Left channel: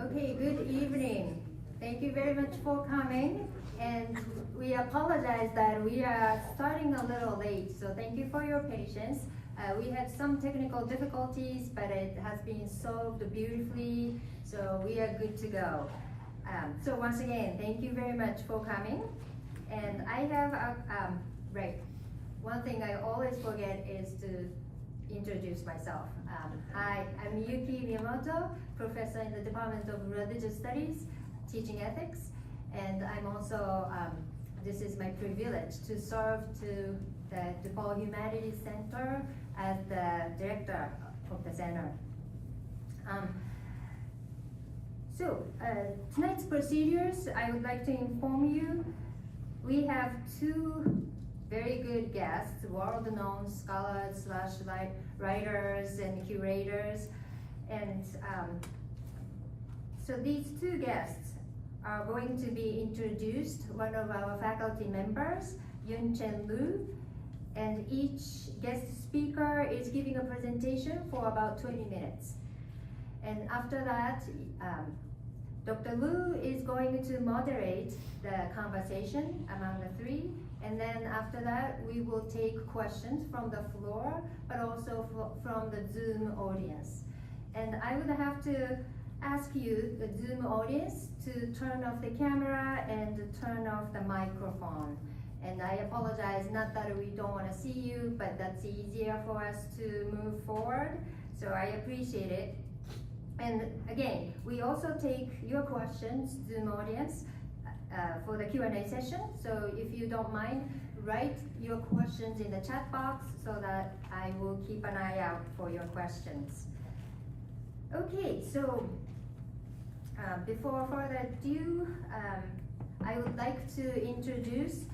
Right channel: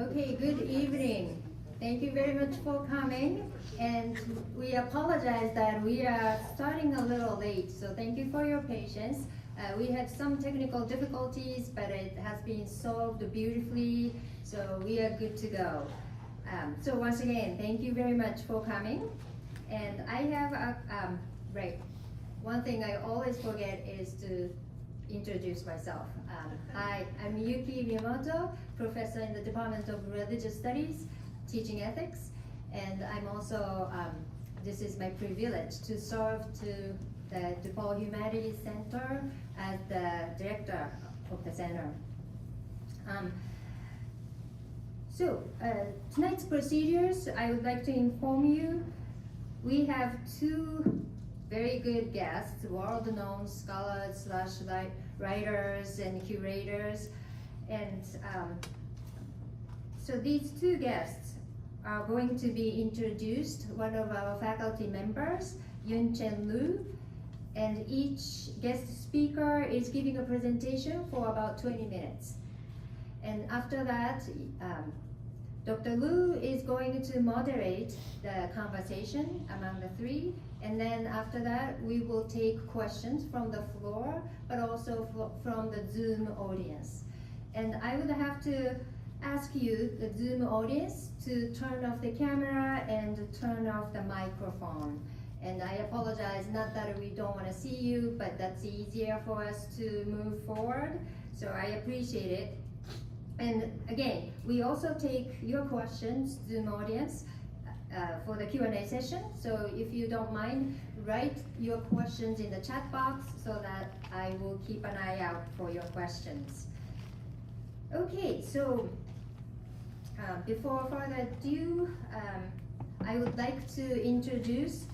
Okay, good evening. Thank you very much for coming. And we apologize that we are starting a little late, so thank you for your patience. We had some technical difficulties, but it has been solved beautifully, so we are good to go. So once again, thank you very much for coming. And I have one thing I always forget is to introduce myself. Hi, I'm Yuki Miyamoto, professor in the Department of Religious Studies, teaching ethics, and I'm also, this is my privilege to serve to the DePaul Humanities Center as the director of the center. Tonight's procedures, I would like to inform you, we have two very good guests, world-known scholars / writers and curators. And so these two guests are going to be introduced. One of our faculty members, Yun-chen, and each guest speaker is giving a presentation for about 20 minutes. And after that, Dr. Liu is going to moderate the conversation among the three, and then after that we will take questions from the floor, but also from the Zoom audience. And I would have to ask you, the Zoom audience, to turn off the camera and turn off the microphone. And I apologize, not that we don't want to see you, but that's easier for us to move forward, so I appreciate it. And again, we also take your questions, Zoom audience, for the Q&A session. So if you don't mind, write your questions in the chat box so that I will keep an eye out for your questions. Okay, so before further ado, I would like to introduce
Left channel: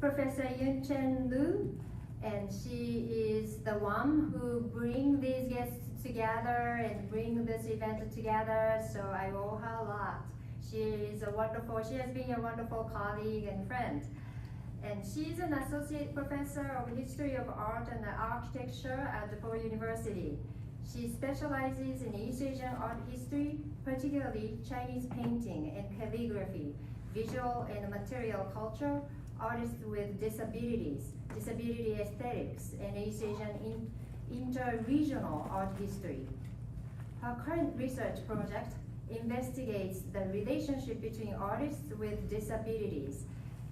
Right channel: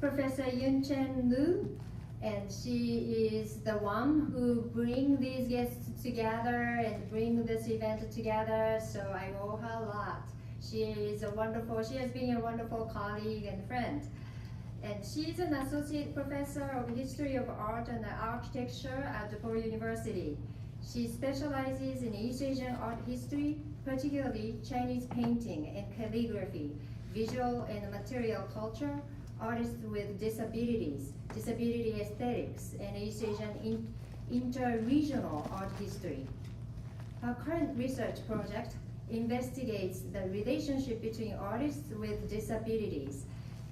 Professor Yun-chen, and she is the one who brings these guests together and bring this event together, so I owe her a lot. She has been a wonderful colleague and friend. And she's an associate professor of history of art and architecture at DePaul University. She specializes in East Asian art history, particularly Chinese painting and calligraphy, visual and material culture, artists with disabilities, disability aesthetics, and East Asian inter-regional art history. Her current research project investigates the relationship between artists with disabilities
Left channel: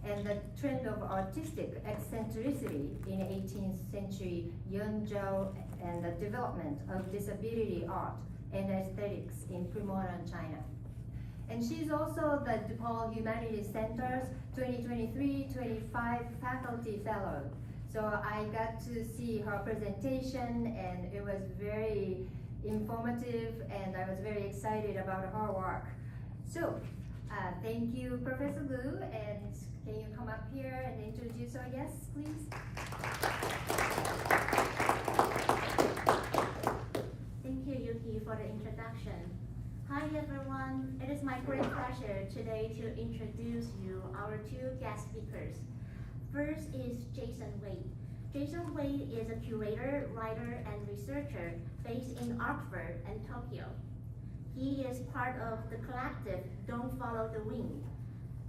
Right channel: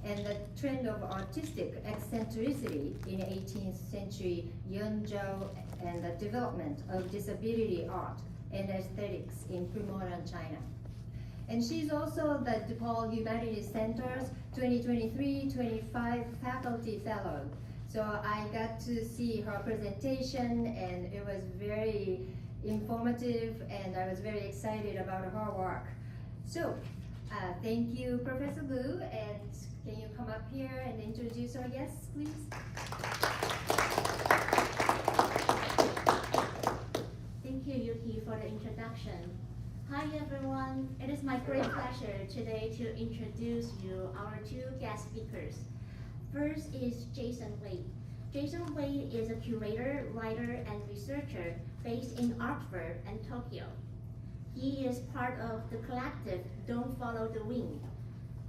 and the trend of artistic eccentricity in 18th century Yun-chen and the development of disability art and aesthetics in pre-modern China. And she's also the DePaul Humanities Center's 2023-25 faculty fellow. So I got to see her presentation, and it was very informative, and I was very excited about her work. So thank you, Professor Liu, and can you come up here and introduce our guests, please? Thank you, Yuki, for the introduction. Hi, everyone. It is my great pleasure today to introduce you our two guest speakers. First is Jason Waite. Jason Waite is a curator, writer, and researcher based in Oxford and Tokyo. He is part of the collective Don't Follow the Wind,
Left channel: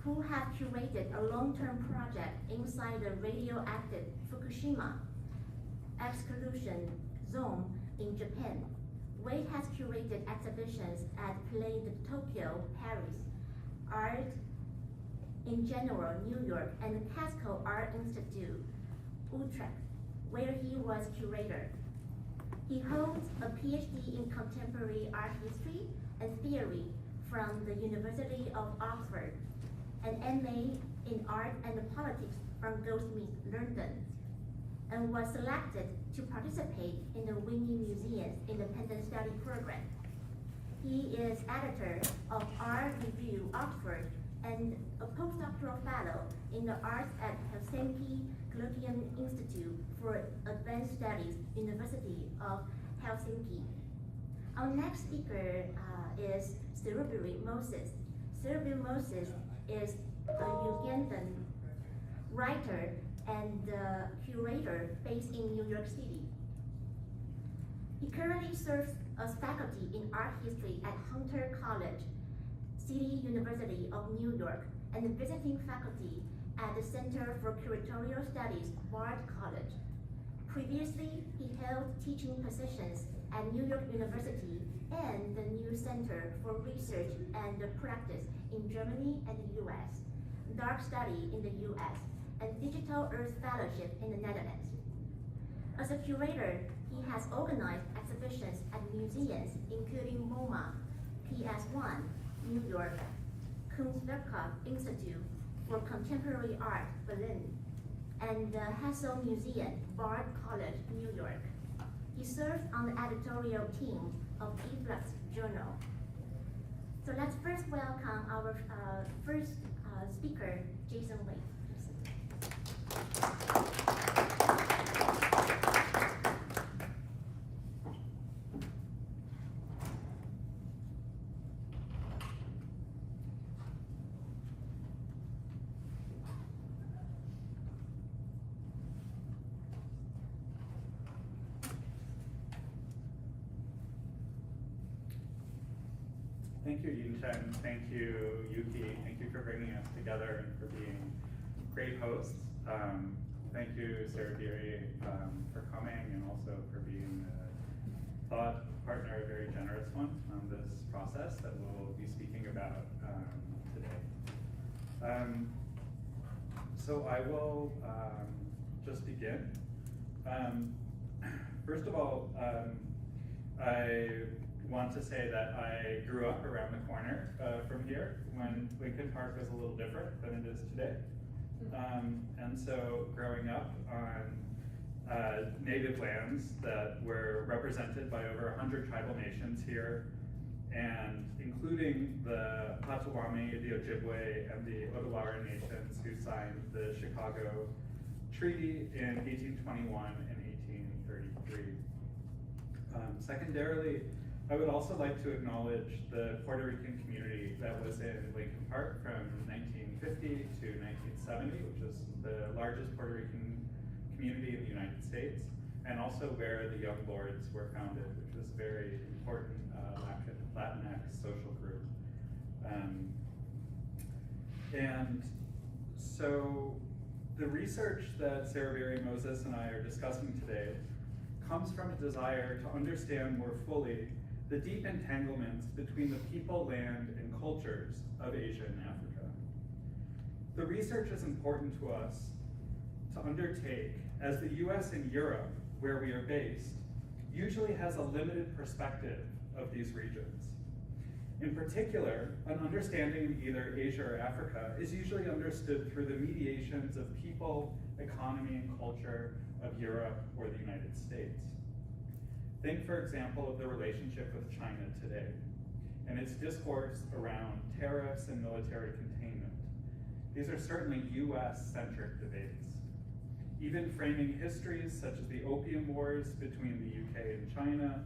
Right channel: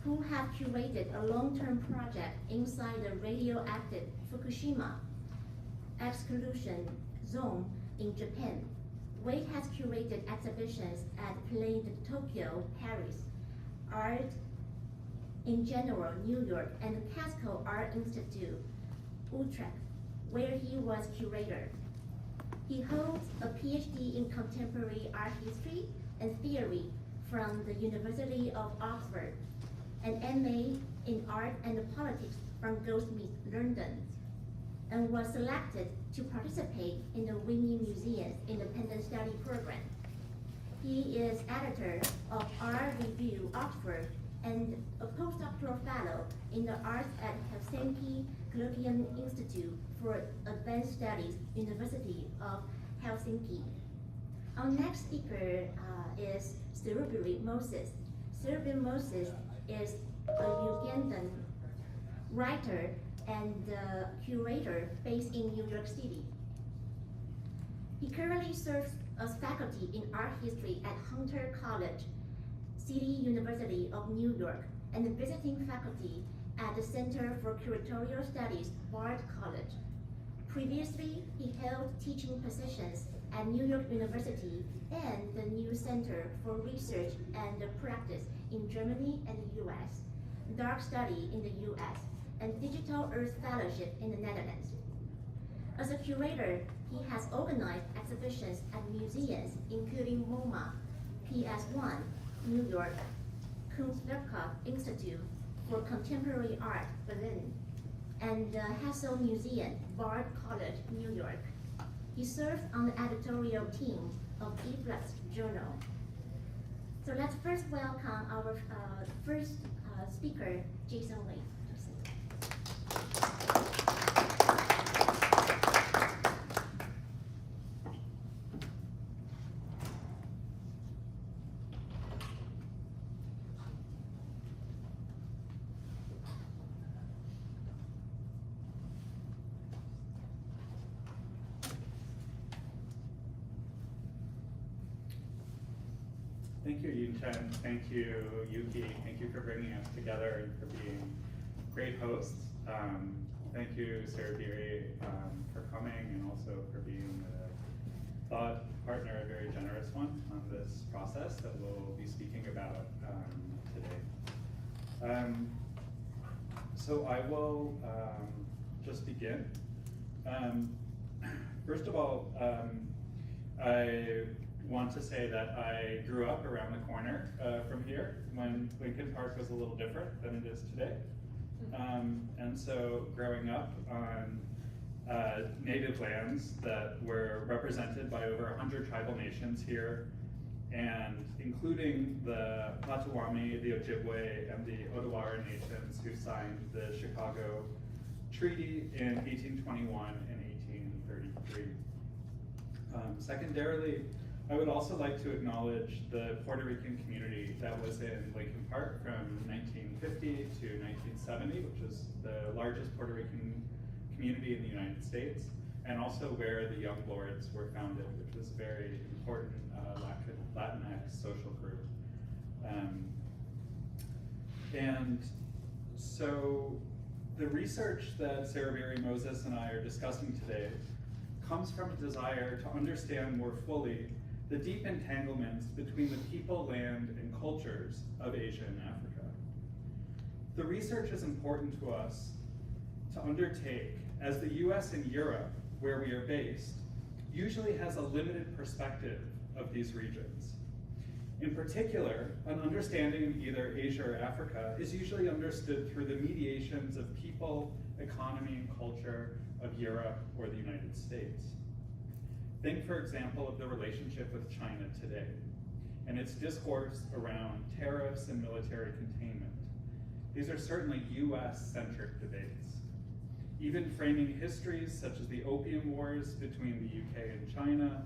who have curated a long-term project inside the radioactive Fukushima exclusion zone in Japan. Waite has curated exhibitions at Play de Tokyo, Paris, Art in General, New York, and the Tesco Art Institute, Utrecht, where he was curator. He holds a PhD in contemporary art history and theory from the University of Oxford, an MA in art and politics from Goldsmiths, London, and was selected to participate in the Winnie Museum's Independent Study Program. He is editor of Art Review Oxford and a postdoctoral fellow in the arts at Helsinki Gullian Institute for Advanced Studies, University of Helsinki. Our next speaker is Serubiri Moses. Serubiri Moses is a Ugandan writer and curator based in New York City. He currently serves as faculty in art history at Hunter College City University of New York, and visiting faculty at the Center for Curatorial Studies, Bard College. Previously, he held teaching positions at New York University and the New Center for Research and Practice in Germany and the US, Dark Study in the US, and Digital Earth Fellowship in the Netherlands. As a curator, he has organized exhibitions at museums including MoMA, PS1, New York, Kunstwerkhof Institute for Contemporary Art, Berlin, and the Hassel Museum, Bard College, New York. He served on the editorial team of Efflux Journal. So let's first welcome our first speaker, Jason Waite. Thank you, Yun-chen. Thank you, Yuki. Thank you for bringing us together and for being great hosts. Thank you, Serubiri, for coming and also for being a thought partner, a very generous one on this process that we'll be speaking about today. So I will just begin. First of all, I want to say that I grew up around the corner from here when Lincoln Park was a little different than it is today. And so growing up on native lands that were represented by over 100 tribal nations here, and including the Potawatomi, the Ojibwe, and the Odawa nations who signed the Chicago Treaty in 1821 and 1833. Secondarily, I would also like to acknowledge the Puerto Rican community that was in Lincoln Park from 1950 to 1970, which is the largest Puerto Rican community in the United States, and also where the Young Lords were founded, which was a very important Latinx social group. And so the research that Serubiri, Moses, and I are discussing today comes from a desire to understand more fully the deep entanglements between the people, land, and cultures of Asia and Africa. The research is important to us to undertake as the US and Europe, where we are based, usually has a limited perspective of these regions. In particular, an understanding of either Asia or Africa is usually understood through the mediations of people, economy, and culture of Europe or the United States. Think, for example, of the relationship with China today and its discourse around tariffs and military containment. These are certainly US-centric debates. Even framing histories such as the Opium Wars between the UK and China,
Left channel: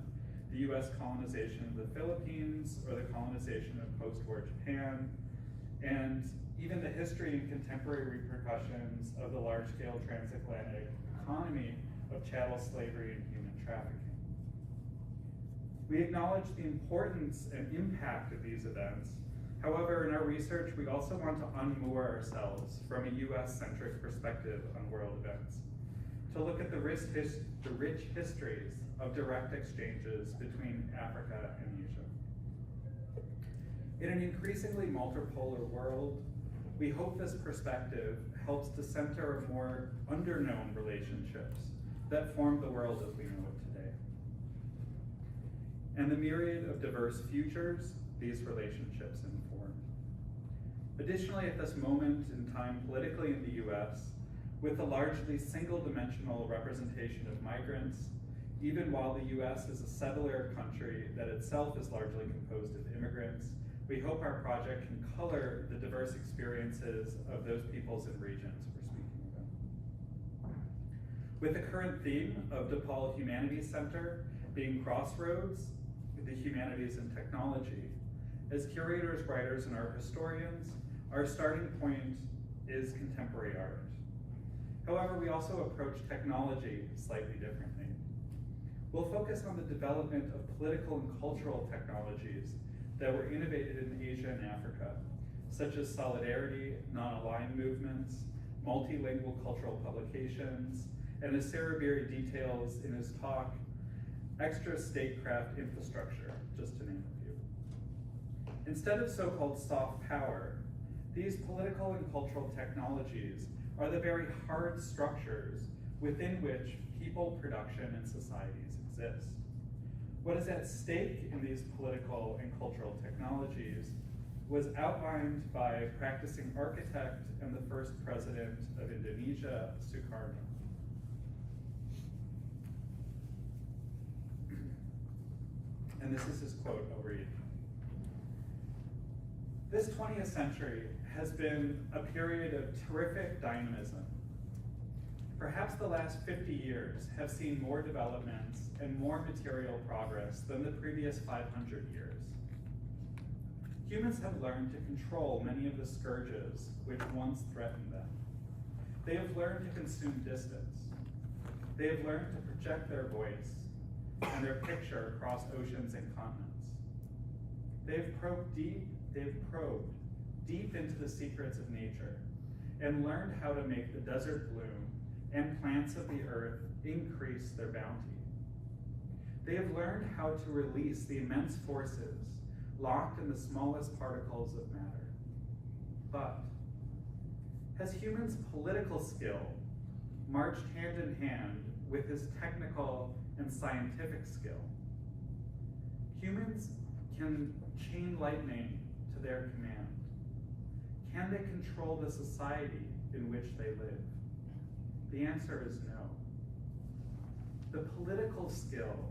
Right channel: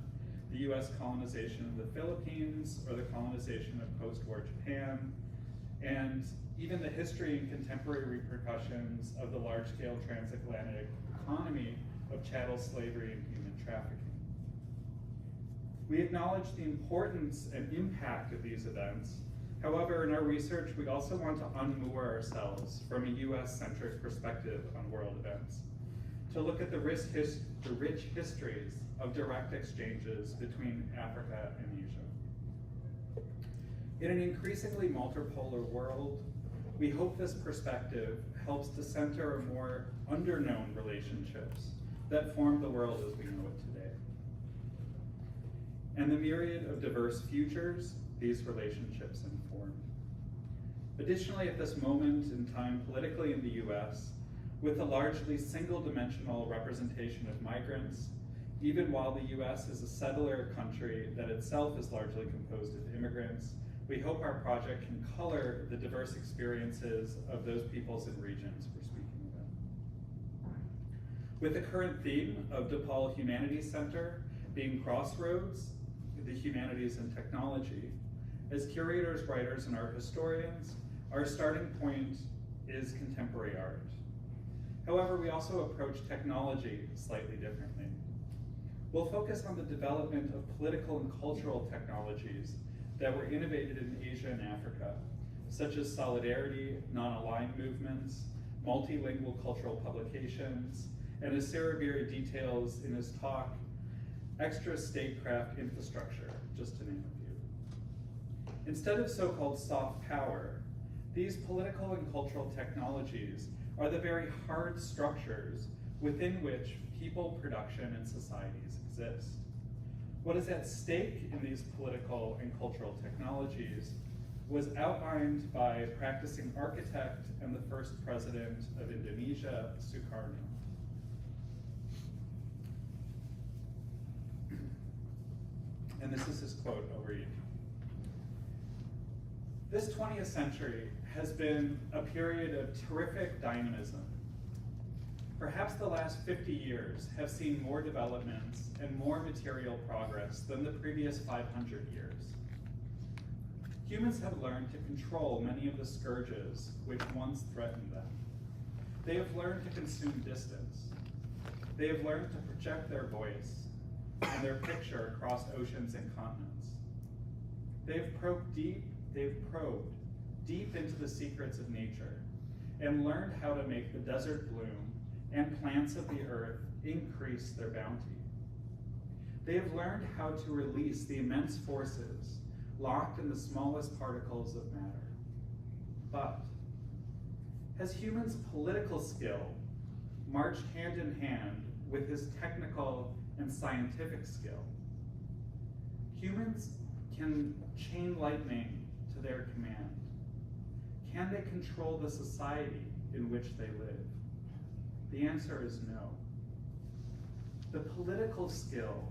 the US colonization of the Philippines, or the colonization of post-war Japan, and even the history and contemporary repercussions of the large-scale transatlantic economy of chattel slavery and human trafficking. We acknowledge the importance and impact of these events. However, in our research, we also want to unmoor ourselves from a US-centric perspective on world events, to look at the rich histories of direct exchanges between Africa and Asia. In an increasingly multipolar world, we hope this perspective helps to center more underknown relationships that form the world as we know it today, and the myriad of diverse futures these relationships inform. Additionally, at this moment in time politically in the US, with a largely single-dimensional representation of migrants, even while the US is a settler country that itself is largely composed of immigrants, we hope our project can color the diverse experiences of those peoples and regions we're speaking about. With the current theme of DePaul Humanities Center being Crossroads, the Humanities and Technology, as curators, writers, and art historians, our starting point is contemporary art. However, we also approach technology slightly differently. We'll focus on the development of political and cultural technologies that were innovated in Asia and Africa, such as solidarity, non-aligned movements, multilingual cultural publications, and as Serubiri details in his talk, extra statecraft infrastructure, just to name a few. Instead of so-called soft power, these political and cultural technologies are the very hard structures within which people, production, and societies exist. What is at stake in these political and cultural technologies was outlined by practicing architect and the first president of Indonesia, Sukarno. And this is his quote, I'll read. This 20th century has been a period of terrific dynamism. Perhaps the last 50 years have seen more developments and more material progress than the previous 500 years. Humans have learned to control many of the scourges which once threatened them. They have learned to consume distance. They have learned to project their voice and their picture across oceans and continents. They have probed deep into the secrets of nature and learned how to make the desert bloom and plants of the earth increase their bounty. They have learned how to release the immense forces locked in the smallest particles of matter. But has humans' political skill marched hand in hand with his technical and scientific skill? Humans can chain lightning to their command. Can they control the society in which they live? The answer is no. The political skill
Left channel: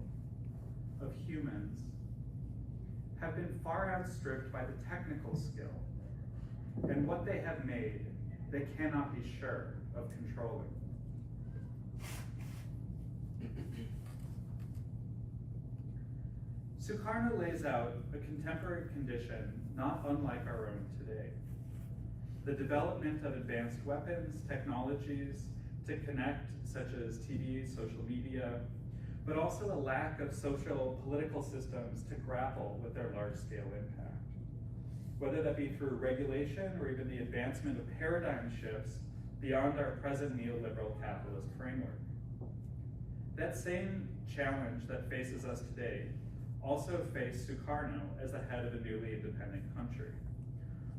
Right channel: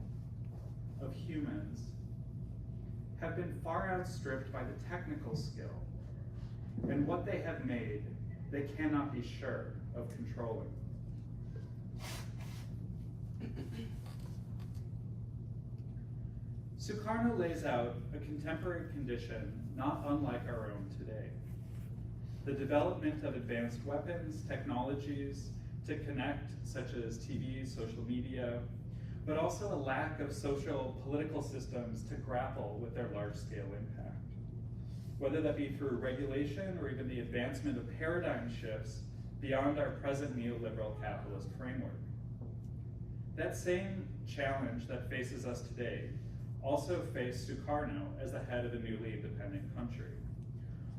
of humans have been far outstripped by the technical skill, and what they have made, they cannot be sure of controlling. Sukarno lays out a contemporary condition not unlike our own today. The development of advanced weapons, technologies to connect, such as TV, social media, but also a lack of social political systems to grapple with their large-scale impact. Whether that be through regulation or even the advancement of paradigm shifts beyond our present neoliberal capitalist framework. That same challenge that faces us today also faced Sukarno as the head of a newly independent country.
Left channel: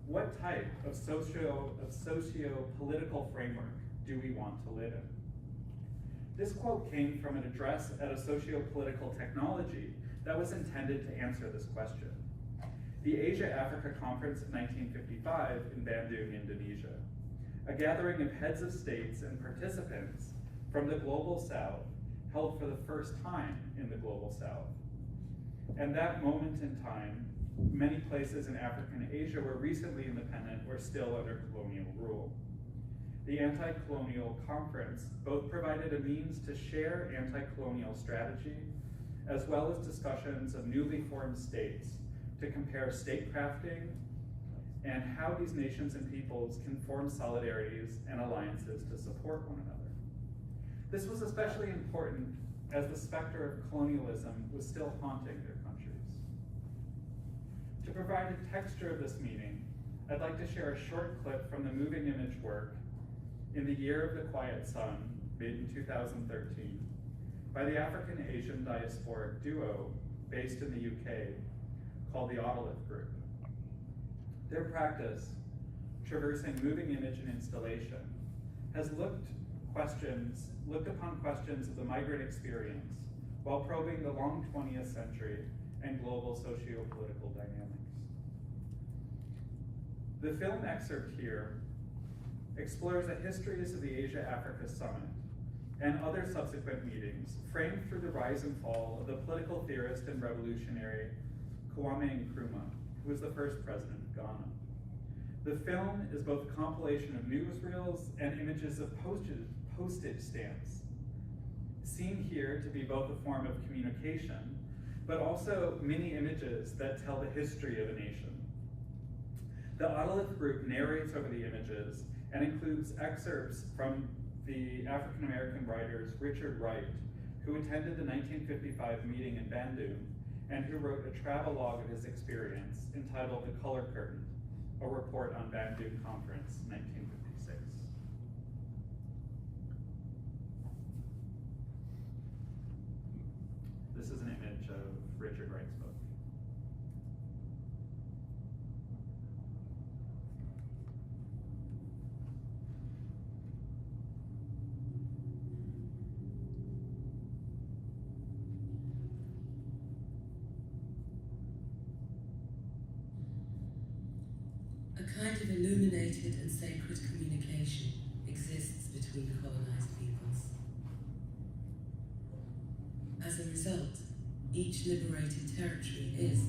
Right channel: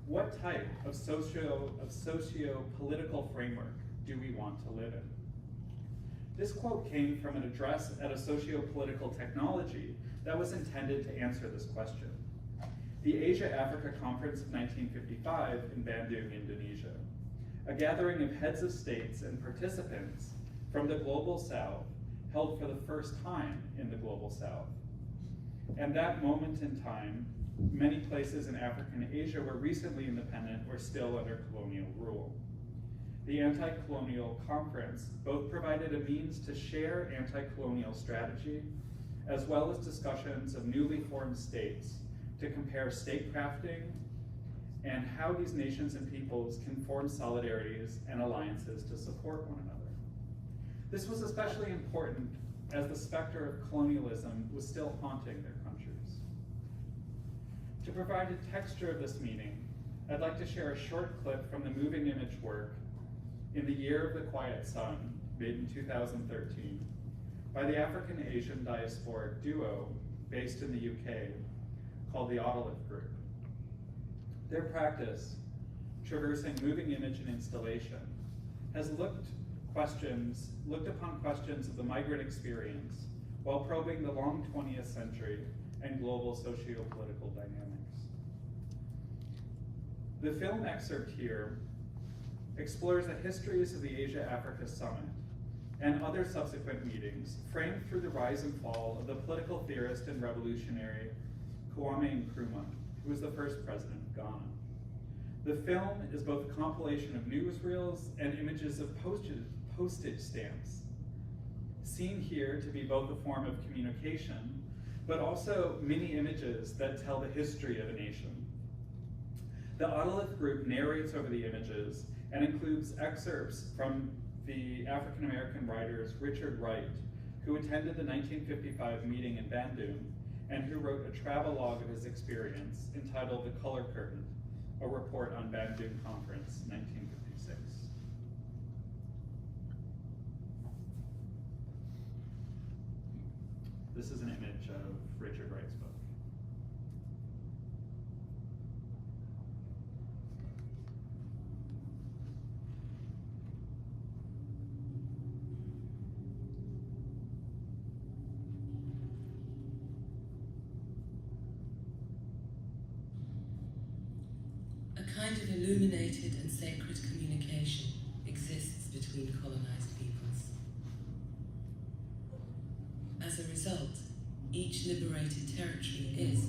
What type of socio-political framework do we want to live in? This quote came from an address at a socio-political technology that was intended to answer this question. The Asia-Africa Conference of 1955 in Bandung, Indonesia, a gathering of heads of states and participants from the Global South, held for the first time in the Global South. And that moment in time, many places in Africa and Asia were recently independent or still under colonial rule. The anti-colonial conference both provided a means to share anti-colonial strategy, as well as discussions of newly formed states to compare statecrafting and how these nations and peoples can form solidarities and alliances to support one another. This was especially important as the specter of colonialism was still haunting their countries. To provide a texture of this meeting, I'd like to share a short clip from the moving image work In the Year of the Quiet Sun, made in 2013, by the African-Asian diasporic duo based in the UK called the Otolith Group. Their practice, traversing moving image and installation, has looked upon questions of the migrant experience while probing the long 20th century and global socio-political dynamics. The film excerpt here explores the histories of the Asia-Africa Summit and other subsequent meetings framed through the rise and fall of the political theorist and revolutionary Kwame Nkrumah, who was the first president of Ghana. The film is both a compilation of newsreels and images of postage stamps, seen here to be both a form of communication, but also mini images that tell the history of a nation. The Otolith Group narrates over the images and includes excerpts from the African-American writers Richard Wright, who attended the 1955 meeting in Bandung and who wrote a travelogue of his experience entitled The Color Curtain, a report on Bandung Conference, 1956. This is an image of Richard Wright's book. A kind of illuminated and sacred communication exists between colonized peoples. As a result, each liberated territory is,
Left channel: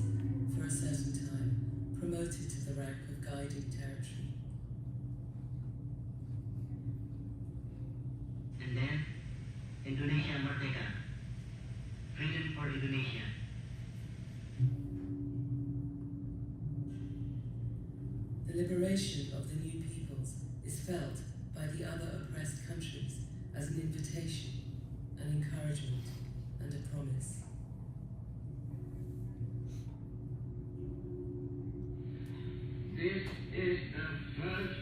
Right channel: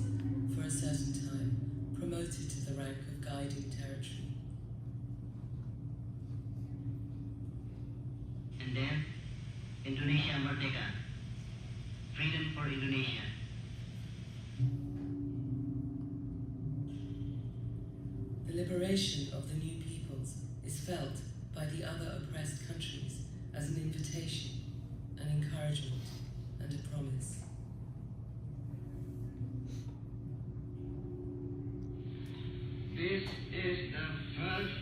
for a certain time, promoted to the rank of guiding territory. And then, Indonesia Merdeka. Freedom for Indonesia. The liberation of the new peoples is felt by the other oppressed countries as an invitation, an encouragement, and a promise. This is the first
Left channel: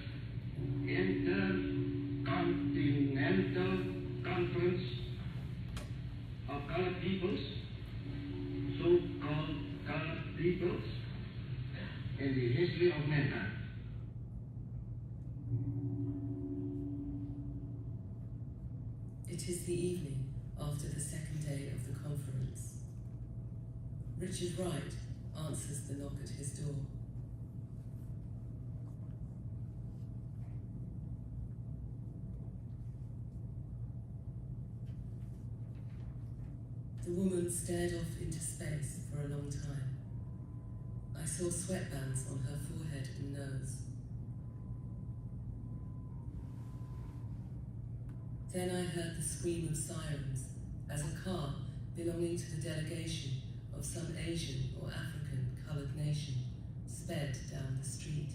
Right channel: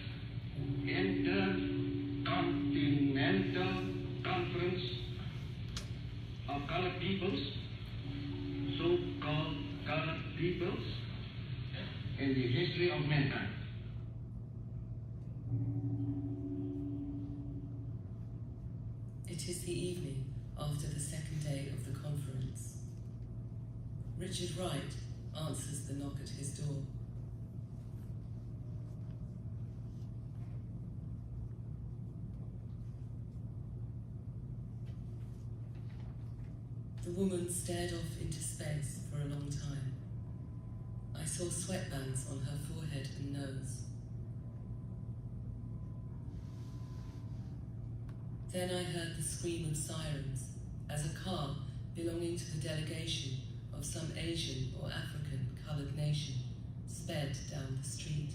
intercontinental conference of colored peoples, so-called colored peoples, in the history of mankind. It is the evening after the second day of the conference. Richard Wright answers the knock at his door. The woman stared off into space for a long time. I saw sweatbands on her forehead and nose. Then I heard the scream of sirens as a car belonging to the delegation of some Asian or African colored nation sped down the street,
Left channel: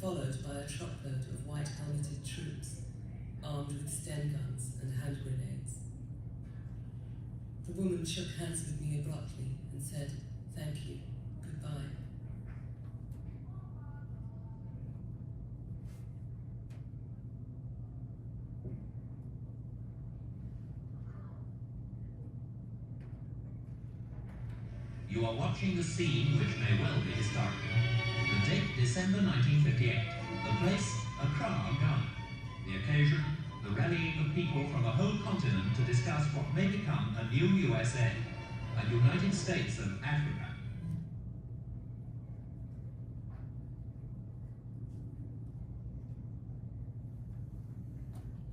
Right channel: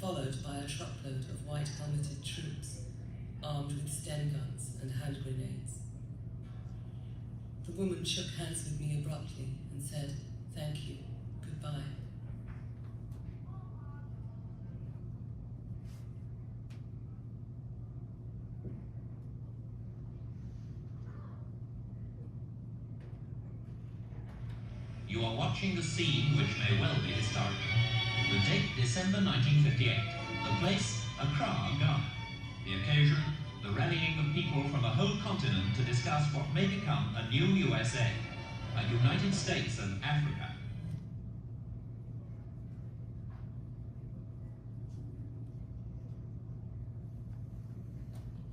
followed by a truckload of white helmeted troops armed with Sten guns and hand grenades. The woman shook hands with me abruptly and said, "Thank you, goodbye." You are watching the scene which may well be historical. The date, December 1958. The place, Accra, Ghana. The occasion, the rallying of people from a whole continent to discuss what may become a new USA, a United States of Africa.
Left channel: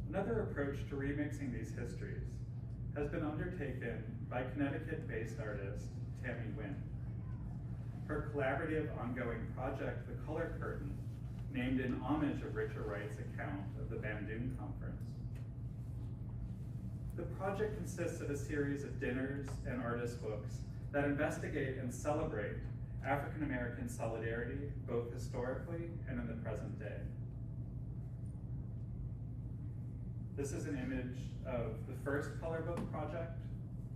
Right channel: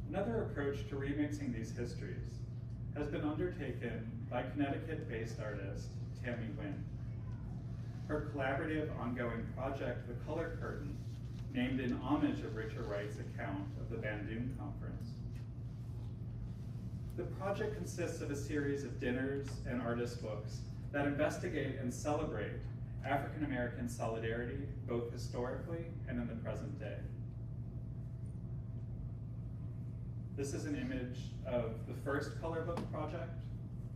Another approach to remixing these histories has been undertaken by Connecticut-based artist Tammy Wynn. Her collaborative ongoing project, The Color Curtain, named in homage of Richard Wright's account of the Bandung Conference. The project consists of a series of dinners and artist books that investigate and celebrate African American solidarity, both historically and in the present day. This is an image of the first color book project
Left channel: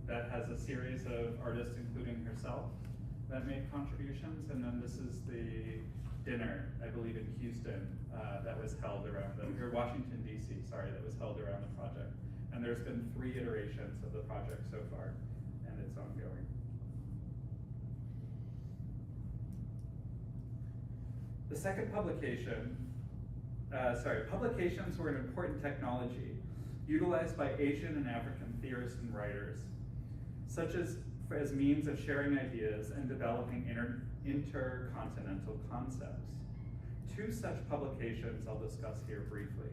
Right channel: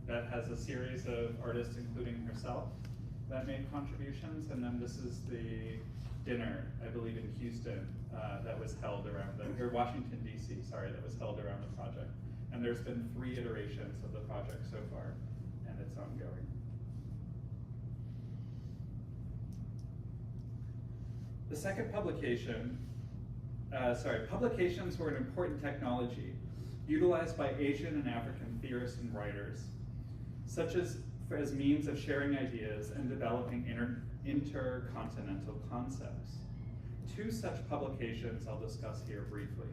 that has a series of artists, including herself, that made contributions, and then this is the dinner, I believe in Houston, that was held around or Washington, D.C., sorry, that was held around the project. And there's been 3 iterations of the project so far, and it's ongoing. The second publication, publications were an important technology utilized by Asian and African theorists and writers, such as means of sharing ideas and developing intercontinental concepts. 2 such publications I'll discuss here briefly.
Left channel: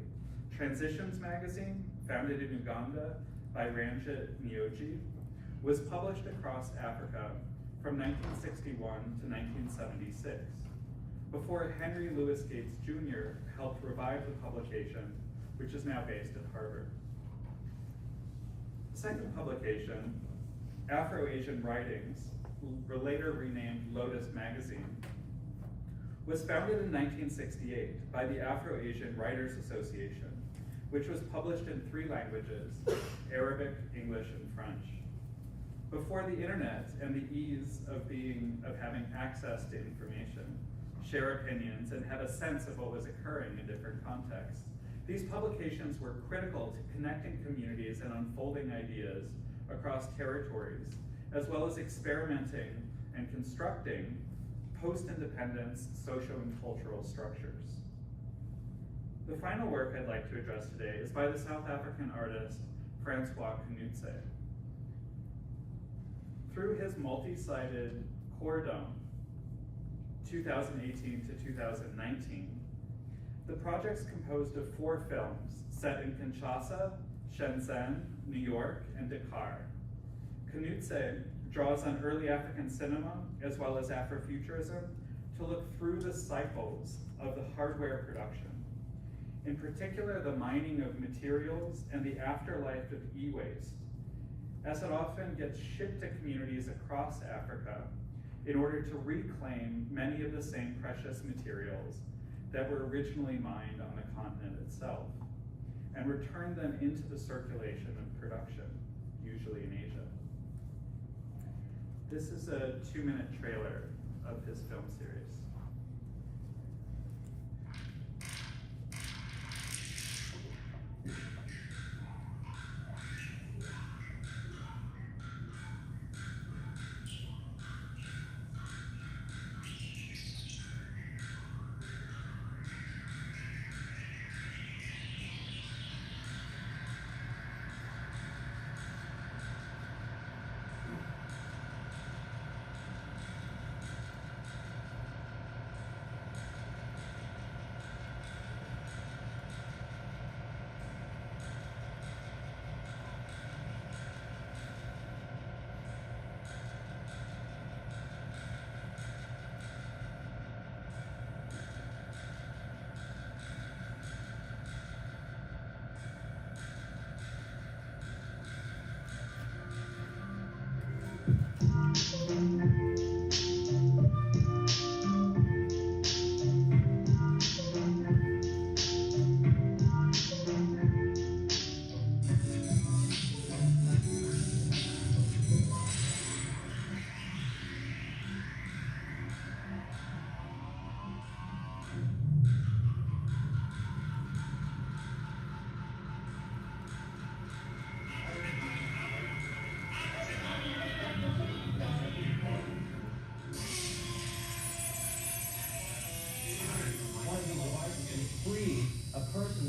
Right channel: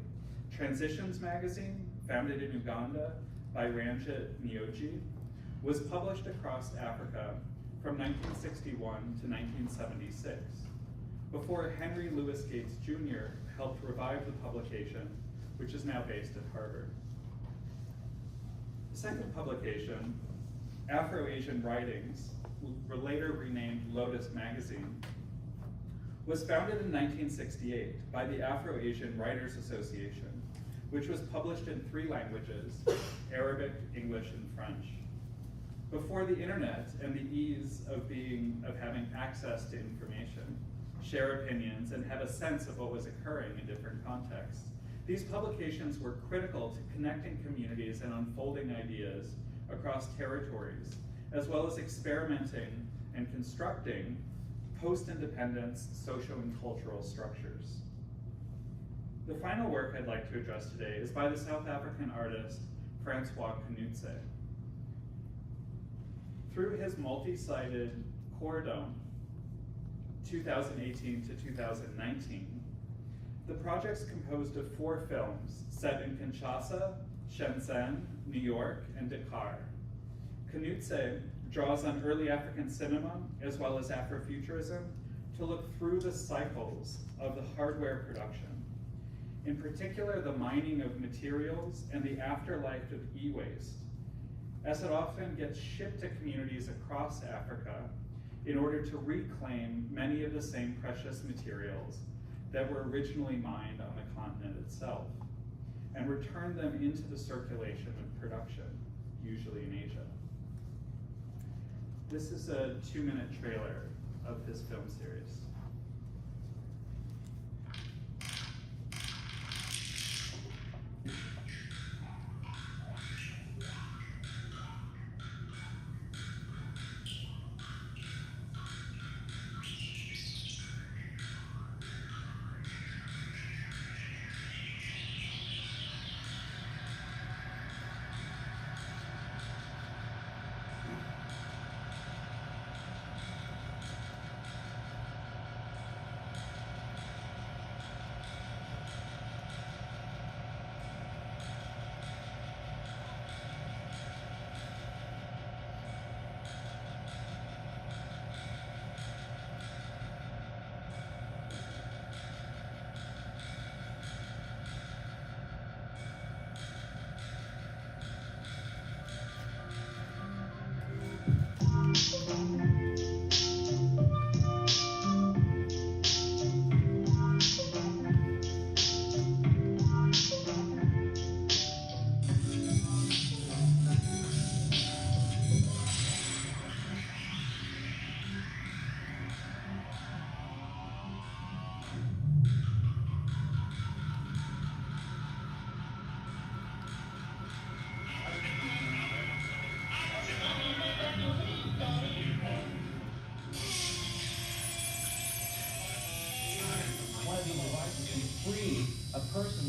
Transitions magazine, founded in Uganda by Ranjit Nyoji, was published across Africa from 1961 to 1976, before Henry Louis Gates Jr. helped revive the publication, which is now based at Harvard. The second publication, Afro-Asian Writings, later renamed Lotus Magazine, was founded in 1968 by the Afro-Asian Writers Association, which was published in 3 languages, Arabic, English, and French. Before the internet and the ease of having access to information, share opinions, and have a sense of what was occurring in different contexts, these publications were critical to connecting communities and unfolding ideas across territories, as well as experimenting and constructing post-independence social and cultural structures. The final work I'd like to address today is by the South African artist Francois Knutse. Through his multi-sided Cordon, 2018 to 2019, the project's composed of 4 films set in Kinshasa, Shenzhen, New York, and Dakar. Knutse draws on early African cinema as well as Afrofuturism to look through the cycles of the hardware production. In particular, the mining of materials and the afterlife of e-waste, as it often gets shipped to communities across Africa in order to reclaim many of the same precious materials that were originally mined on the continent itself, and return them into the circulation of production, usually in Asia. This is a 2-minute trailer of his film series.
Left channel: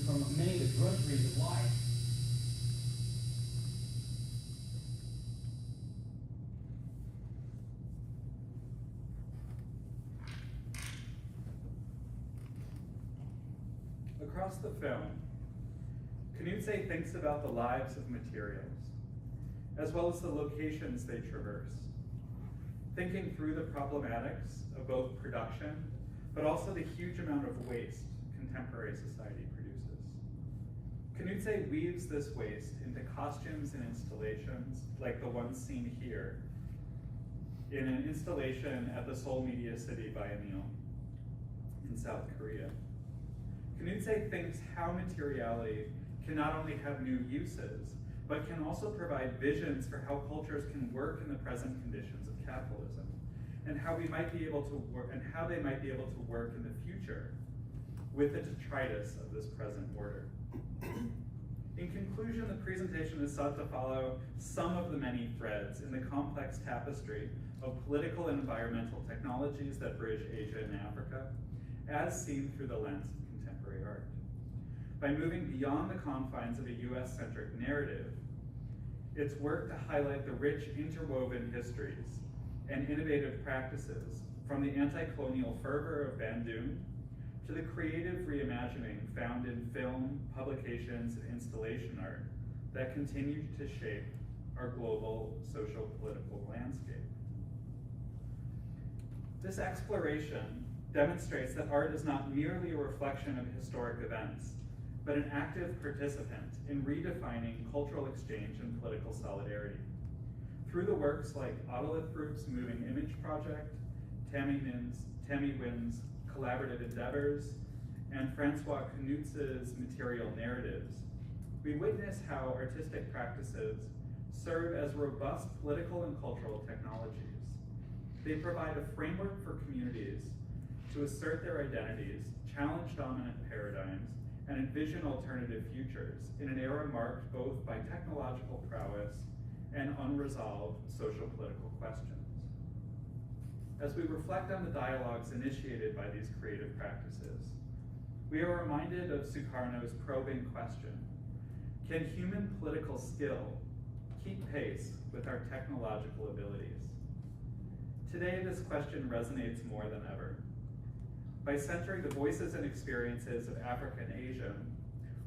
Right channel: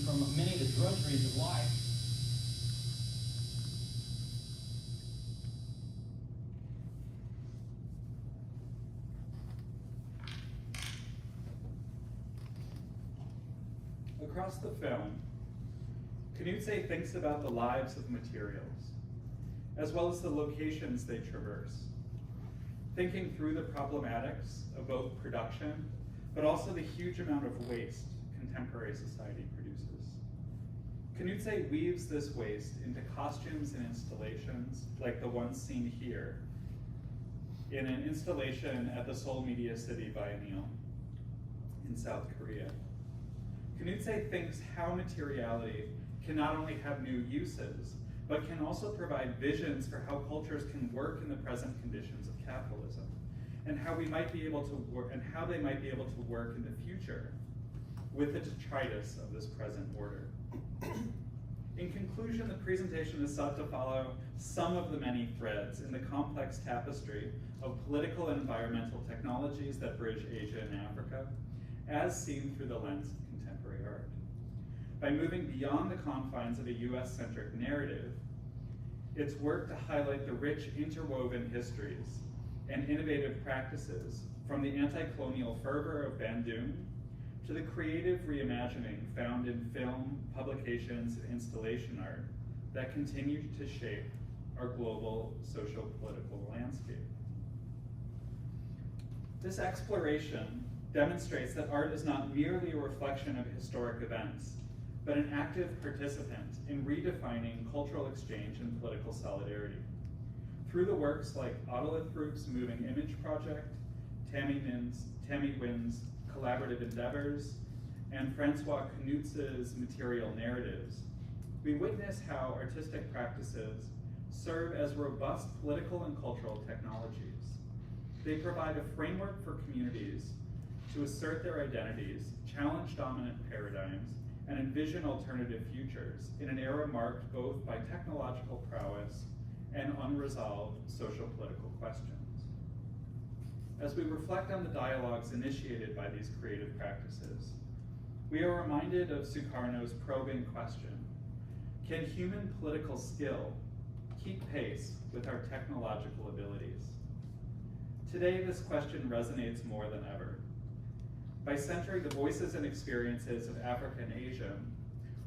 From many of the drudgeries of life. Across the film, Knutse thinks about the lives of materials, as well as the locations they traverse, thinking through the problematics of both production, but also the huge amount of waste contemporary society produces. Knutse weaves this waste into costumes and installations, like the one seen here, in an installation at the Seoul Media City Biennial in South Korea. Knutse thinks how materiality can not only have new uses, but can also provide visions for how cultures can work in the present conditions of capitalism, and how we might be able to work, and how they might be able to work in the future with the detritus of this present order. In conclusion, the presentation is sought to follow some of the many threads in the complex tapestry of political and environmental technologies that bridge Asia and Africa, as seen through the lens of contemporary art. By moving beyond the confines of a US-centric narrative, it's work to highlight the rich interwoven histories and innovative practices, from the anti-colonial fervor of Bandung to the creative reimagining found in film, publications, and installation art that continue to shape our global socio-political landscape. This exploration demonstrates that art is not merely a reflection of historic events, but an active participant in redefining cultural exchange and political solidarity. Through the works like Autolith Group's Moving Image Project, Tammy Wynn's Collaborative Endeavors, and Francois Knutse's Material Narratives, we witness how artistic practices serve as robust political and cultural technologies. They provide a framework for communities to assert their identities, challenge dominant paradigms, and envision alternative futures in an era marked both by technological prowess and unresolved social political questions. As we reflect on the dialogues initiated by these creative practices, we are reminded of Sukarno's probing question: can human political skill keep pace with our technological abilities? Today, this question resonates more than ever. By centering the voices and experiences of Africa and Asia,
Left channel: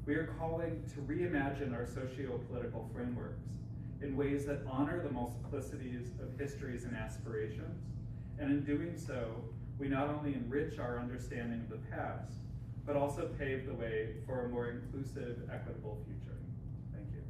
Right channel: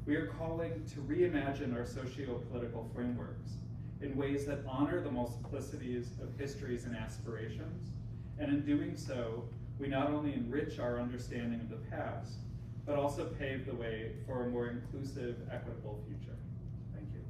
we are calling to reimagine our socio-political frameworks in ways that honor the multiplicities of histories and aspirations, and in doing so, we not only enrich our understanding of the past, but also pave the way for a more inclusive, equitable future. Thank you.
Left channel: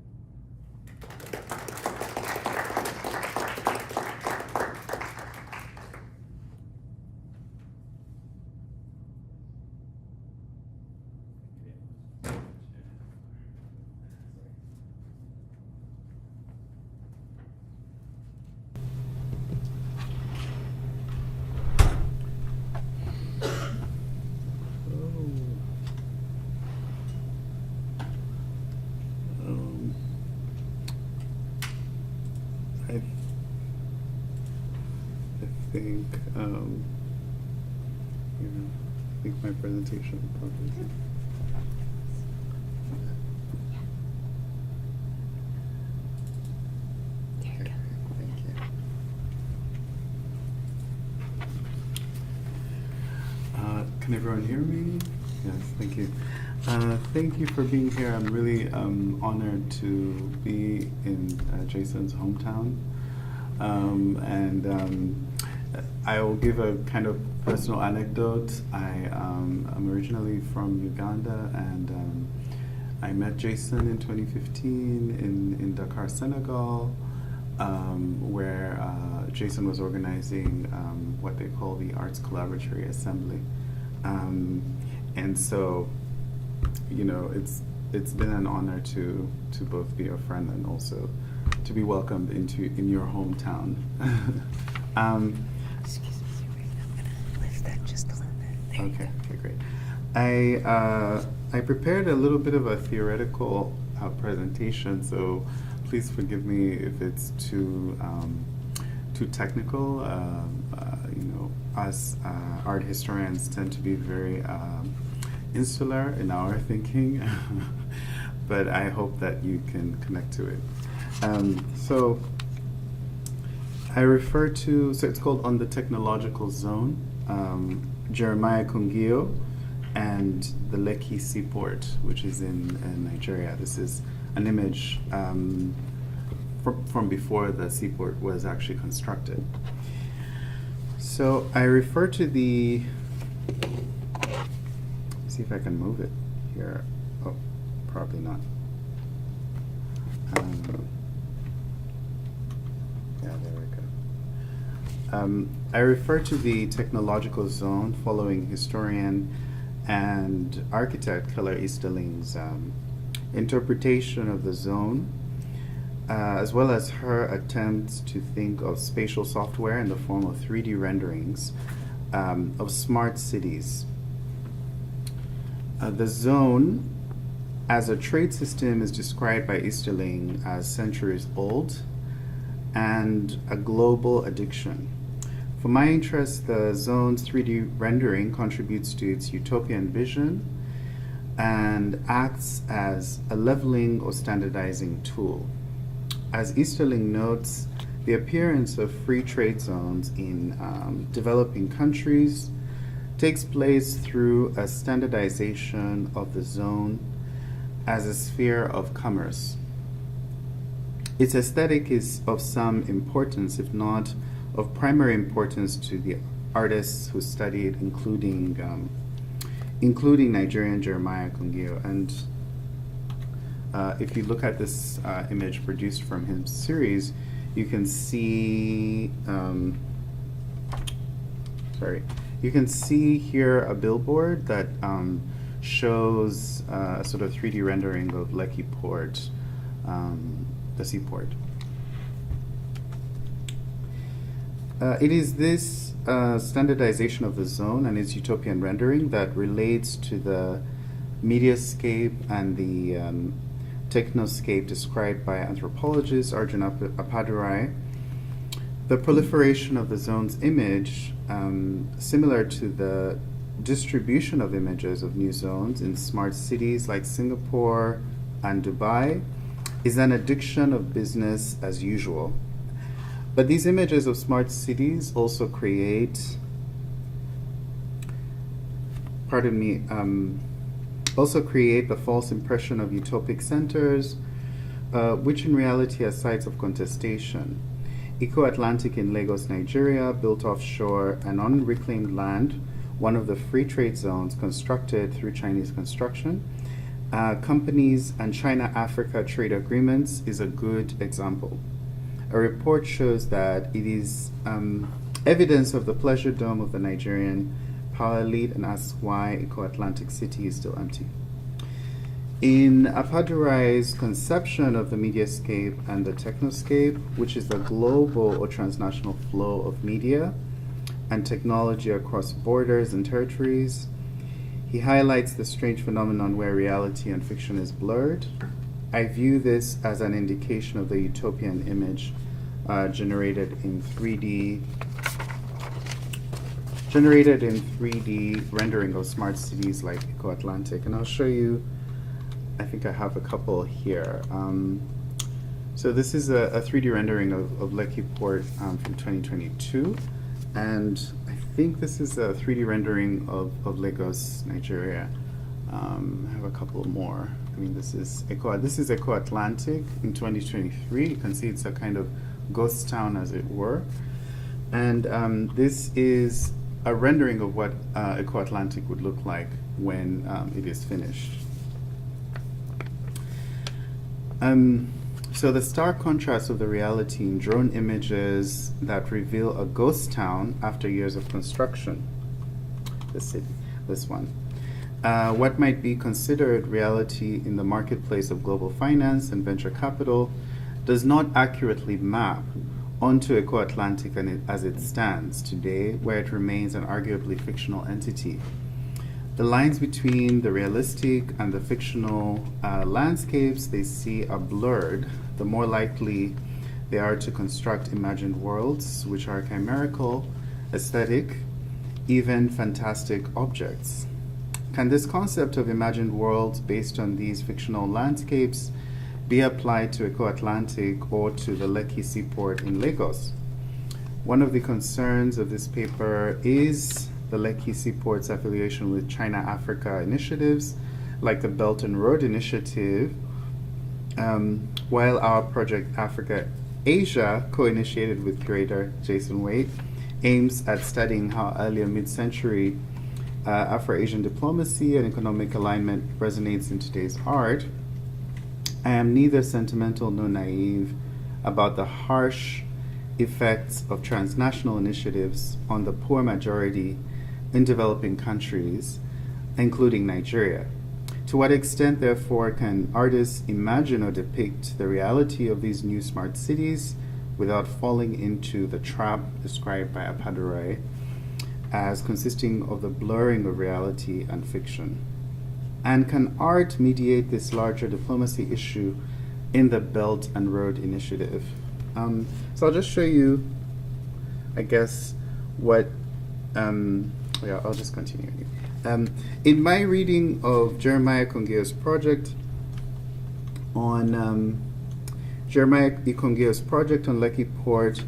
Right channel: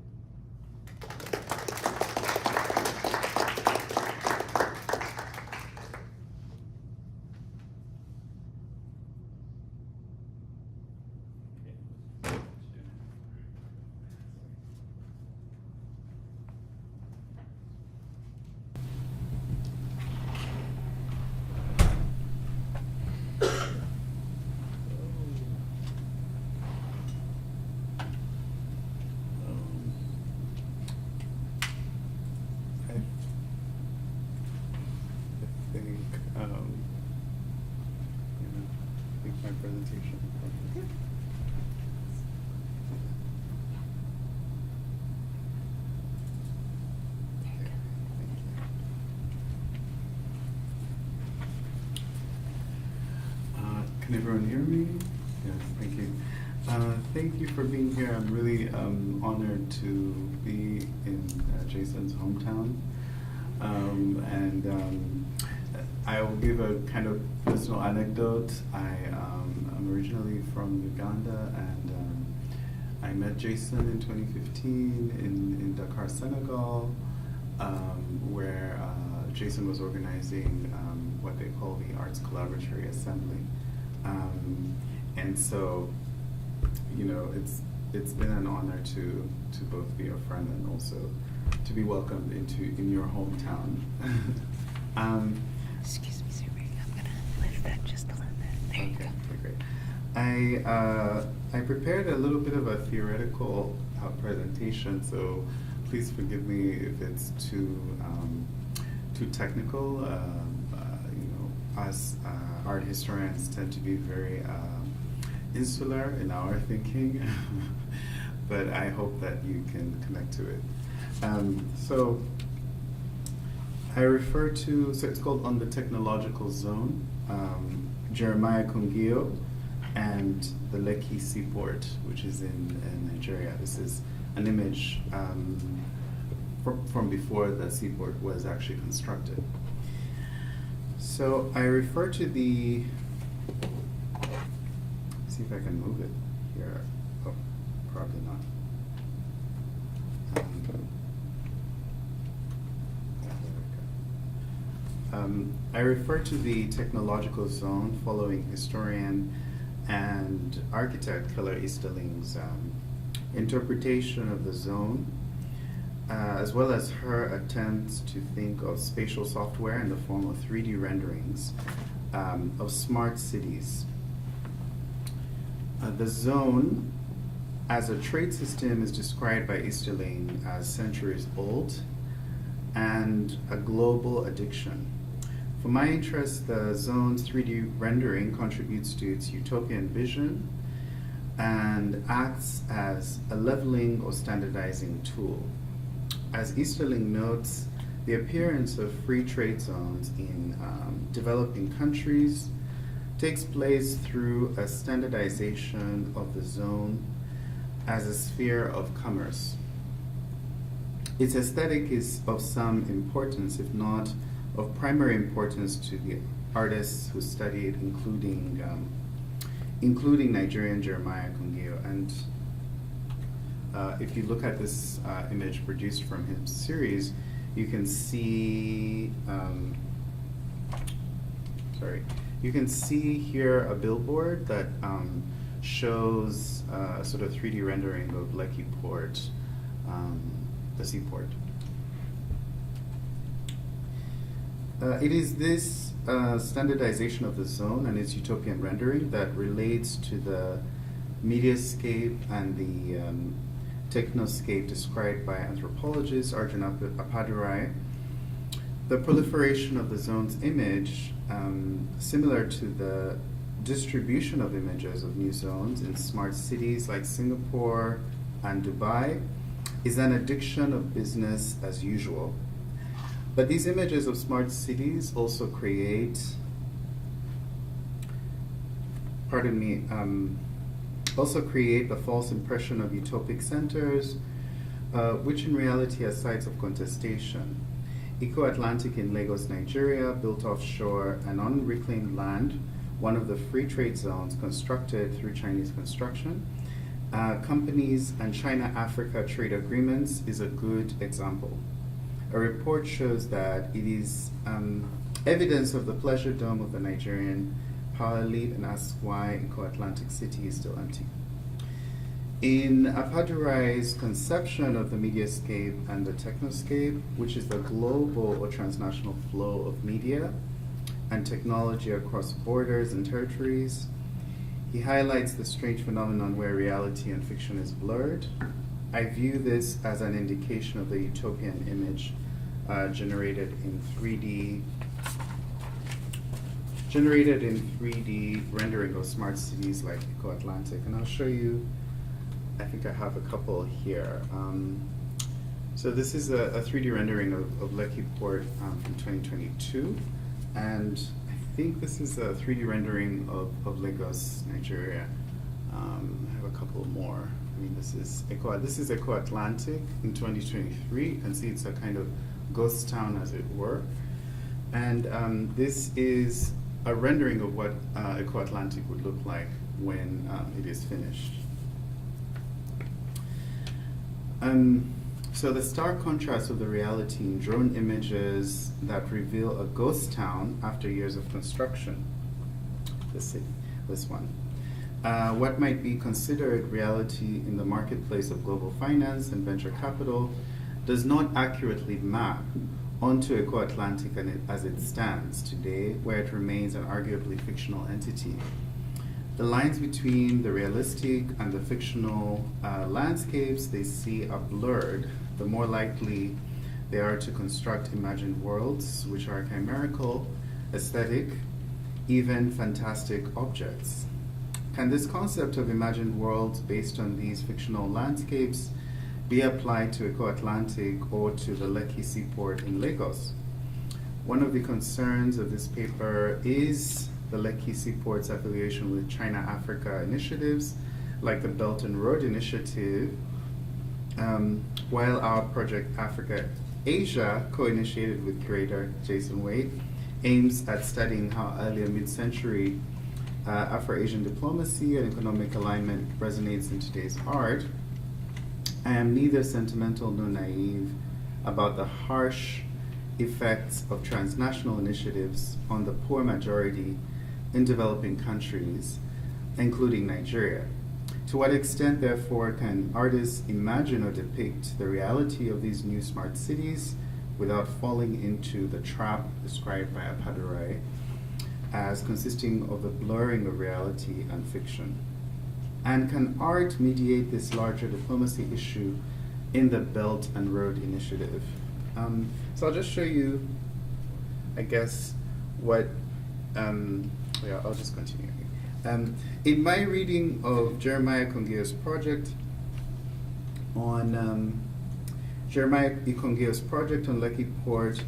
I think my presentation. Can everyone hear me? Yes, thank you. Thank you for being here. I'm really honored to be in Jason's hometown. I will give a kind of personal anecdote. I'm originally from Uganda, and I met Jason in 2015 in Dakar, Senegal, where Jason was organizing what they call the Arts Collaboratory Assembly. And so, you know, it's been an honor to both be a friend and also to be welcomed in your hometown. Excuse me, Serubiri, I'm gonna lift that just a little bit. There you go. Okay, great. I prepared a little bit of a theoretical presentation, so please forgive me if it's too technical. You know, us art historians tend to be very insular in our thinking, but I hope that you can connect to it. So I refer to, so it's called On the Technological Zone, Jeremiah Kungio and the Lekki Seaport, which is in Nigeria. This is an image from before the seaport was actually constructed. So I refer to the, see if I can move it here. Oh, probably not. Yeah, there we go. I refer to the technological zone following historian and architect Keller Easterling's interpretation of the zone, as well as her attempts to think of spatial software in the form of 3D renderings of smart cities. The zone as a trade system is described by Easterling as centuries old and a global addiction. For my interest, the zone's 3D rendering contributes to its utopian vision and acts as a leveling or standardizing tool. As Easterling notes, the appearance of free trade zones in developing countries takes place through a standardization of the zone as a sphere of commerce. Its aesthetic is of some importance, if not of primary importance, to the artists who studied, including Nigerian Jeremiah Kungio. And if you look at this image produced from his series, you can see, you can see here a billboard that shows a sort of 3D rendering of Lekki Port, the seaport. It is this standardization of the zone and its utopian rendering that relates to the mediascape and the technoscape described by anthropologist Arjun Appadurai. The proliferation of the zone's image, similar to the distribution of images of new zones in smart cities like Singapore and Dubai, is an addiction of business as usual. But these images of smart cities also create, also create the false impression of utopic centers, which in reality are sites of contestation. Eco-Atlantic in Lagos, Nigeria, built offshore and on reclaimed land, one of the free trade zones constructed through Chinese construction. Companies and China-Africa trade agreements is a good example. A report shows that it is evidence of the pleasure dome of the Nigerian power elite and asks why Eco-Atlantic City is still empty. In Appadurai's conception of the mediascape and the technoscape, which is the global or transnational flow of media and technology across borders and territories, he highlights the strange phenomenon where reality and fiction is blurred. I view this as an indication of the utopian image generated in 3D rendering of smart cities like Eco-Atlantic. And I'll show you, I think I have a couple here. So this is a 3D rendering of Lekki Port from 2022. And I think this is a 3D rendering of Lagos, Nigeria. I have a couple more. I mean, this is Eco-Atlantic in 2023. You can see it's a kind of ghost town, as it were. And this is a rendering of what Eco-Atlantic would look like when it is finished. So the stark contrast of the reality in drone images that reveal a ghost town after years of construction. This one. What might be considered reality in the marketplace of global finance and venture capital does not accurately map onto Eco-Atlantic as it stands today, where it remains an arguably fictional entity. The lines between the realistic and the fictional landscapes they see are blurred, the more likely they are to construct imagined worlds, which are chimerical, aesthetic, even fantastic objects. Can this concept of imagined worlds based on these fictional landscapes be applied to Eco-Atlantic or to the Lekki seaport in Lagos? One of the concerns of this paper is the Lekki seaport's affiliation with China-Africa initiatives, like the Belt and Road Initiative, while our project Africa Asia, co-initiated with curator Jason Waite, aims at studying how earlier mid-century Afro-Asian diplomacy and economic alignment resonates in today's art. I am neither sentimental nor naive about the harsh effects of transnational initiatives on the poor majority in developing countries, including Nigeria. To what extent, therefore, can artists imagine or depict the reality of these new smart cities without falling into the trap described by Appadurai as consisting of the blurring of reality and fiction? And can art mediate this larger diplomacy issue in the Belt and Road Initiative? So I'll just show you, I guess, what, yeah, I'll just continue. In my reading of Jeremiah Ikongeo's project on Lekki Port,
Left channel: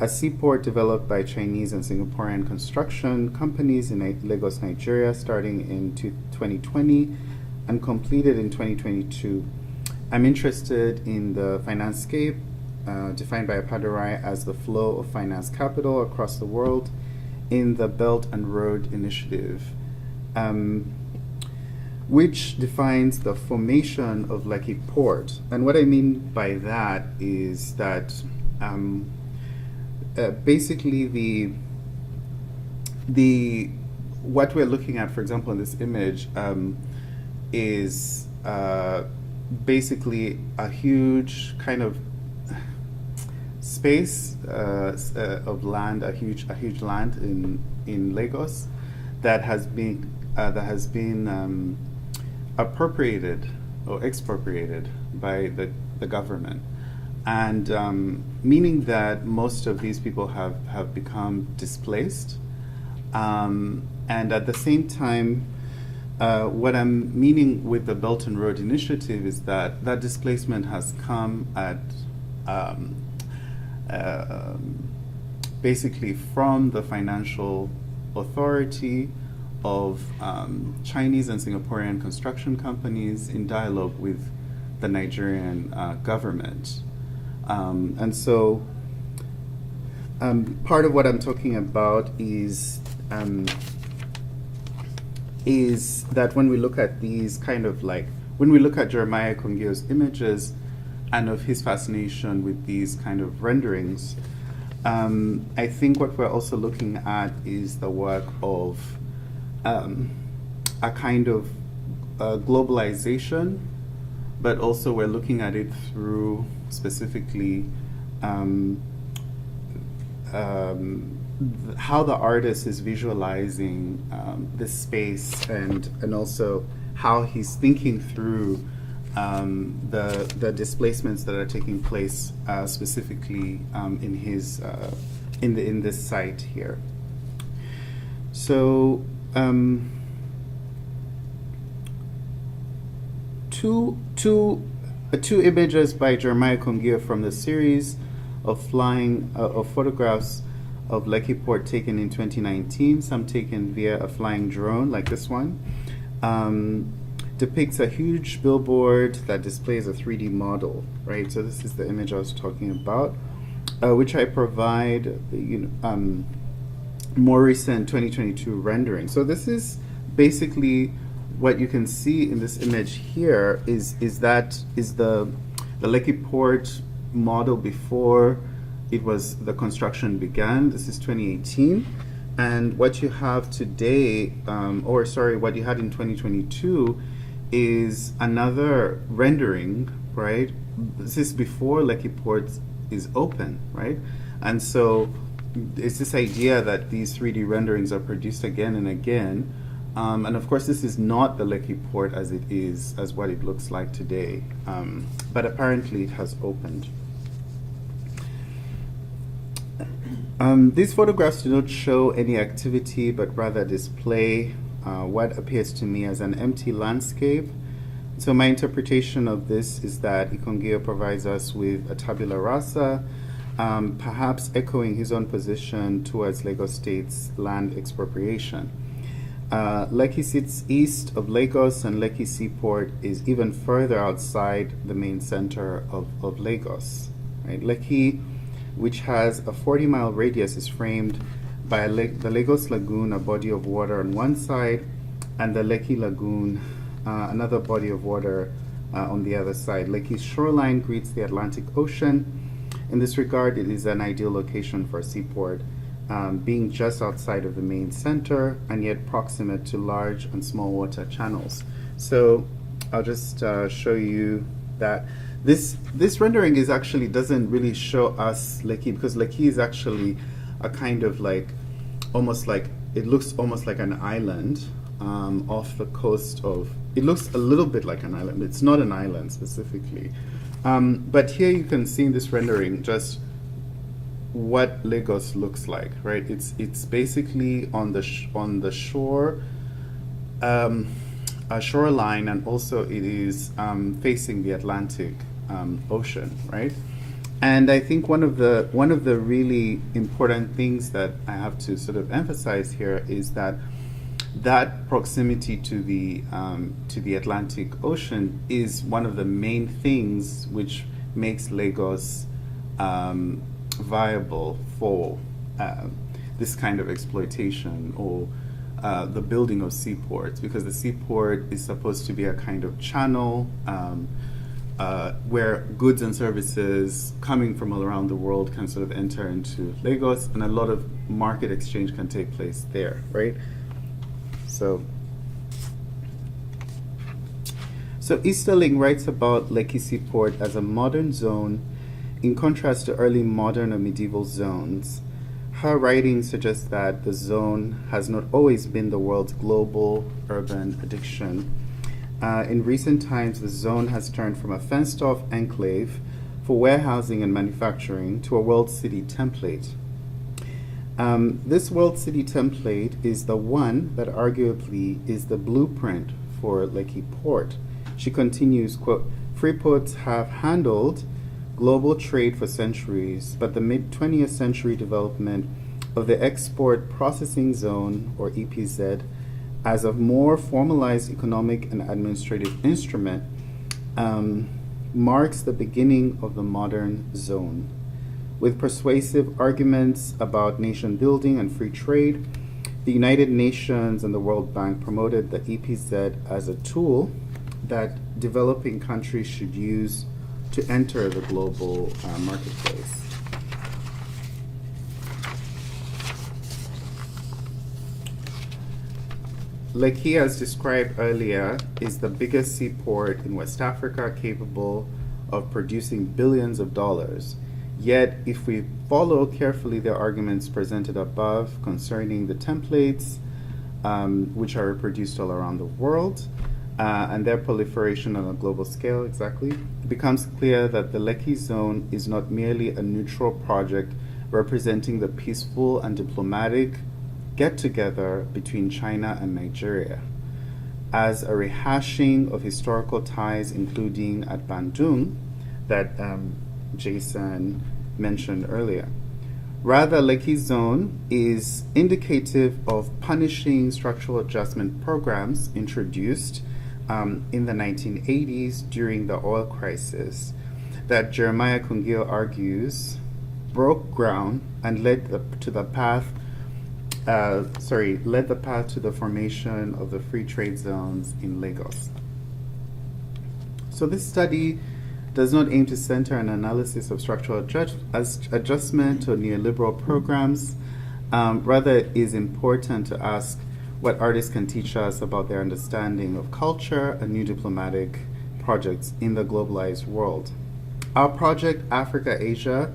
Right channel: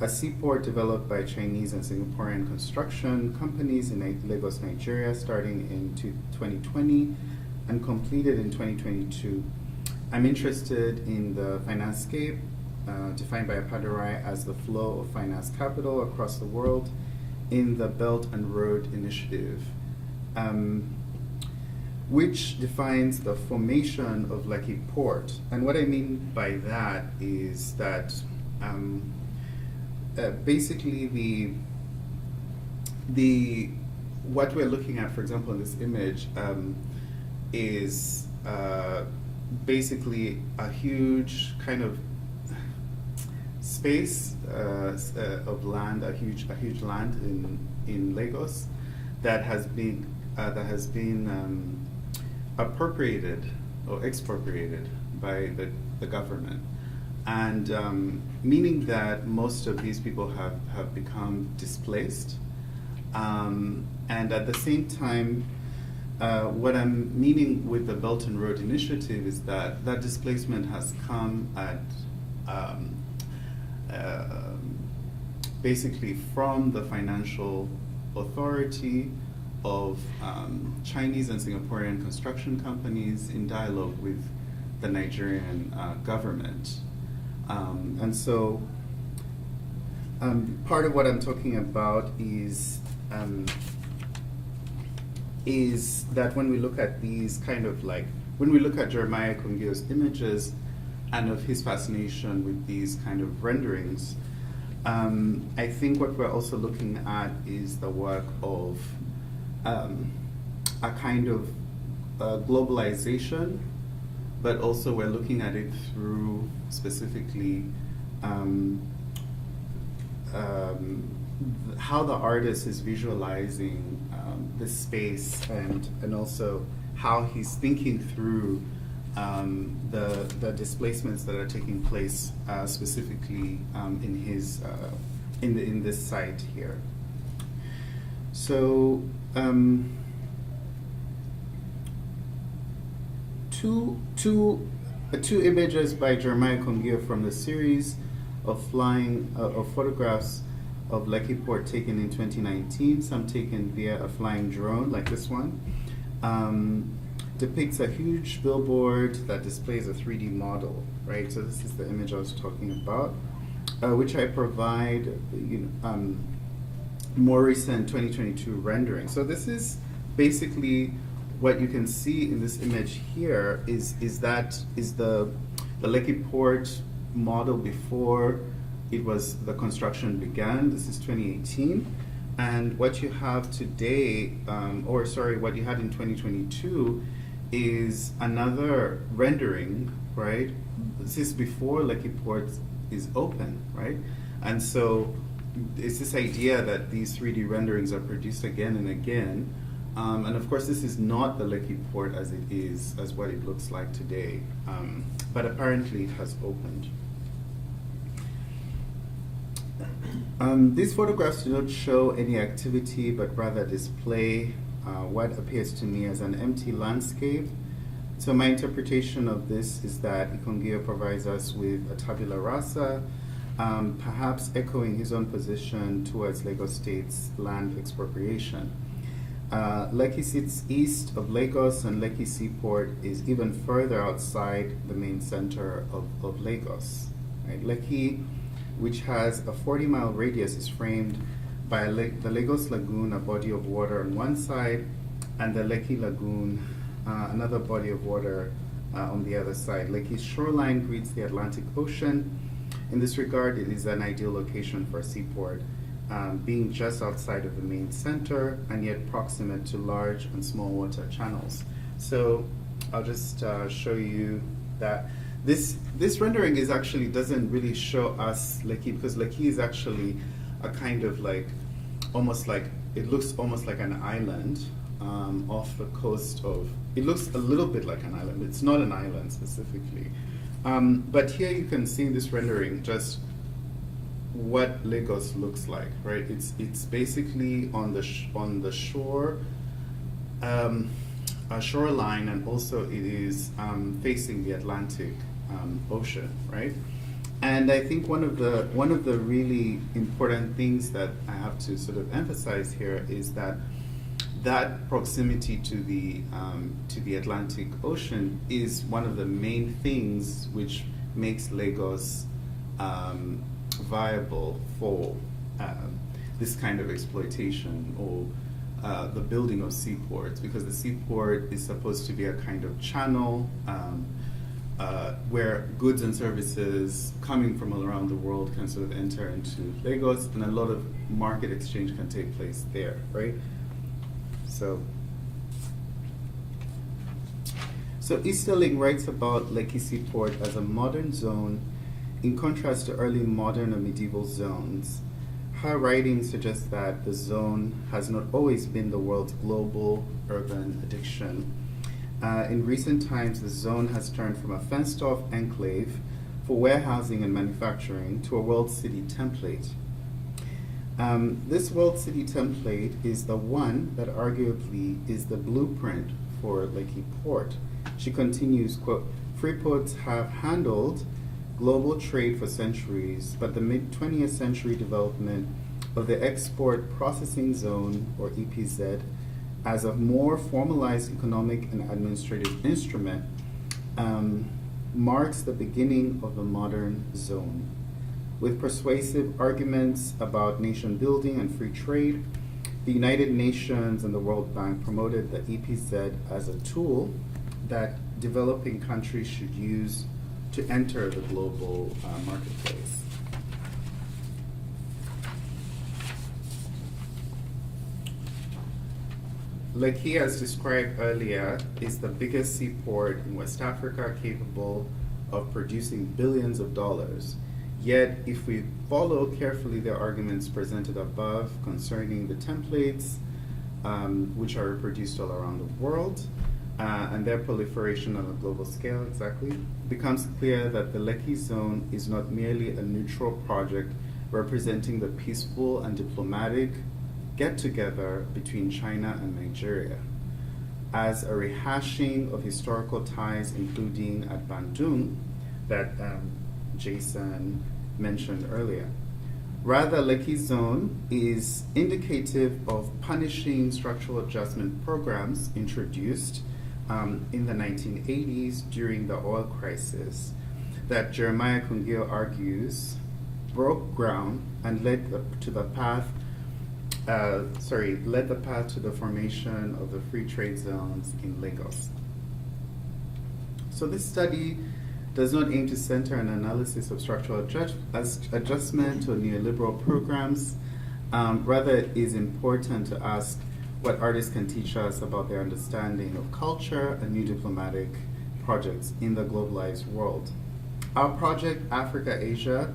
a seaport developed by Chinese and Singaporean construction companies in Lagos, Nigeria, starting in 2020 and completed in 2022. I'm interested in the financescape, defined by Appadurai as the flow of finance capital across the world in the Belt and Road Initiative, which defines the formation of Lekki Port. And what I mean by that is that basically what we're looking at, for example, in this image, is basically a huge kind of space of land, a huge land in Lagos that has been appropriated or expropriated by the government, and meaning that most of these people have become displaced, and at the same time, what I'm meaning with the Belt and Road Initiative is that displacement has come at basically from the financial authority of Chinese and Singaporean construction companies in dialogue with the Nigerian government. And so part of what I'm talking about is that when we look at these kind of like, when we look at Jeremiah Kungio's images and of his fascination with these kind of renderings, I think what we're also looking at is the work of a kind of globalization, but also we're looking at it through specifically how the artist is visualizing this space, and also how he's thinking through the displacements that are taking place specifically in his in this site here. So two images by Jeremiah Kungio from the series of photographs of Lekki Port taken in 2019, some taken via a flying drone like this one, depicts a huge billboard that displays a 3D model, right? So this is the image I was talking about, which I provide more recent 2022 rendering. So this is basically what you can see in this image here is the Lekki Port model before the construction began. This is 2018, and what you have today, what you had in 2022 is another rendering, right? This is before Lekki Port is open, right? And so it's this idea that these 3D renderings are produced again and again. And of course, this is not the Lekki Port as what it looks like today. But apparently it has opened. These photographs do not show any activity, but rather display what appears to me as an empty landscape. So my interpretation of this is that Ikongio provides us with a tabula rasa, perhaps echoing his own position towards Lagos State's land expropriation. Lekki sits east of Lagos, and Lekki Seaport is even further outside the main center of Lagos. Right? Lekki, which has a 40-mile radius, is framed by the Lagos Lagoon, a body of water on one side, and the Lekki Lagoon, another body of water on the other side. Lekki's shoreline greets the Atlantic Ocean. In this regard, it is an ideal location for a seaport, being just outside of the main center and yet proximate to large and small water channels. So I'll just show you that this rendering doesn't really show us Lekki, because Lekki is actually a kind of like, it looks almost like an island off the coast of, it looks a little bit like an island. It's not an island specifically. But here you can see in this rendering just what Lagos looks like, right? It's basically on the shore, a shoreline, and also it is facing the Atlantic Ocean, right? And I think one of the really important things that I have to sort of emphasize here is that proximity to the Atlantic Ocean is one of the main things which makes Lagos viable for this kind of exploitation or the building of seaports, because the seaport is supposed to be a kind of channel where goods and services coming from all around the world can sort of enter into Lagos, and a lot of market exchange can take place there, right? So Easterling writes about Lekki Seaport as a modern zone in contrast to early modern or medieval zones, her writing suggests that the zone has not always been the world's global urban addiction. In recent times, the zone has turned from a fenced-off enclave for warehousing and manufacturing to a world city template. This world city template is the one that arguably is the blueprint for Lekki Port. She continues, quote, "Free ports have handled global trade for centuries, but the mid-20th century development of the Export Processing Zone, or EPZ, as a more formalized economic and administrative instrument, marks the beginning of the modern zone. With persuasive arguments about nation building and free trade, the United Nations and the World Bank promoted the EPZ as a tool that developing countries should use to enter the global marketplace." Lekki, as described earlier, is the biggest seaport in West Africa capable of producing billions of dollars. Yet, if we follow carefully the arguments presented above concerning the templates, which are reproduced all around the world, and their proliferation on a global scale, it becomes clear that the Lekki Zone is not merely a neutral project representing the peaceful and diplomatic get-together between China and Nigeria, as a rehashing of historical ties, including at Bandung, that Jason mentioned earlier. Rather, Lekki Zone is indicative of punishing structural adjustment programs introduced in the 1980s during the oil crisis that Jeremiah Kungio argues broke ground and led the path to the formation of the free trade zones in Lagos. So this study does not aim to center an analysis of structural adjustment or neoliberal programs. Rather, it is important to ask what artists can teach us about their understanding of culture and new diplomatic projects in the globalized world. Our project, Africa-Asia,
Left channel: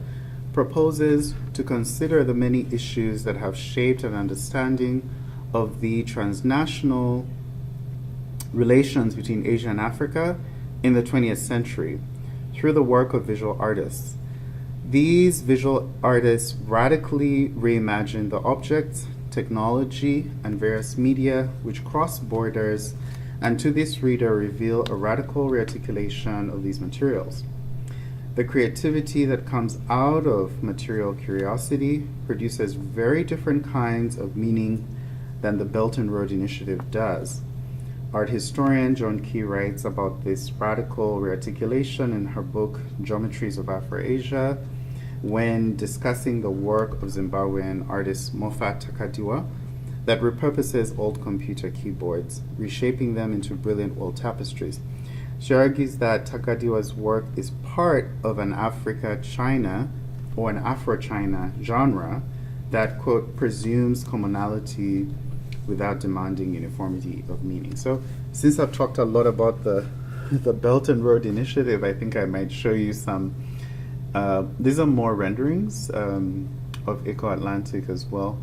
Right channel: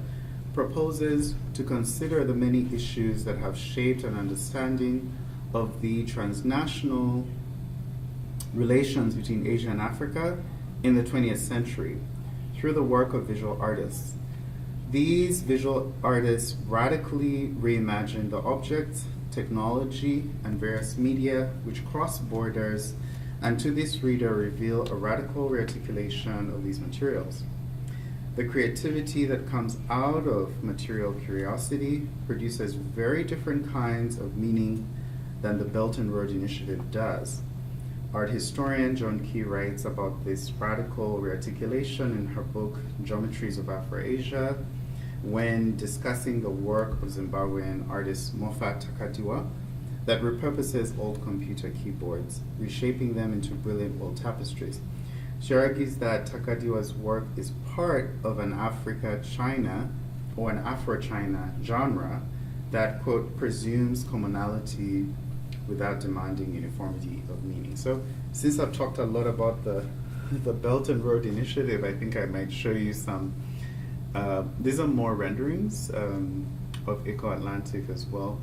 proposes to consider the many issues that have shaped an understanding of the transnational relations between Asia and Africa in the 20th century through the work of visual artists. These visual artists radically reimagine the objects, technology, and various media which cross borders, and to this reader reveal a radical rearticulation of these materials. The creativity that comes out of material curiosity produces very different kinds of meaning than the Belt and Road Initiative does. Art historian John Key writes about this radical rearticulation in her book Geometries of Afro-Asia when discussing the work of Zimbabwean artist Moffat Takadiwa that repurposes old computer keyboards, reshaping them into brilliant wall tapestries. She argues that Takadiwa's work is part of an Africa-China or an Afro-China genre that, quote, presumes commonality without demanding uniformity of meaning. So since I've talked a lot about the Belt and Road Initiative, I think I might show you some, these are more renderings of Eco-Atlantic as well.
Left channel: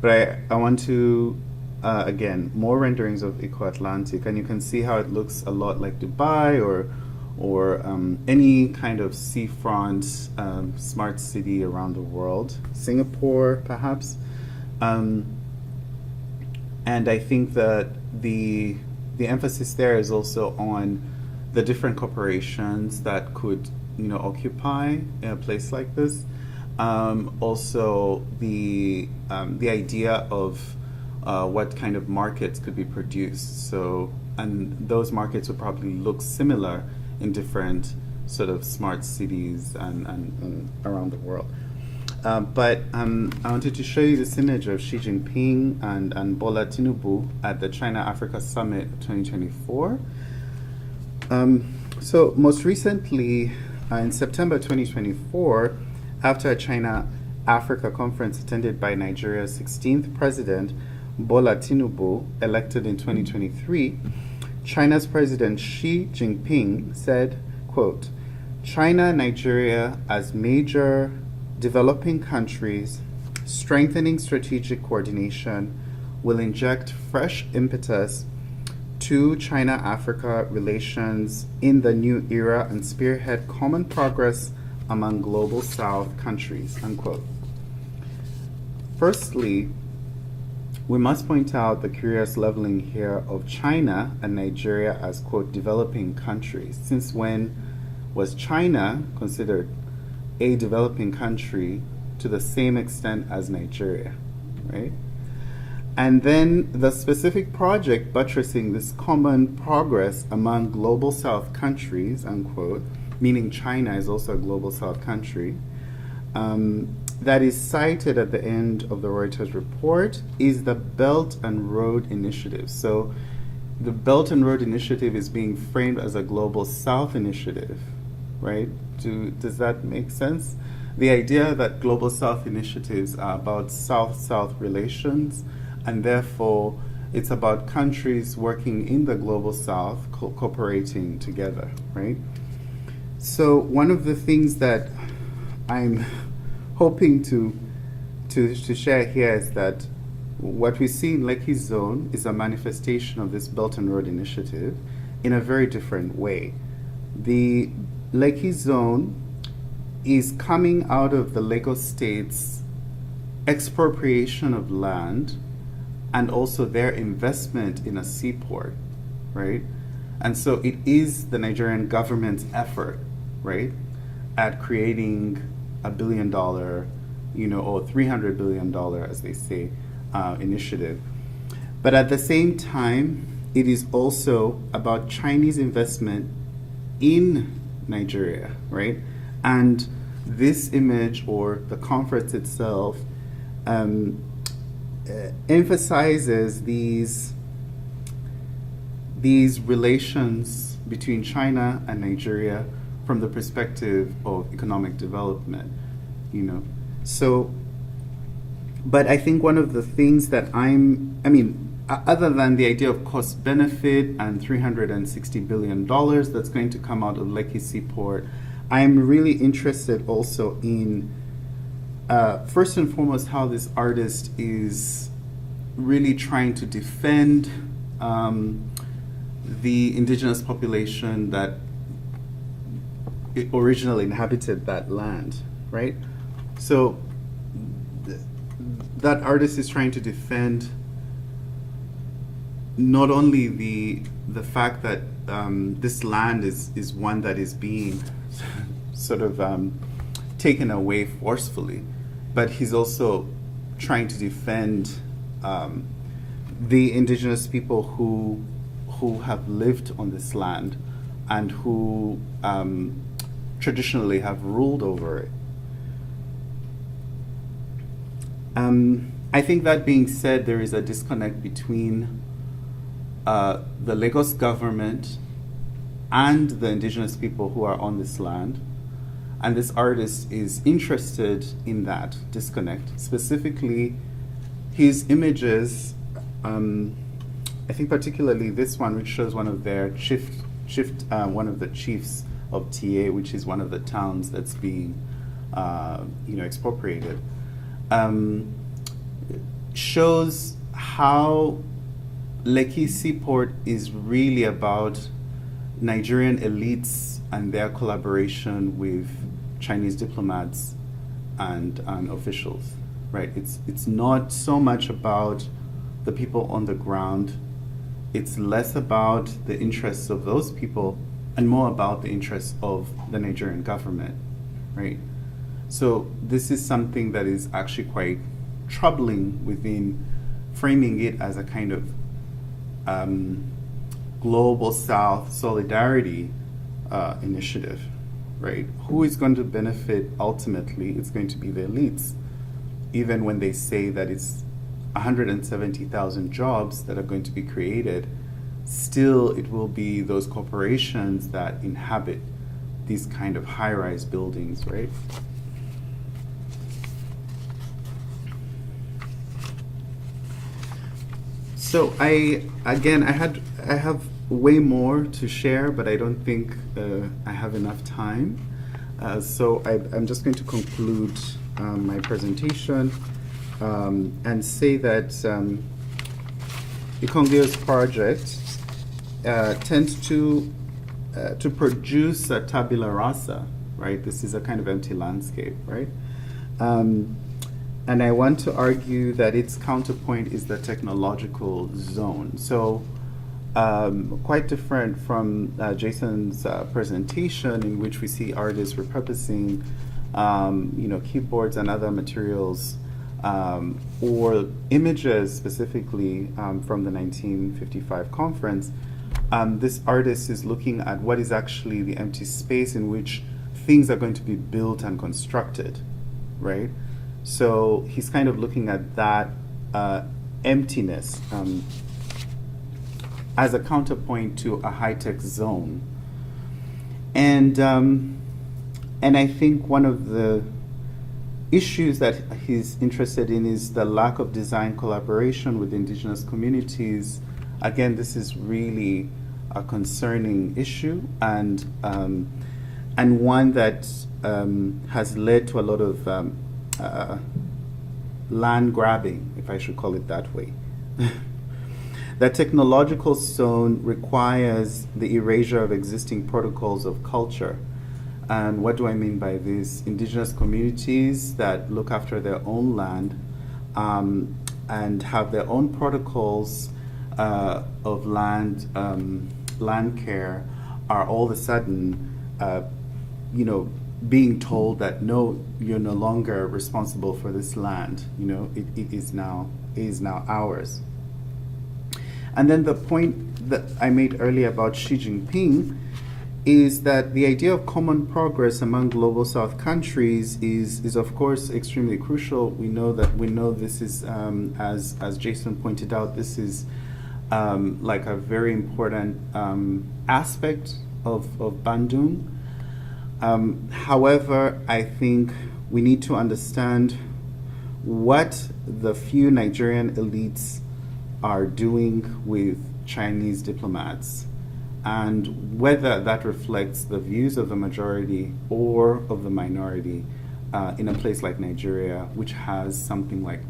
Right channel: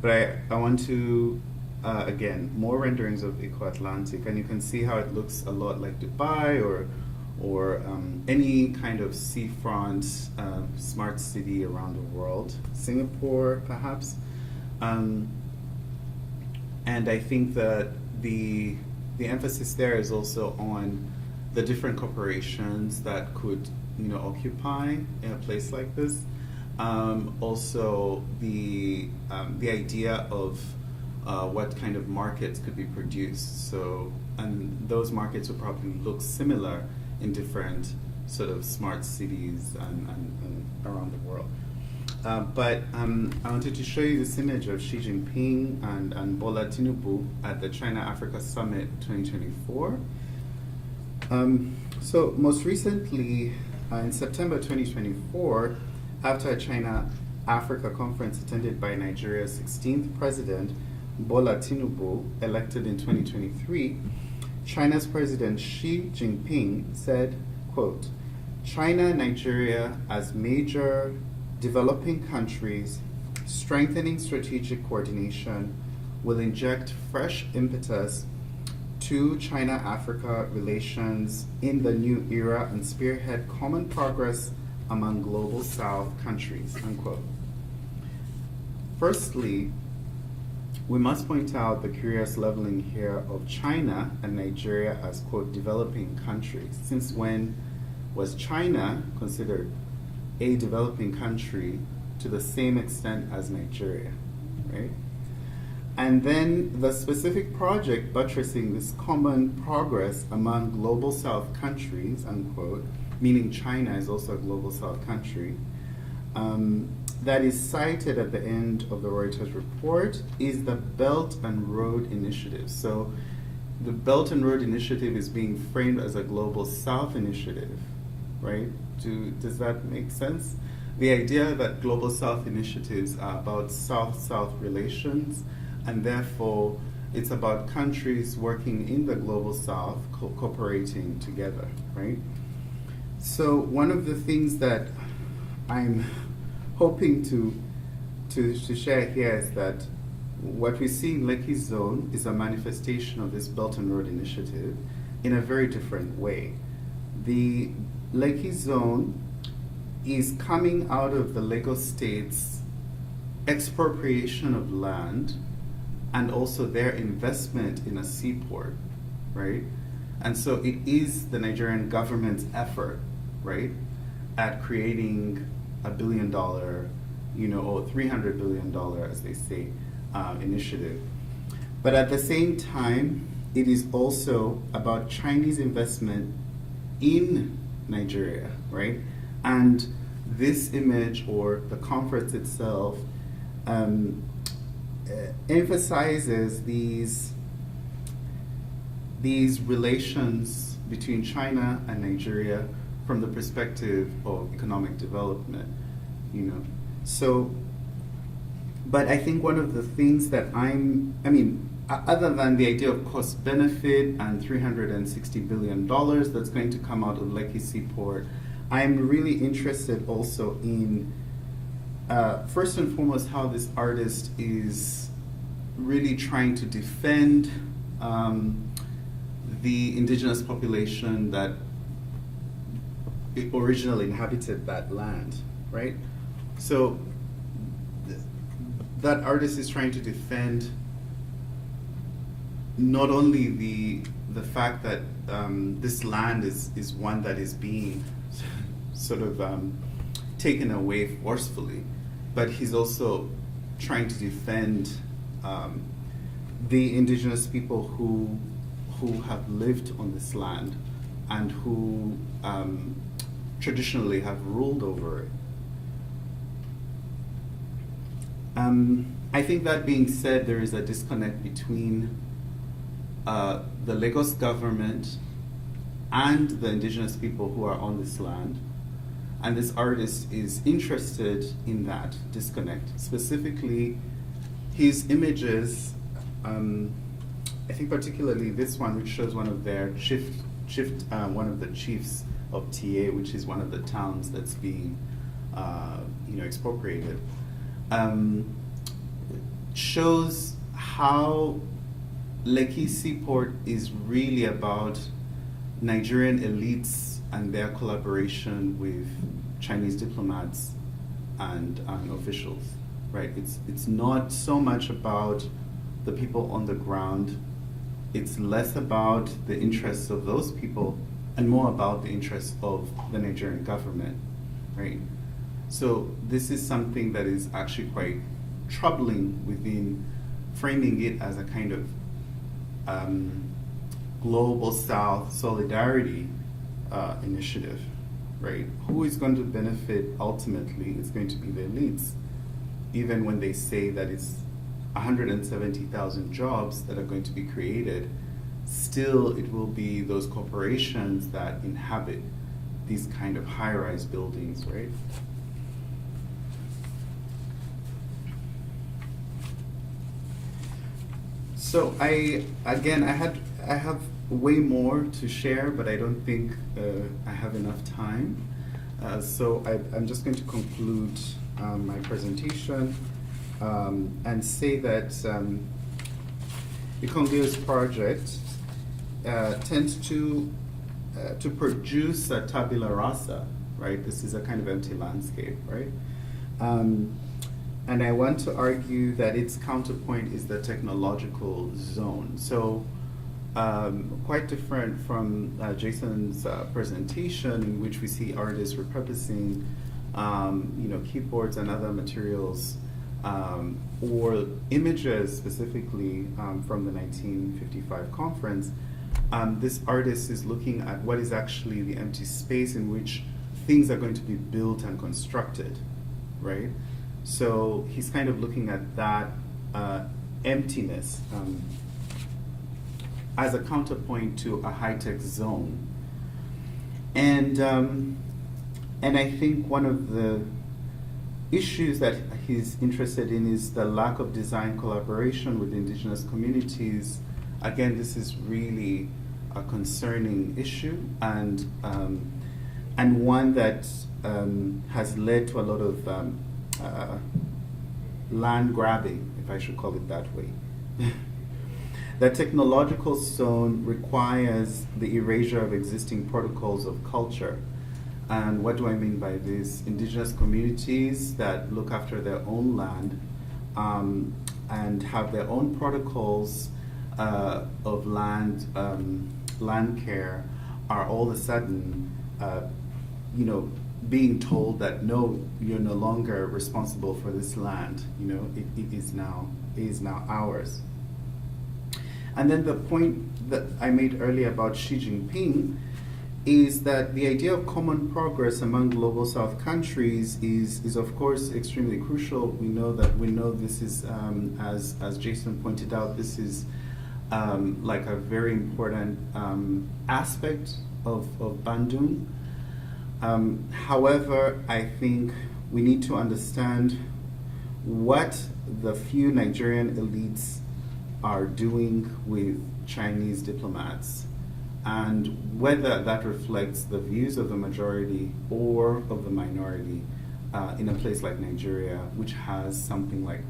But I want to, again, more renderings of Eco-Atlantic, and you can see how it looks a lot like Dubai or any kind of seafront smart city around the world. Singapore, perhaps. And I think that the emphasis there is also on the different corporations that could, occupy a place like this. Also, the idea of what kind of markets could be produced. So, and those markets would probably look similar in different sort of smart cities and around the world. But I wanted to show you this image of Xi Jinping and Bola Tinubu at the China-Africa Summit 2024. So most recently, in September 2024, after a China-Africa conference attended by Nigeria's 16th president, Bola Tinubu, elected in 2023, China's President Xi Jinping said, quote, China and Nigeria as major developing countries, strengthening strategic coordination will inject fresh impetus to China-Africa relations in the new era and spearhead common progress among global South countries, unquote. Firstly, we must point out the curious leveling here of China and Nigeria as, quote, developing countries. Since when was China considered a developing country to the same extent as Nigeria, right? And then the specific project buttressing this common progress among global South countries, unquote, meaning China is also a global South country, that is cited at the end of the Reuters report is the Belt and Road Initiative. So the Belt and Road Initiative is being framed as a global South initiative, right? Does that make sense? The idea that global South initiatives are about South-South relations, and therefore it's about countries working in the global South cooperating together, right? So one of the things that I'm hoping to share here is that what we see in Lekki Zone is a manifestation of this Belt and Road Initiative in a very different way. The Lekki Zone is coming out of the Lagos State's expropriation of land and also their investment in a seaport, right? And so it is the Nigerian government's effort, right, at creating $1 billion, or $300 billion, as they say, initiative. But at the same time, it is also about Chinese investment in Nigeria, right? And this image, or the conference itself, emphasizes these relations between China and Nigeria from the perspective of economic development, So, but I think one of the things that other than the idea of cost benefit and $360 billion that's going to come out of Lekki Seaport, I'm really interested also in, first and foremost, how this artist is really trying to defend the indigenous population that originally inhabited that land, right? So that artist is trying to defend not only the fact that this land is one that is being sort of taken away forcefully, but he's also trying to defend the indigenous people who have lived on this land and who traditionally have ruled over it. I think that being said, there is a disconnect between the Lagos government and the indigenous people who are on this land. And this artist is interested in that disconnect. Specifically, his images, I think particularly this one, which shows one of their one of the chiefs of TA, which is one of the towns that's being expropriated, shows how Lekki Seaport is really about Nigerian elites and their collaboration with Chinese diplomats and officials, right? It's not so much about the people on the ground. It's less about the interests of those people and more about the interests of the Nigerian government, right? So this is something that is actually quite troubling within framing it as a kind of global South solidarity initiative, right? Who is going to benefit ultimately? It's going to be the elites, even when they say that it's 170,000 jobs that are going to be created. Still, it will be those corporations that inhabit these kind of high-rise buildings, right? So I have way more to share, but I don't think I have enough time. So I'm just going to conclude my presentation and say that Ikongio's project tends to produce a tabula rasa, right? This is a kind of empty landscape, right? And I want to argue that its counterpoint is the technological zone. So quite different from Jason's presentation, in which we see artists repurposing keyboards and other materials or images specifically from the 1955 conference. This artist is looking at what is actually the empty space in which things are going to be built and constructed, right? So he's kind of looking at that emptiness as a counterpoint to a high-tech zone. And I think one of the issues that he's interested in is the lack of design collaboration with indigenous communities. Again, this is really a concerning issue, and one that has led to a lot of land grabbing, if I should call it that way. The technological zone requires the erasure of existing protocols of culture. And what do I mean by this? Indigenous communities that look after their own land and have their own protocols of land care are all of a sudden, being told that no, you're no longer responsible for this land. It is now ours. And then the point that I made earlier about Xi Jinping is that the idea of common progress among global South countries is of course extremely crucial. We know this is, as Jason pointed out, this is like a very important aspect of Bandung. However, I think we need to understand what the few Nigerian elites are doing with Chinese diplomats, and whether that reflects the views of the majority or of the minority in a place like Nigeria, which has something like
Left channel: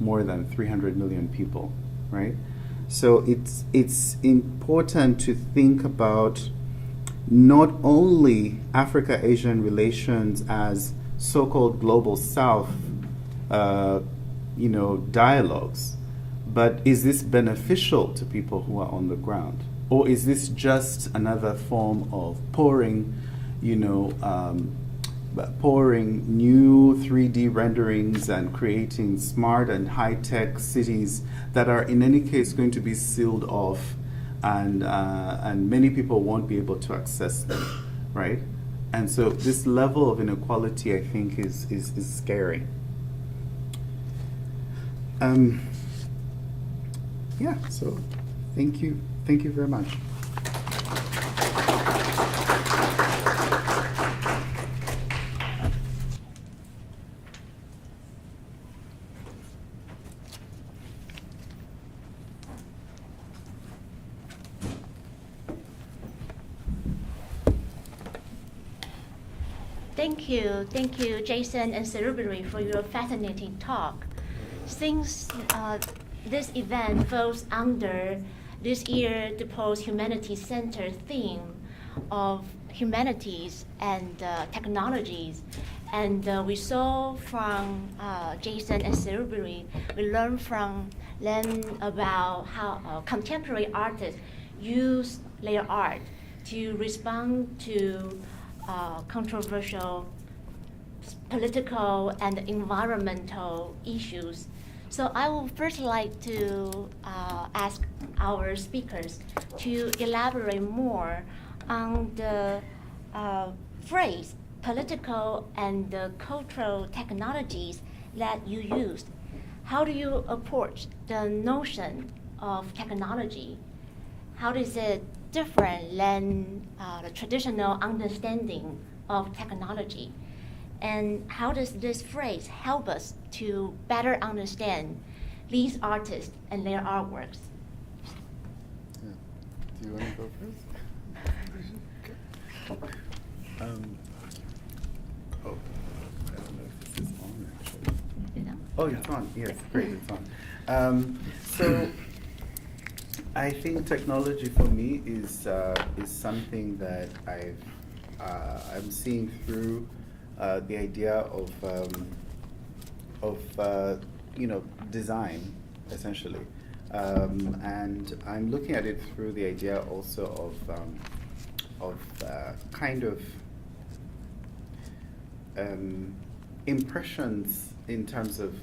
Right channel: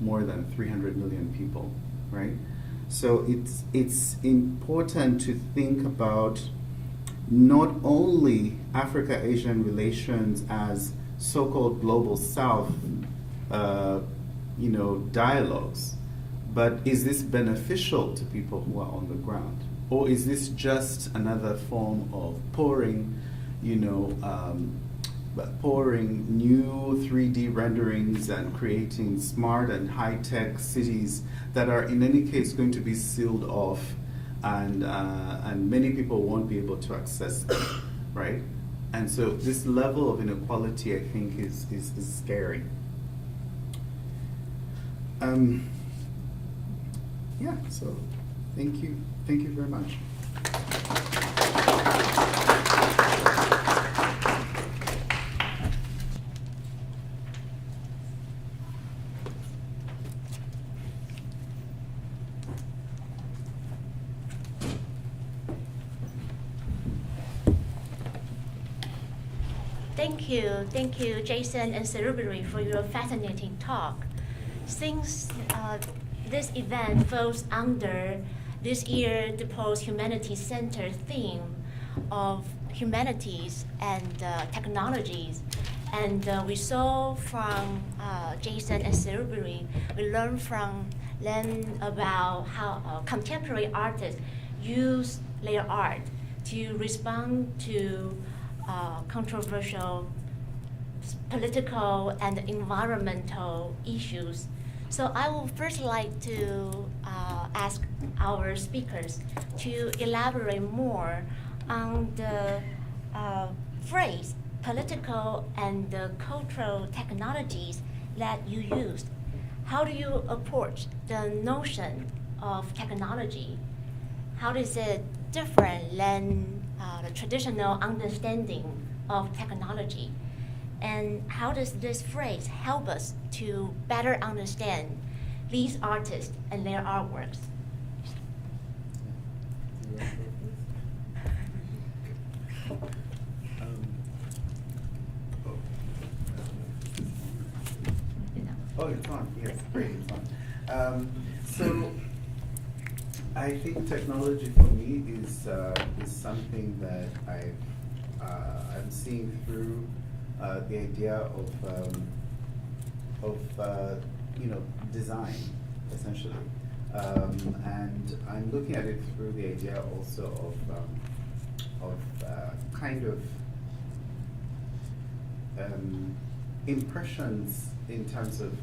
more than 300 million people, right? So it's important to think about not only Africa-Asian relations as so-called global South, dialogues, but is this beneficial to people who are on the ground? Or is this just another form of pouring new 3D renderings and creating smart and high-tech cities that are in any case going to be sealed off, and many people won't be able to access them, right? And so this level of inequality, I think, is scary. Yeah, so thank you very much. Thank you, Jason and Serubiri, for your fascinating talk. Since this event falls under this year the Post-Humanity Center theme of humanities and technologies, and we saw from Jason and Serubiri, we learned from them about how contemporary artists use their art to respond to controversial political and environmental issues. So I would first like to ask our speakers to elaborate more on the phrase political and cultural technologies that you used. How do you approach the notion of technology? How is it different than the traditional understanding of technology? And how does this phrase help us to better understand these artists and their artworks? Do you want to go first? Oh, it's on. Yes, great, it's on. So I think technology for me is something that I'm seeing through the idea of design, essentially, and I'm looking at it through the idea also of kind of impressions in terms of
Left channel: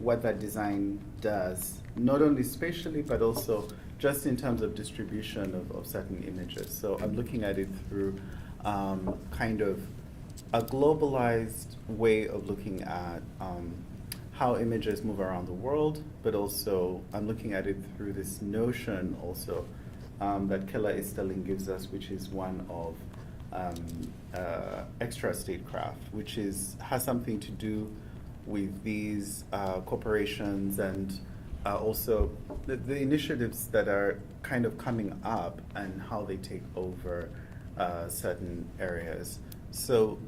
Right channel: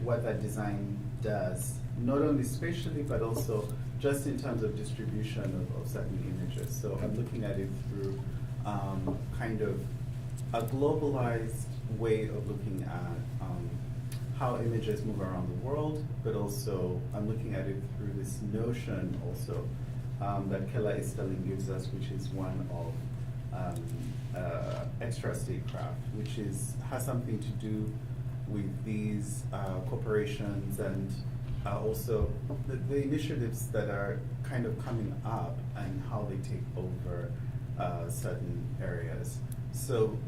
what that design does, not only spatially, but also just in terms of distribution of certain images. So I'm looking at it through kind of a globalized way of looking at how images move around the world, but also I'm looking at it through this notion also that Kela Easterling gives us, which is one of extra statecraft, which has something to do with these corporations and also the initiatives that are kind of coming up and how they take over certain areas. So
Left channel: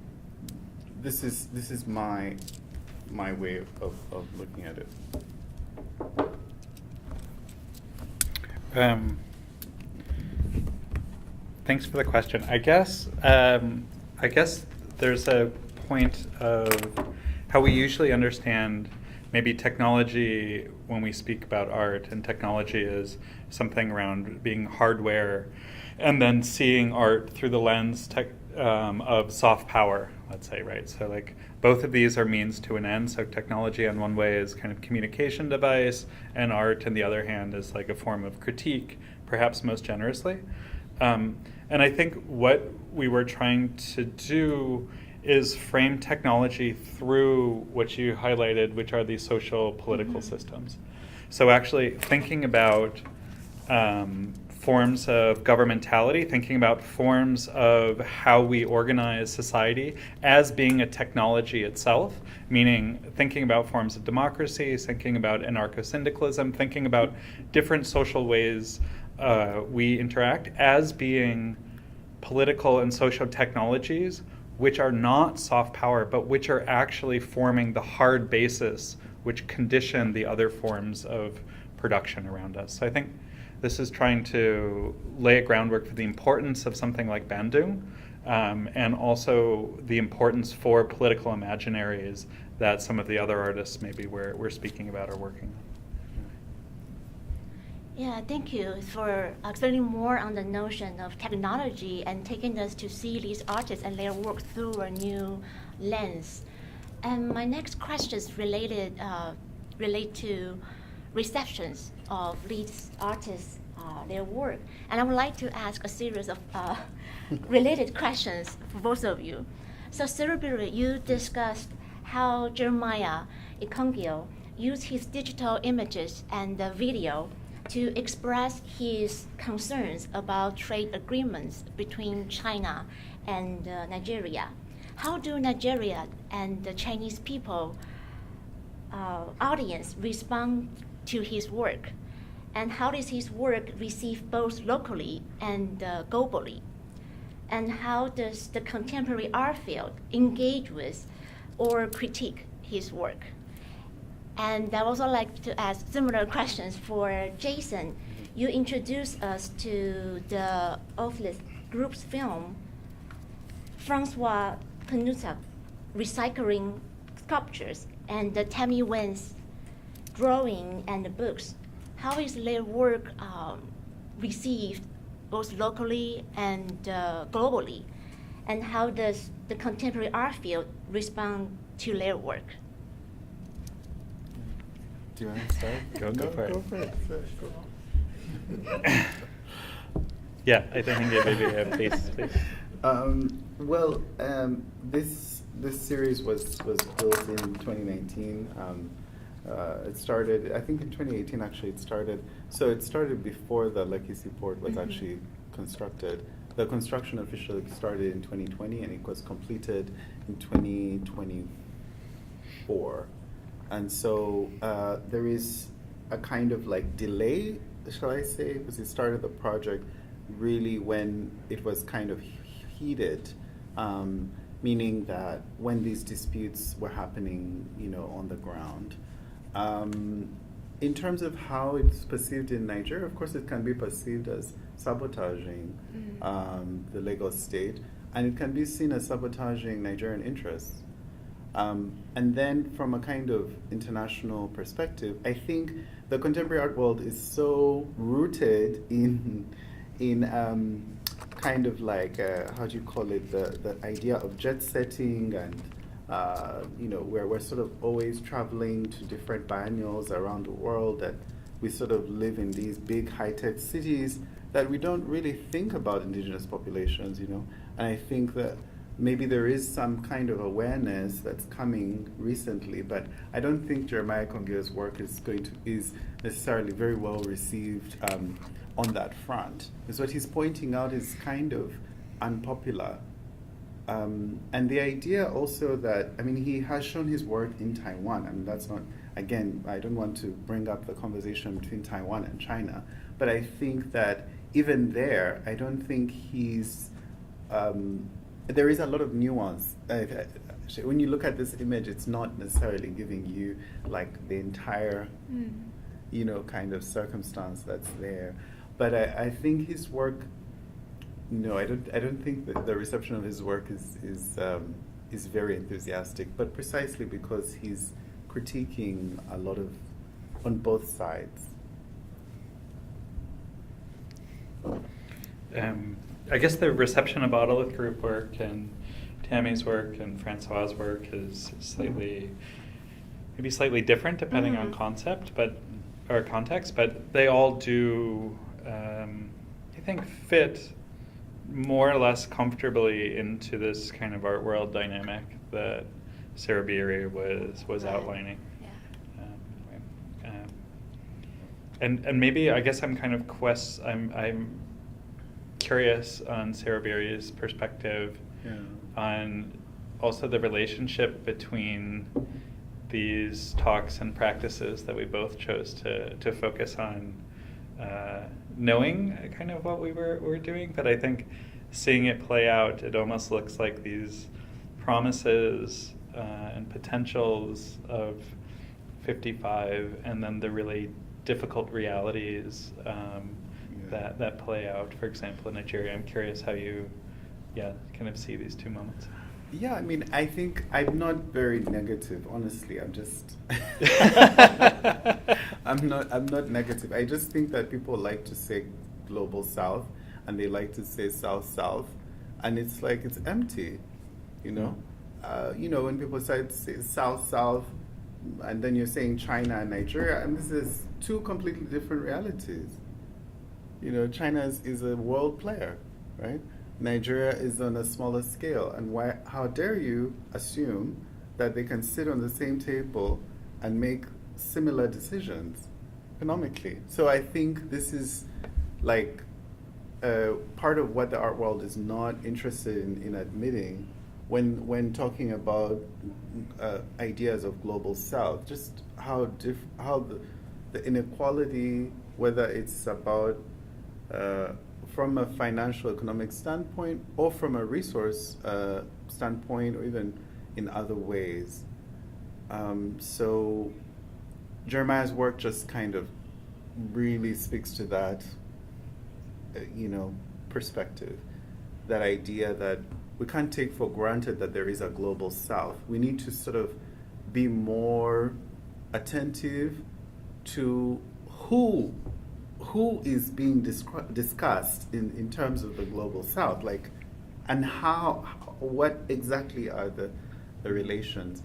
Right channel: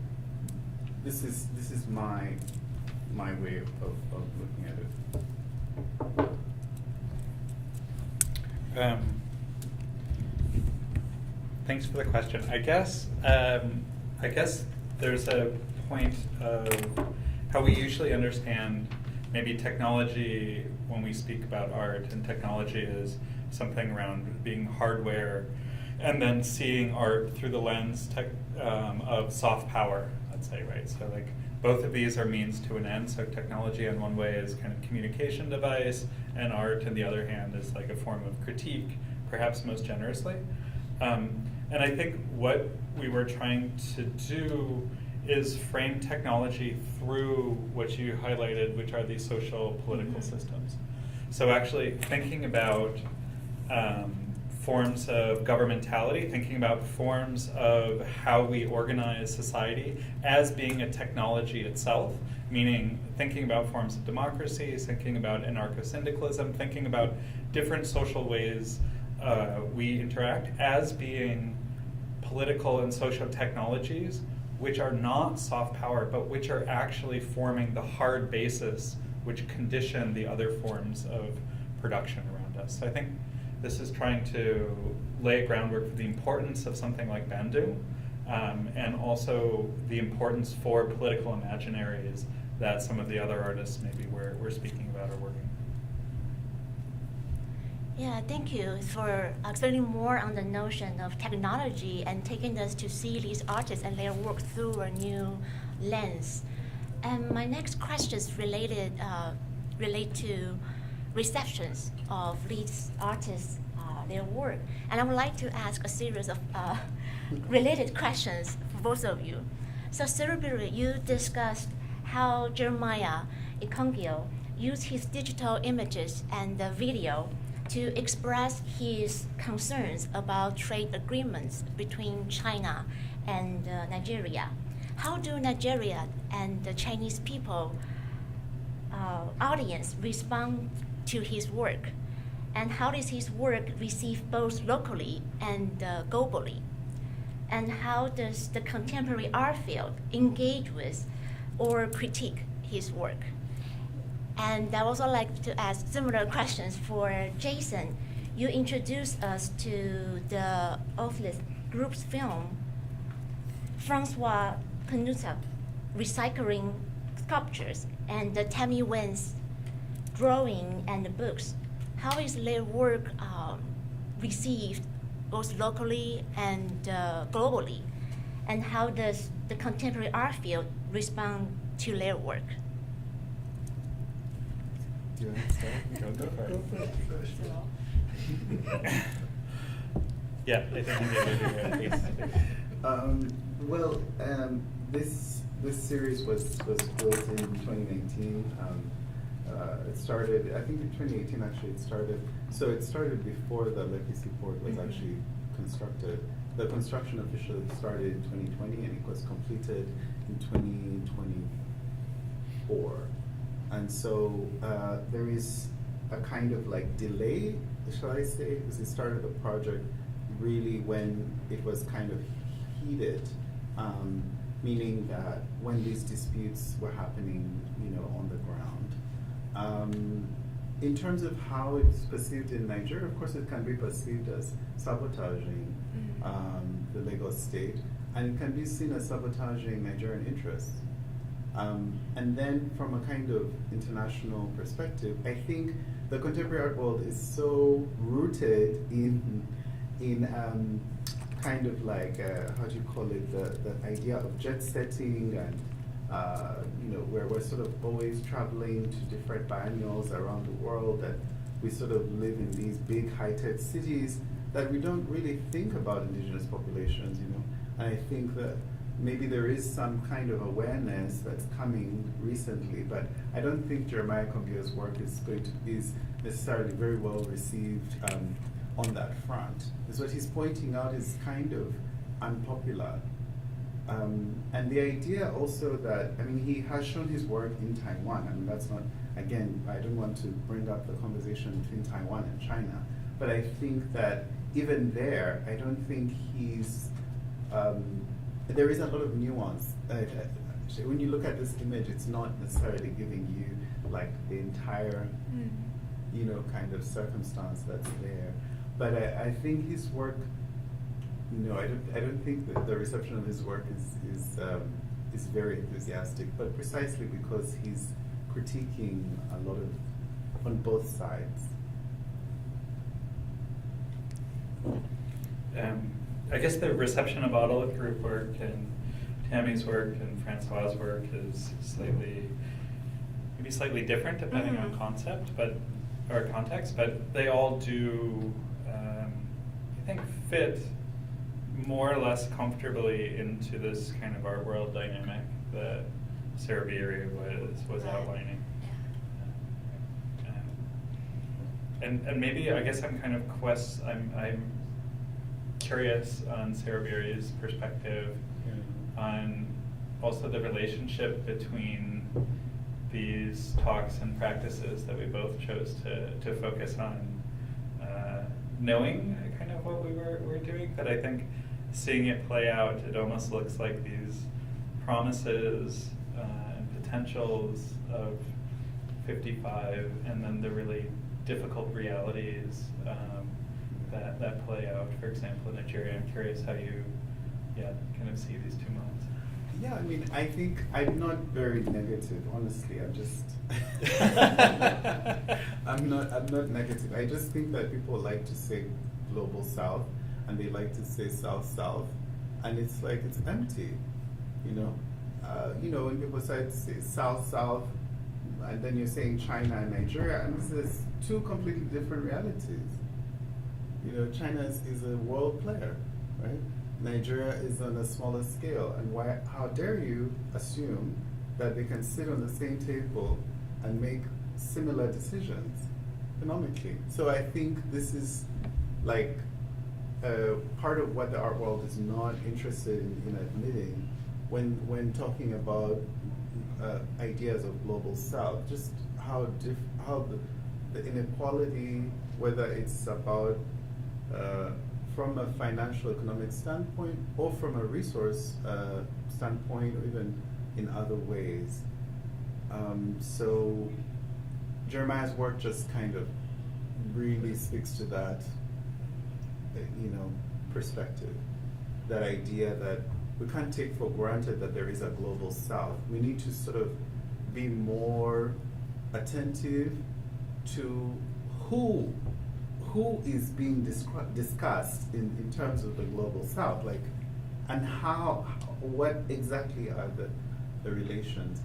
this is my way of looking at it. Thanks for the question. I guess there's a point of how we usually understand maybe technology when we speak about art, and technology is something around being hardware, and then seeing art through the lens of soft power, let's say, right? So like both of these are means to an end. So technology on one way is kind of communication device, and art on the other hand is like a form of critique, perhaps most generously. And I think what we were trying to do is frame technology through what you highlighted, which are these social political systems. So actually thinking about forms of governmentality, thinking about forms of how we organize society as being a technology itself, meaning thinking about forms of democracy, thinking about anarcho-syndicalism, thinking about different social ways we interact as being political and social technologies which are not soft power, but which are actually forming the hard basis which condition the other forms of production around us. So I think this is trying to lay a groundwork for the importance of something like Bandung, and also the importance for political imaginaries that some of the other artists maybe we're speaking about are working. Yeah, thank you for explaining more on the notion of technology and taking us to see these artists and their work through a new lens. And my next question is relate to receptions of these artists, their work. And I would like to ask a series of related questions for both of you. So Serubiri, you discussed how Jeremiah Ikongio used his digital images and the video to express his concerns about trade agreements between China and Nigeria. How do Nigeria and the Chinese people audience respond to his work? And how does his work receive both locally and globally? And how does the contemporary art field engage with or critique his work? And I would also like to ask similar questions for Jason. You introduced us to the Oakless Group's film, Francois Penuta, Recycling Sculptures, and Tammy Wen's drawing and books. How is their work received both locally and globally? And how does the contemporary art field respond to their work? Do you want to start? Go for it. Yeah, I think maybe Well, this series was built in 2019. It started, I think in 2018 actually it started. So it started before the Lekki Seaport was actually constructed. The construction officially started in 2020 and it was completed in 2024. And so there is a kind of like delay, shall I say, because it started the project really when it was kind of heated, meaning that when these disputes were happening, on the ground. In terms of how it's perceived in Nigeria, of course, it can be perceived as sabotaging the Lagos state, and it can be seen as sabotaging Nigerian interests. And then, from a kind of international perspective, I think the contemporary art world is so rooted in kind of like how do you call it, the idea of jet setting, and where we're sort of always traveling to different biennials around the world, that we sort of live in these big high-tech cities that we don't really think about indigenous populations, And I think that maybe there is some kind of awareness that's coming recently, but I don't think Jeremiah Konge's work is necessarily very well received on that front. Because what he's pointing out is kind of unpopular. And the idea also that, he has shown his work in Taiwan, and that's not, again, I don't want to bring up the conversation between Taiwan and China, but I think that even there, I don't think he's, there is a lot of nuance. When you look at this image, it's not necessarily giving you like the entire, kind of circumstance that's there. But I think his work, no, I don't think that the reception of his work is very enthusiastic. But precisely because he's critiquing a lot of on both sides. I guess the reception of Autolith Group work and Tammy's work and Francois' work is maybe slightly different depending on context, but they all do, I think, fit more or less comfortably into this kind of art world dynamic that Serubiri was outlining. And maybe I guess I'm kind of I'm curious on Serubiri's perspective on also the relationship between these talks and practices that we both chose to focus on, knowing kind of what we were doing, but I think seeing it play out, it almost looks like these promises and potentials of 55, and then the really difficult realities that play out, for example, in Nigeria. I'm curious how you kind of see these two moments. Yeah, I think I'm not very negative, honestly. I'm just I'm not negative. I just think that people like to say global south, and they like to say south, and it's like it's empty, when people say south, and then you're saying China and Nigeria, and this is two completely different realities. China is a world player, right? Nigeria is on a smaller scale, and how dare you assume that they can sit on the same table and make similar decisions economically? So I think this is like part of what the art world is not interested in admitting when talking about ideas of global south, just how the inequality, whether it's about from a financial economic standpoint or from a resource standpoint, or even in other ways. So Jeremiah's work just kind of really speaks to that, perspective, that idea that we can't take for granted that there is a global south. We need to sort of be more attentive to who is being discussed in terms of the global south, and what exactly are the relations.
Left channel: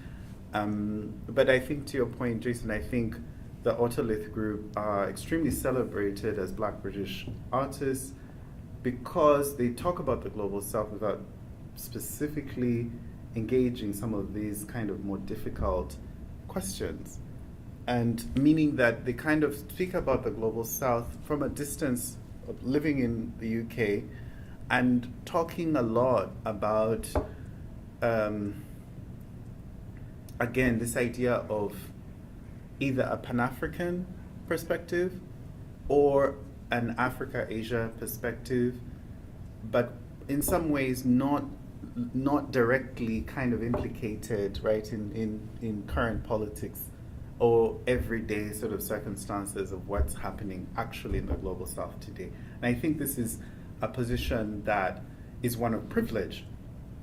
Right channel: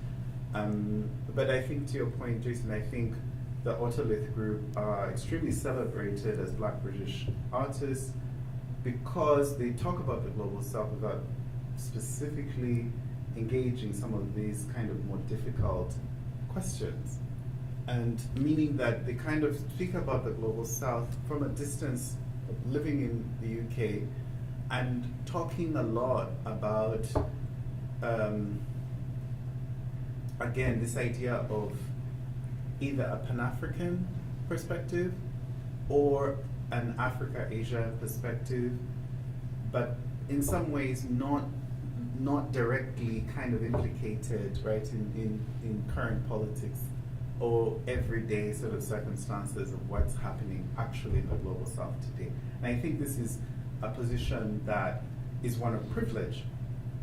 But I think, to your point, Jason, I think the Autolith Group are extremely celebrated as Black British artists because they talk about the global south without specifically engaging some of these kind of more difficult questions. And meaning that they kind of speak about the global south from a distance of living in the UK and talking a lot about, again, this idea of either a Pan-African perspective or an Africa-Asia perspective, but in some ways not directly kind of implicated, right, in current politics or everyday sort of circumstances of what's happening actually in the global south today. And I think this is a position that is one of privilege.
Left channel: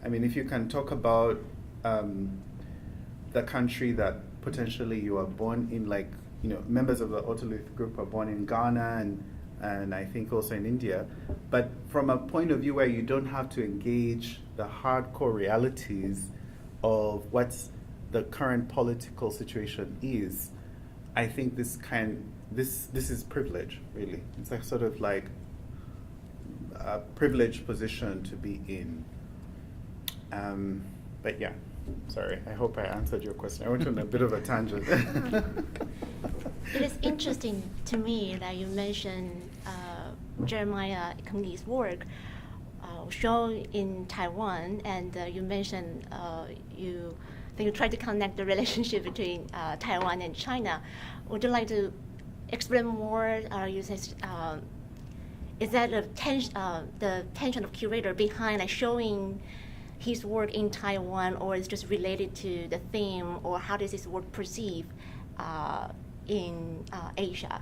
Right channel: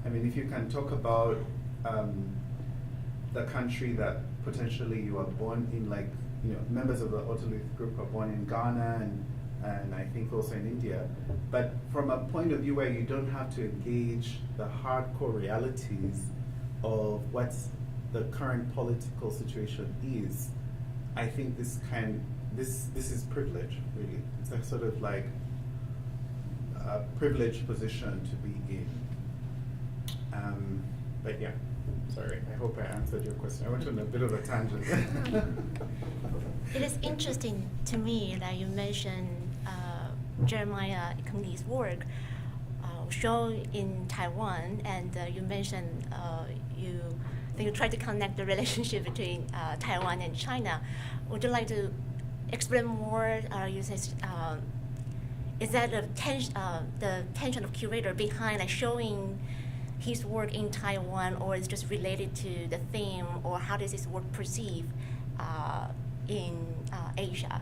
I mean, if you can talk about the country that potentially you are born in, like, you know, members of the Otolith group are born in Ghana and I think also in India, but from a point of view where you don't have to engage the hardcore realities of what's the current political situation is, I think this is privilege, really. It's a sort of like a privileged position to be in. But yeah, sorry, I hope I answered your question. I went on a bit of a tangent. It is interesting to me that you mentioned Jeremiah Kenney's work shown in Taiwan, and you mentioned you try to connect the relationship between Taiwan and China. Would you like to explain more? You say, is that the tension of curator behind like showing his work in Taiwan, or is it just related to the theme, or how does his work perceived in Asia?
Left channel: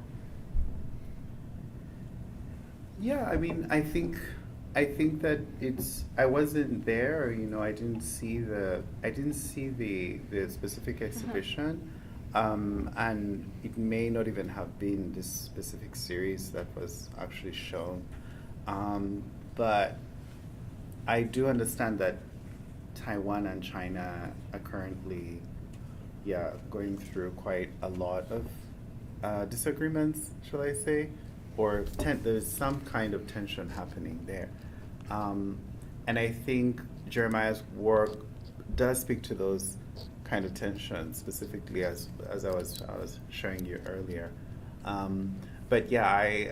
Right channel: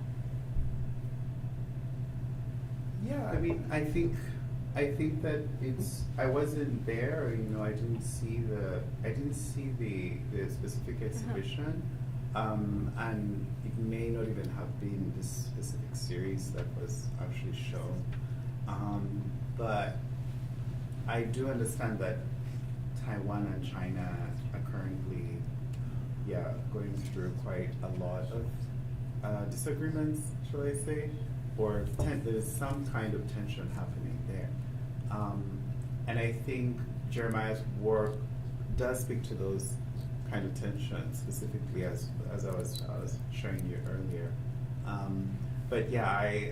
Yeah, I mean, I think that I wasn't there, you know, I didn't see the specific exhibition, and it may not even have been this specific series that was actually shown, but I do understand that Taiwan and China are currently, going through quite a lot of disagreements, shall I say, or there's some kind of tension happening there. And I think Jeremiah's work does speak to those kind of tensions, specifically as I was showing you earlier. But yeah,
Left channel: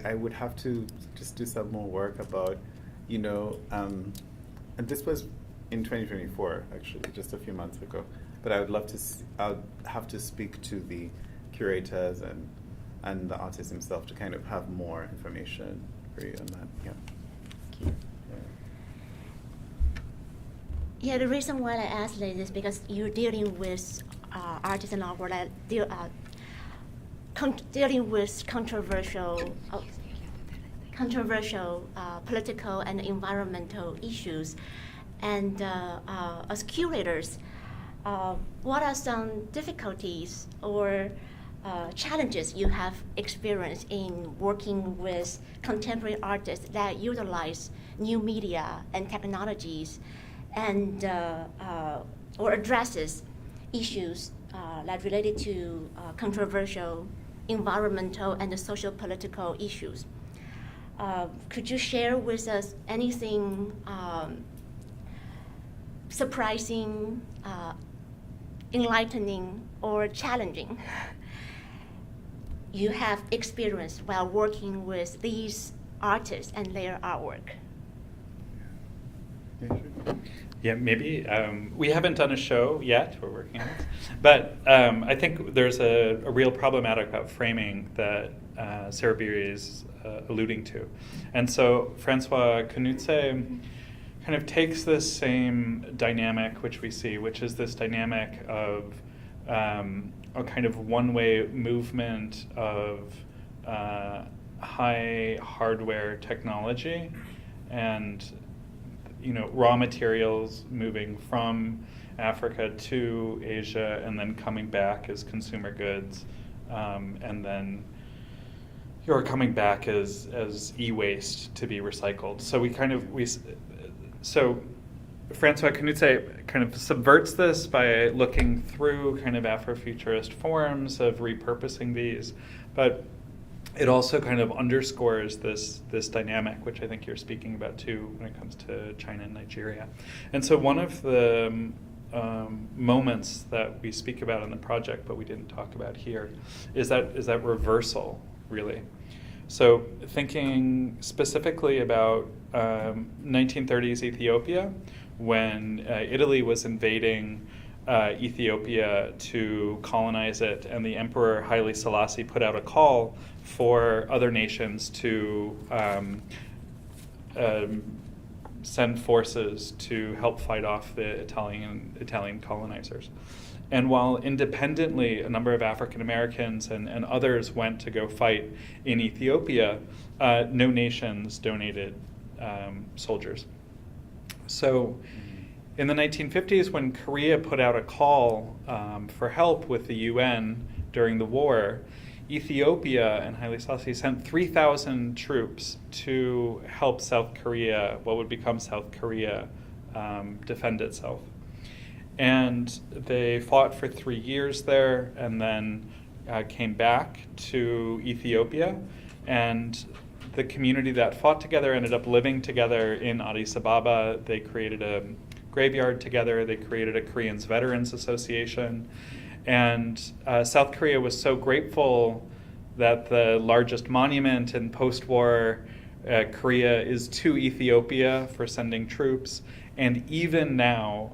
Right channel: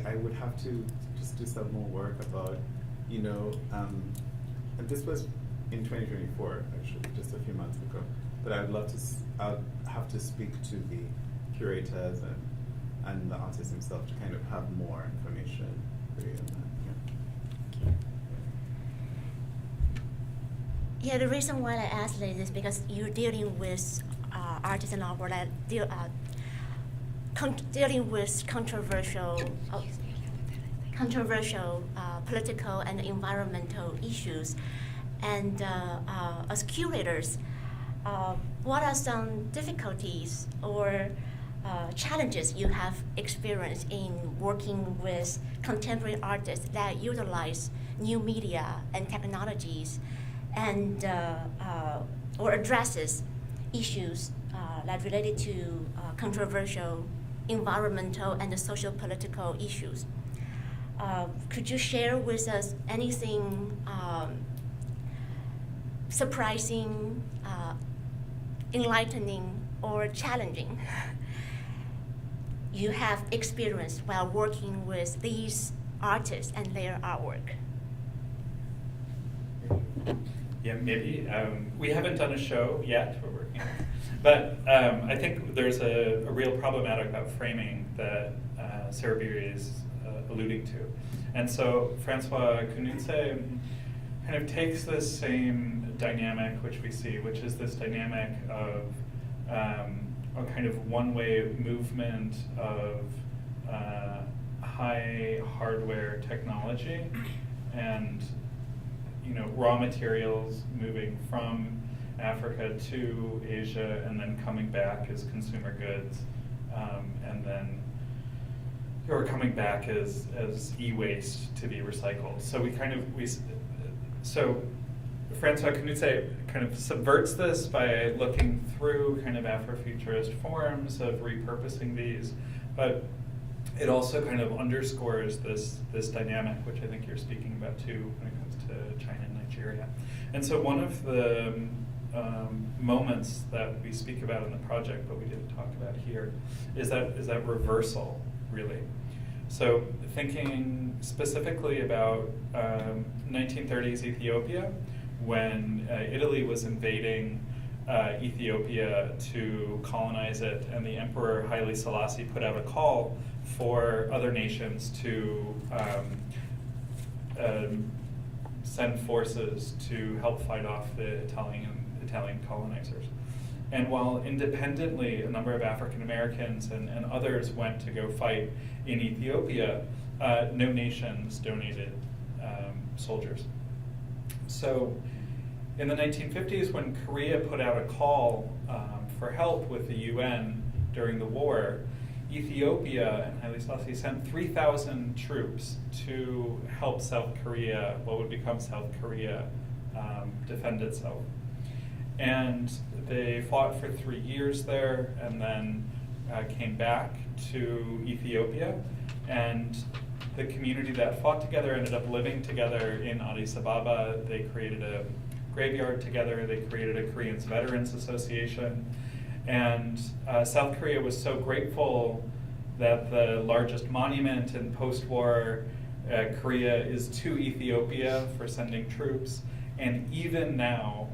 I would have to just do some more work about, you know, and this was in 2024, actually, just a few months ago. But I would love to, I'd have to speak to the curators and the artist himself to kind of have more information for you on that. Yeah. Yeah, the reason why I asked this is because you're dealing with artists and artwork that dealing with controversial political and environmental issues. And as curators, what are some difficulties or challenges you have experienced in working with contemporary artists that utilize new media and technologies, and or addresses issues that related to controversial environmental and social political issues? Could you share with us anything surprising, enlightening, or challenging you have experienced while working with these artists and their artwork? Yeah, maybe. We haven't done a show yet, we're working on it. But I think there's a real problematic about framing that Serubiri is alluding to. And so Francois Knudse kind of takes this same dynamic which we see, which is this dynamic of a kind of one-way movement of high hardware technology and, you know, raw materials moving from Africa to Asia and then coming back as consumer goods, and then you're coming back as e-waste to be recycled. So so Francois Knudse kind of subverts this by looking through kind of Afrofuturist forms of repurposing these, but it also kind of underscores this dynamic, which I think you're speaking about too when it comes to China and Nigeria. And so one of the moments that we speak about in the project, but we didn't talk about here, is that reversal, really. So thinking specifically about 1930s Ethiopia, when Italy was invading Ethiopia to colonize it, and the Emperor Haile Selassie put out a call for other nations to send forces to help fight off the Italian colonizers. And while independently a number of African Americans and others went to go fight in Ethiopia, no nations donated soldiers. So in the 1950s, when Korea put out a call for help with the UN during the war, Ethiopia and Haile Selassie sent 3,000 troops to help South Korea, what would become South Korea, defend itself. And they fought for 3 years there and then came back to Ethiopia. And the community that fought together ended up living together in Addis Ababa. They created a graveyard together. They created a Koreans Veterans Association. And South Korea was so grateful that the largest monument in post-war Korea is to Ethiopia for sending troops. And even now,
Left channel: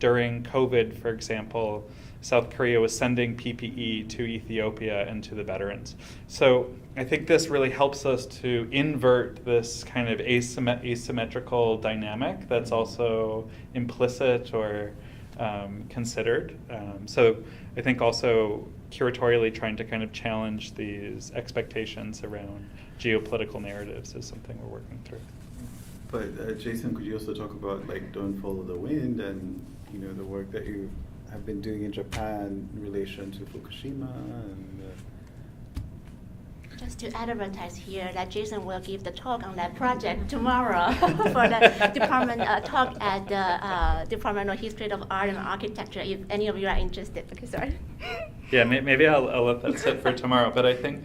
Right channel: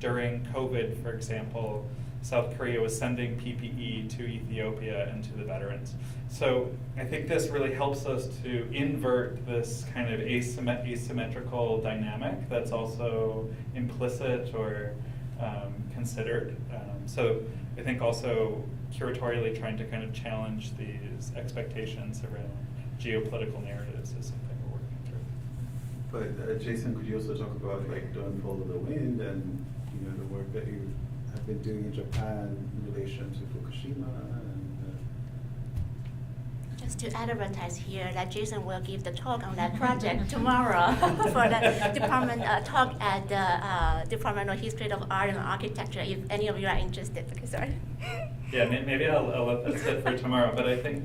during COVID, for example, South Korea was sending PPE to Ethiopia and to the veterans. So I think this really helps us to invert this kind of asymmetrical dynamic that's also implicit or considered. So I think also curatorially trying to kind of challenge these expectations around geopolitical narratives is something we're working through. But Jason, could you also talk about like Don't Follow the Wind and the work that you have been doing in Japan in relation to Fukushima and Just to advertise here that Jason will give the talk on that project tomorrow for the department talk at the Department of History of Art and Architecture, if any of you are interested. Okay, sorry. Yeah, maybe I'll let that sit for tomorrow, but I think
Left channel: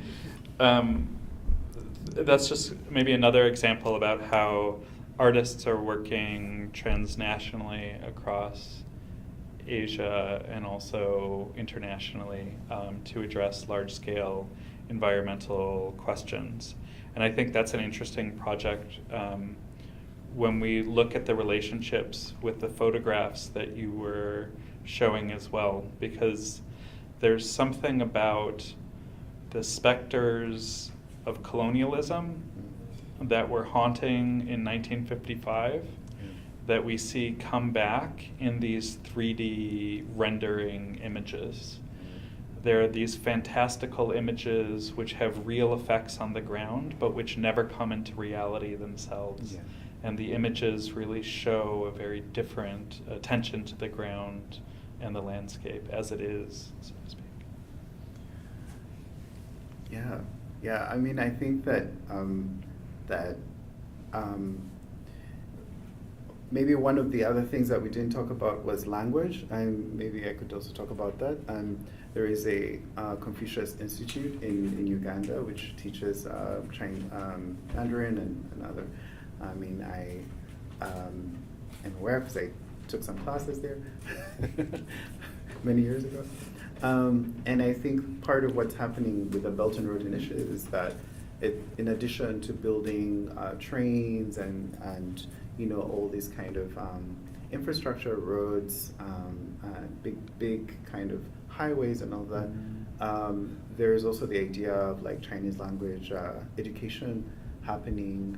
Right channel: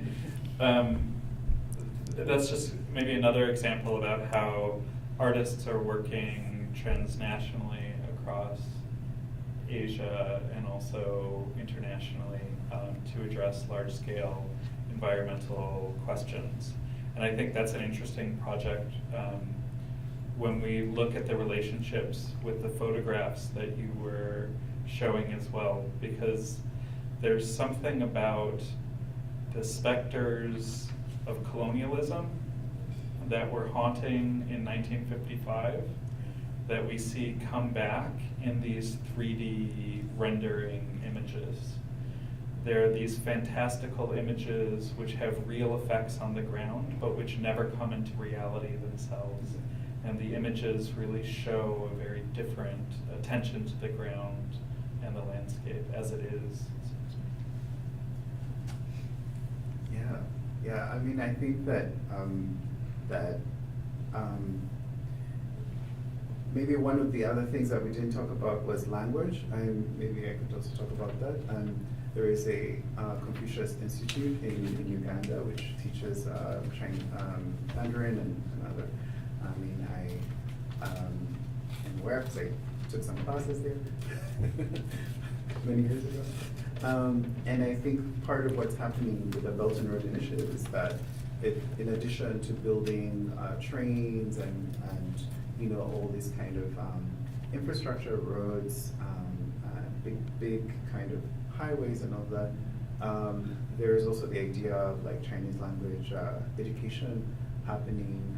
that's just maybe another example about how artists are working transnationally across Asia and also internationally to address large-scale environmental questions. And I think that's an interesting project when we look at the relationships with the photographs that you were showing as well, because there's something about the specters of colonialism that were haunting in 1955 that we see come back in these 3D rendering images. There are these fantastical images which have real effects on the ground, but which never come into reality themselves. And the images really show a very different attention to the ground and the landscape as it is, so to speak. Yeah. I mean, I think that maybe one of the other things that we didn't talk about was language, and maybe I could also talk about that. There is a Confucius Institute in Uganda which teaches Chinese, Mandarin and other. I mean, I am aware because I took some classes there many years ago. And I think part of what's happening with the Belt and Road Initiative is that in addition to building trains and all these kind of infrastructure, roads, big kind of highways and all that, there's also the idea of like Chinese language education happening.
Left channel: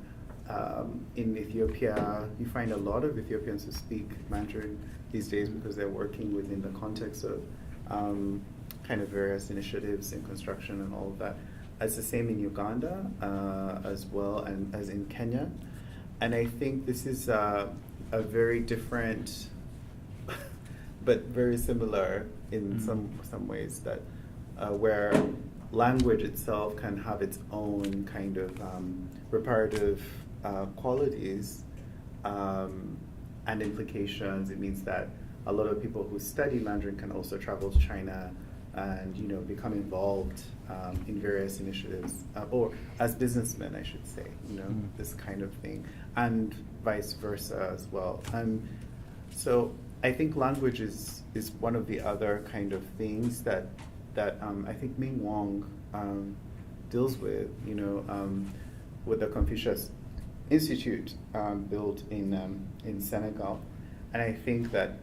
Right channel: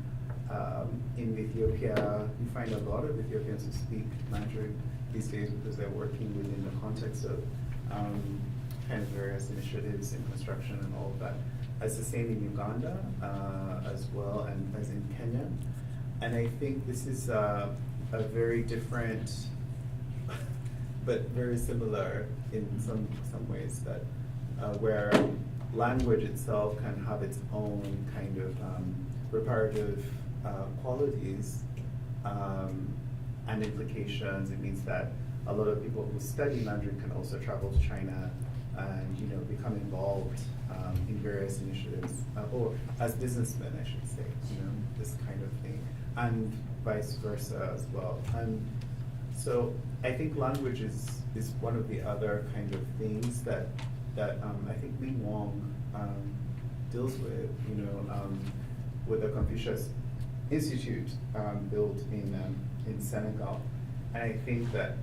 In Ethiopia, you find a lot of Ethiopians who speak Mandarin these days because they're working within the context of kind of various initiatives in construction and all of that. It's the same in Uganda as well, and as in Kenya. And I think this is a very different, but very similar in some ways, that where language itself can have its own kind of reparative qualities and implications. It means that a lot of people who study Mandarin can also travel to China and become involved in various initiatives, or as businessmen, I should say, this kind of thing, and vice versa as well. And so I think language is one of the other kind of things that I think Ming Wong deals with, with the Confucius Institute built in Senegal. And I think that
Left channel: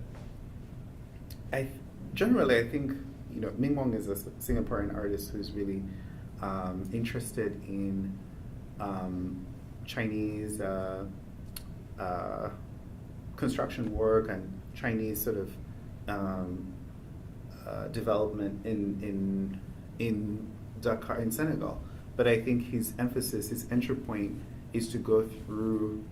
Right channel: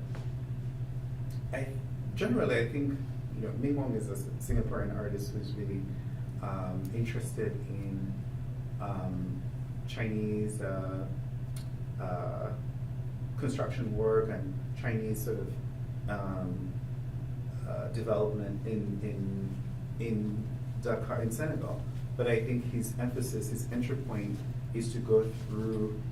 I think Ming Wong is a Singaporean artist who's really interested in Chinese construction work and Chinese sort of development in Dakar, in Senegal. But I think his emphasis, his entry point, is to go through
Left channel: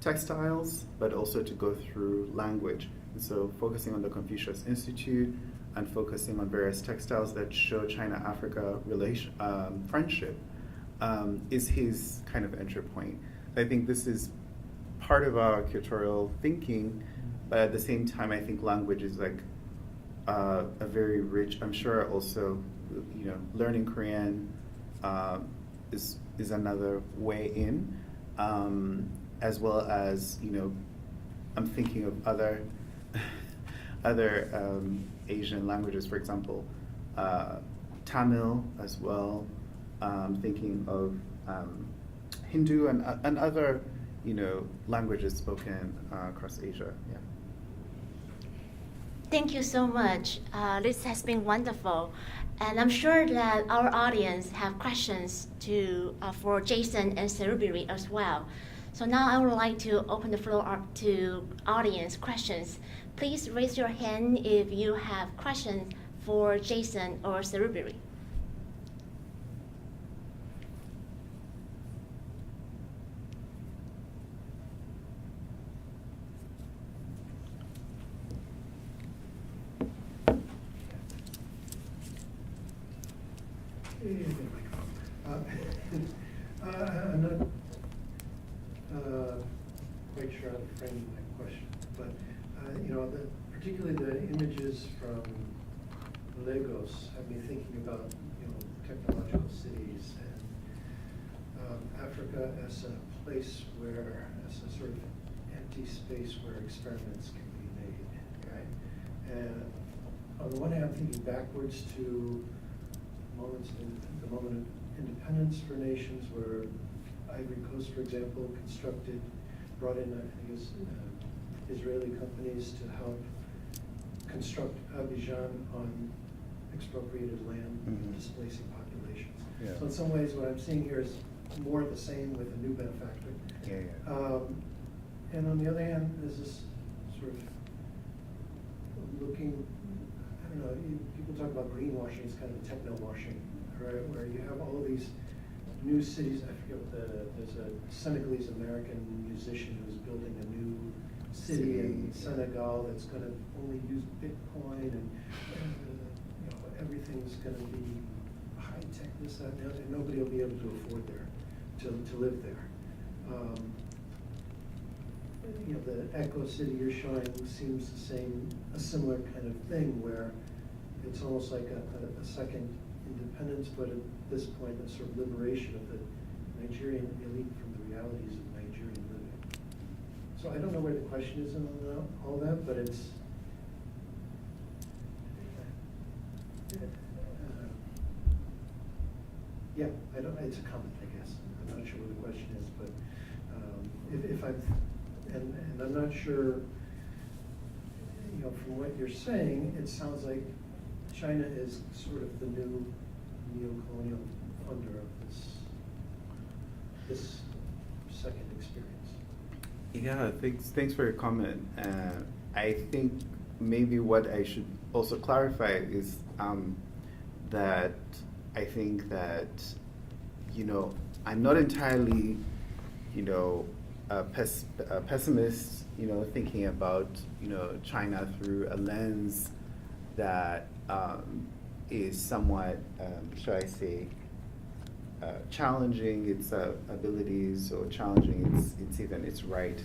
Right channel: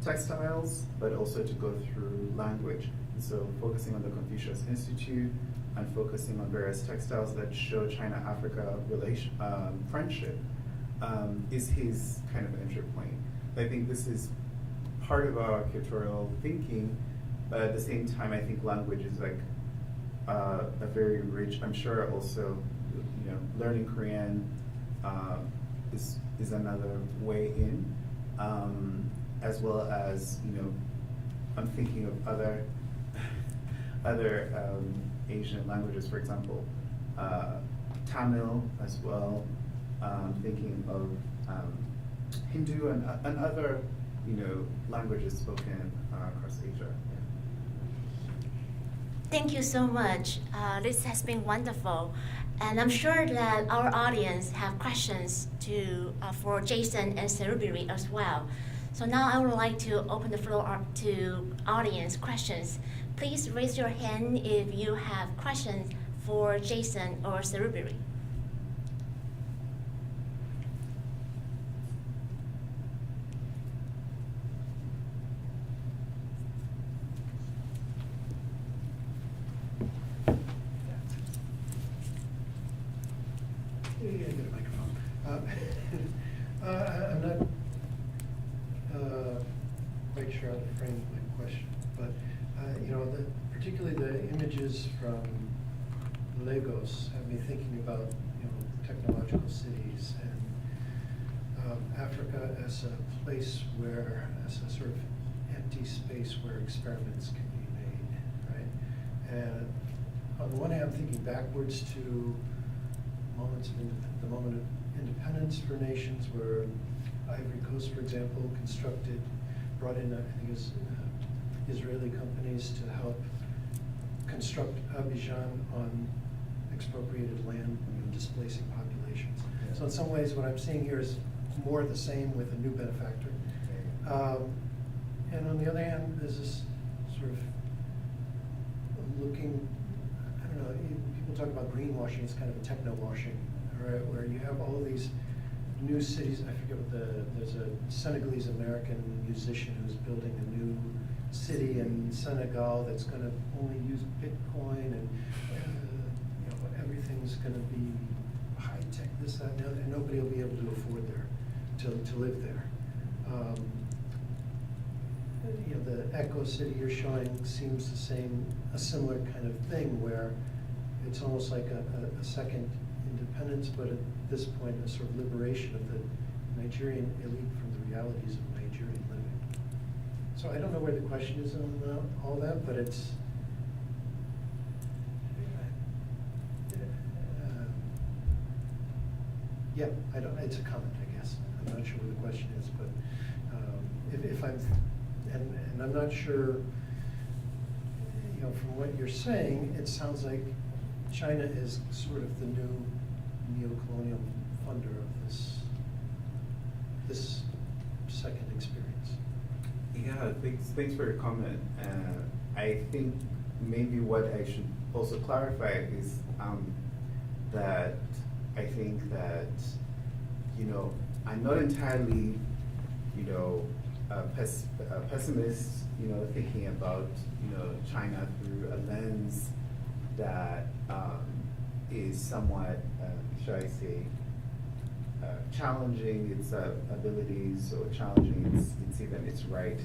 textiles, but also to go through language. And so focusing on the Confucius Institute and focusing on various textiles that show China-Africa friendship is his kind of entry point. I think this is part of our curatorial thinking, but at the same time, I think language is like a very rich, I'm sure also, you know, learning Korean is another way in, as well as, you know, I'm thinking of other Asian languages, for example, Tamil as well, thinking of Hindu and other, you know, languages spoken across Asia. Yeah. Thank you so much. This has been wonderful. And I'm sure that our audience have questions for Jason and Serubiri as well. So now I would like to open the floor up to audience questions. Please raise your hand if you have questions for Jason or Serubiri. I'm not quite sure how to frame my question, but you know, particularly the images from Lagos have me thinking about, you know, technological cities and Africa as a place where, as a sort of empty space where experiments can be made, right? And on the one hand, I'm thinking backwards to the moment of independence for nations, where Ivory Coast, for example, brought in, I think it was Israeli companies to help construct Abidjan on expropriated land, displacing populations. Yeah. So in some ways, what I'm seeing here is more the same with a new benefactor. And on the other hand, there's this sort of looking, I don't know, people talk about greenwashing, it's kind of a techno-washing, right? Where you have all of these new cities. I forget what there's a Senegalese American musician who's building a new city in Senegal that's going to only use Bitcoin, and you know, everything's going to be high tech, this, that, and nobody will be able to afford to live there. You know, the Echo City you're showing seems a similar kind of thing, where it's almost like a second independence, but at this point, a sort of liberation of the Nigerian elite from the realities of Nigerian living. So I don't know where the question is on all that, but it's yeah, I don't. It's a comment, I guess. I'm not sure what the question is, but if I'm and I'm not sure. You know, from what you're saying, it sounds like China is sort of the new neo-colonial funder of this second experience. Yeah, thanks for your comment. I think maybe what I should also clarify is that I think that, you know, I'm not entirely, you know, a pessimist, you know, thinking about, you know, China through a lens that is somewhat, shall I say, challenging its abilities, or challenging its even its right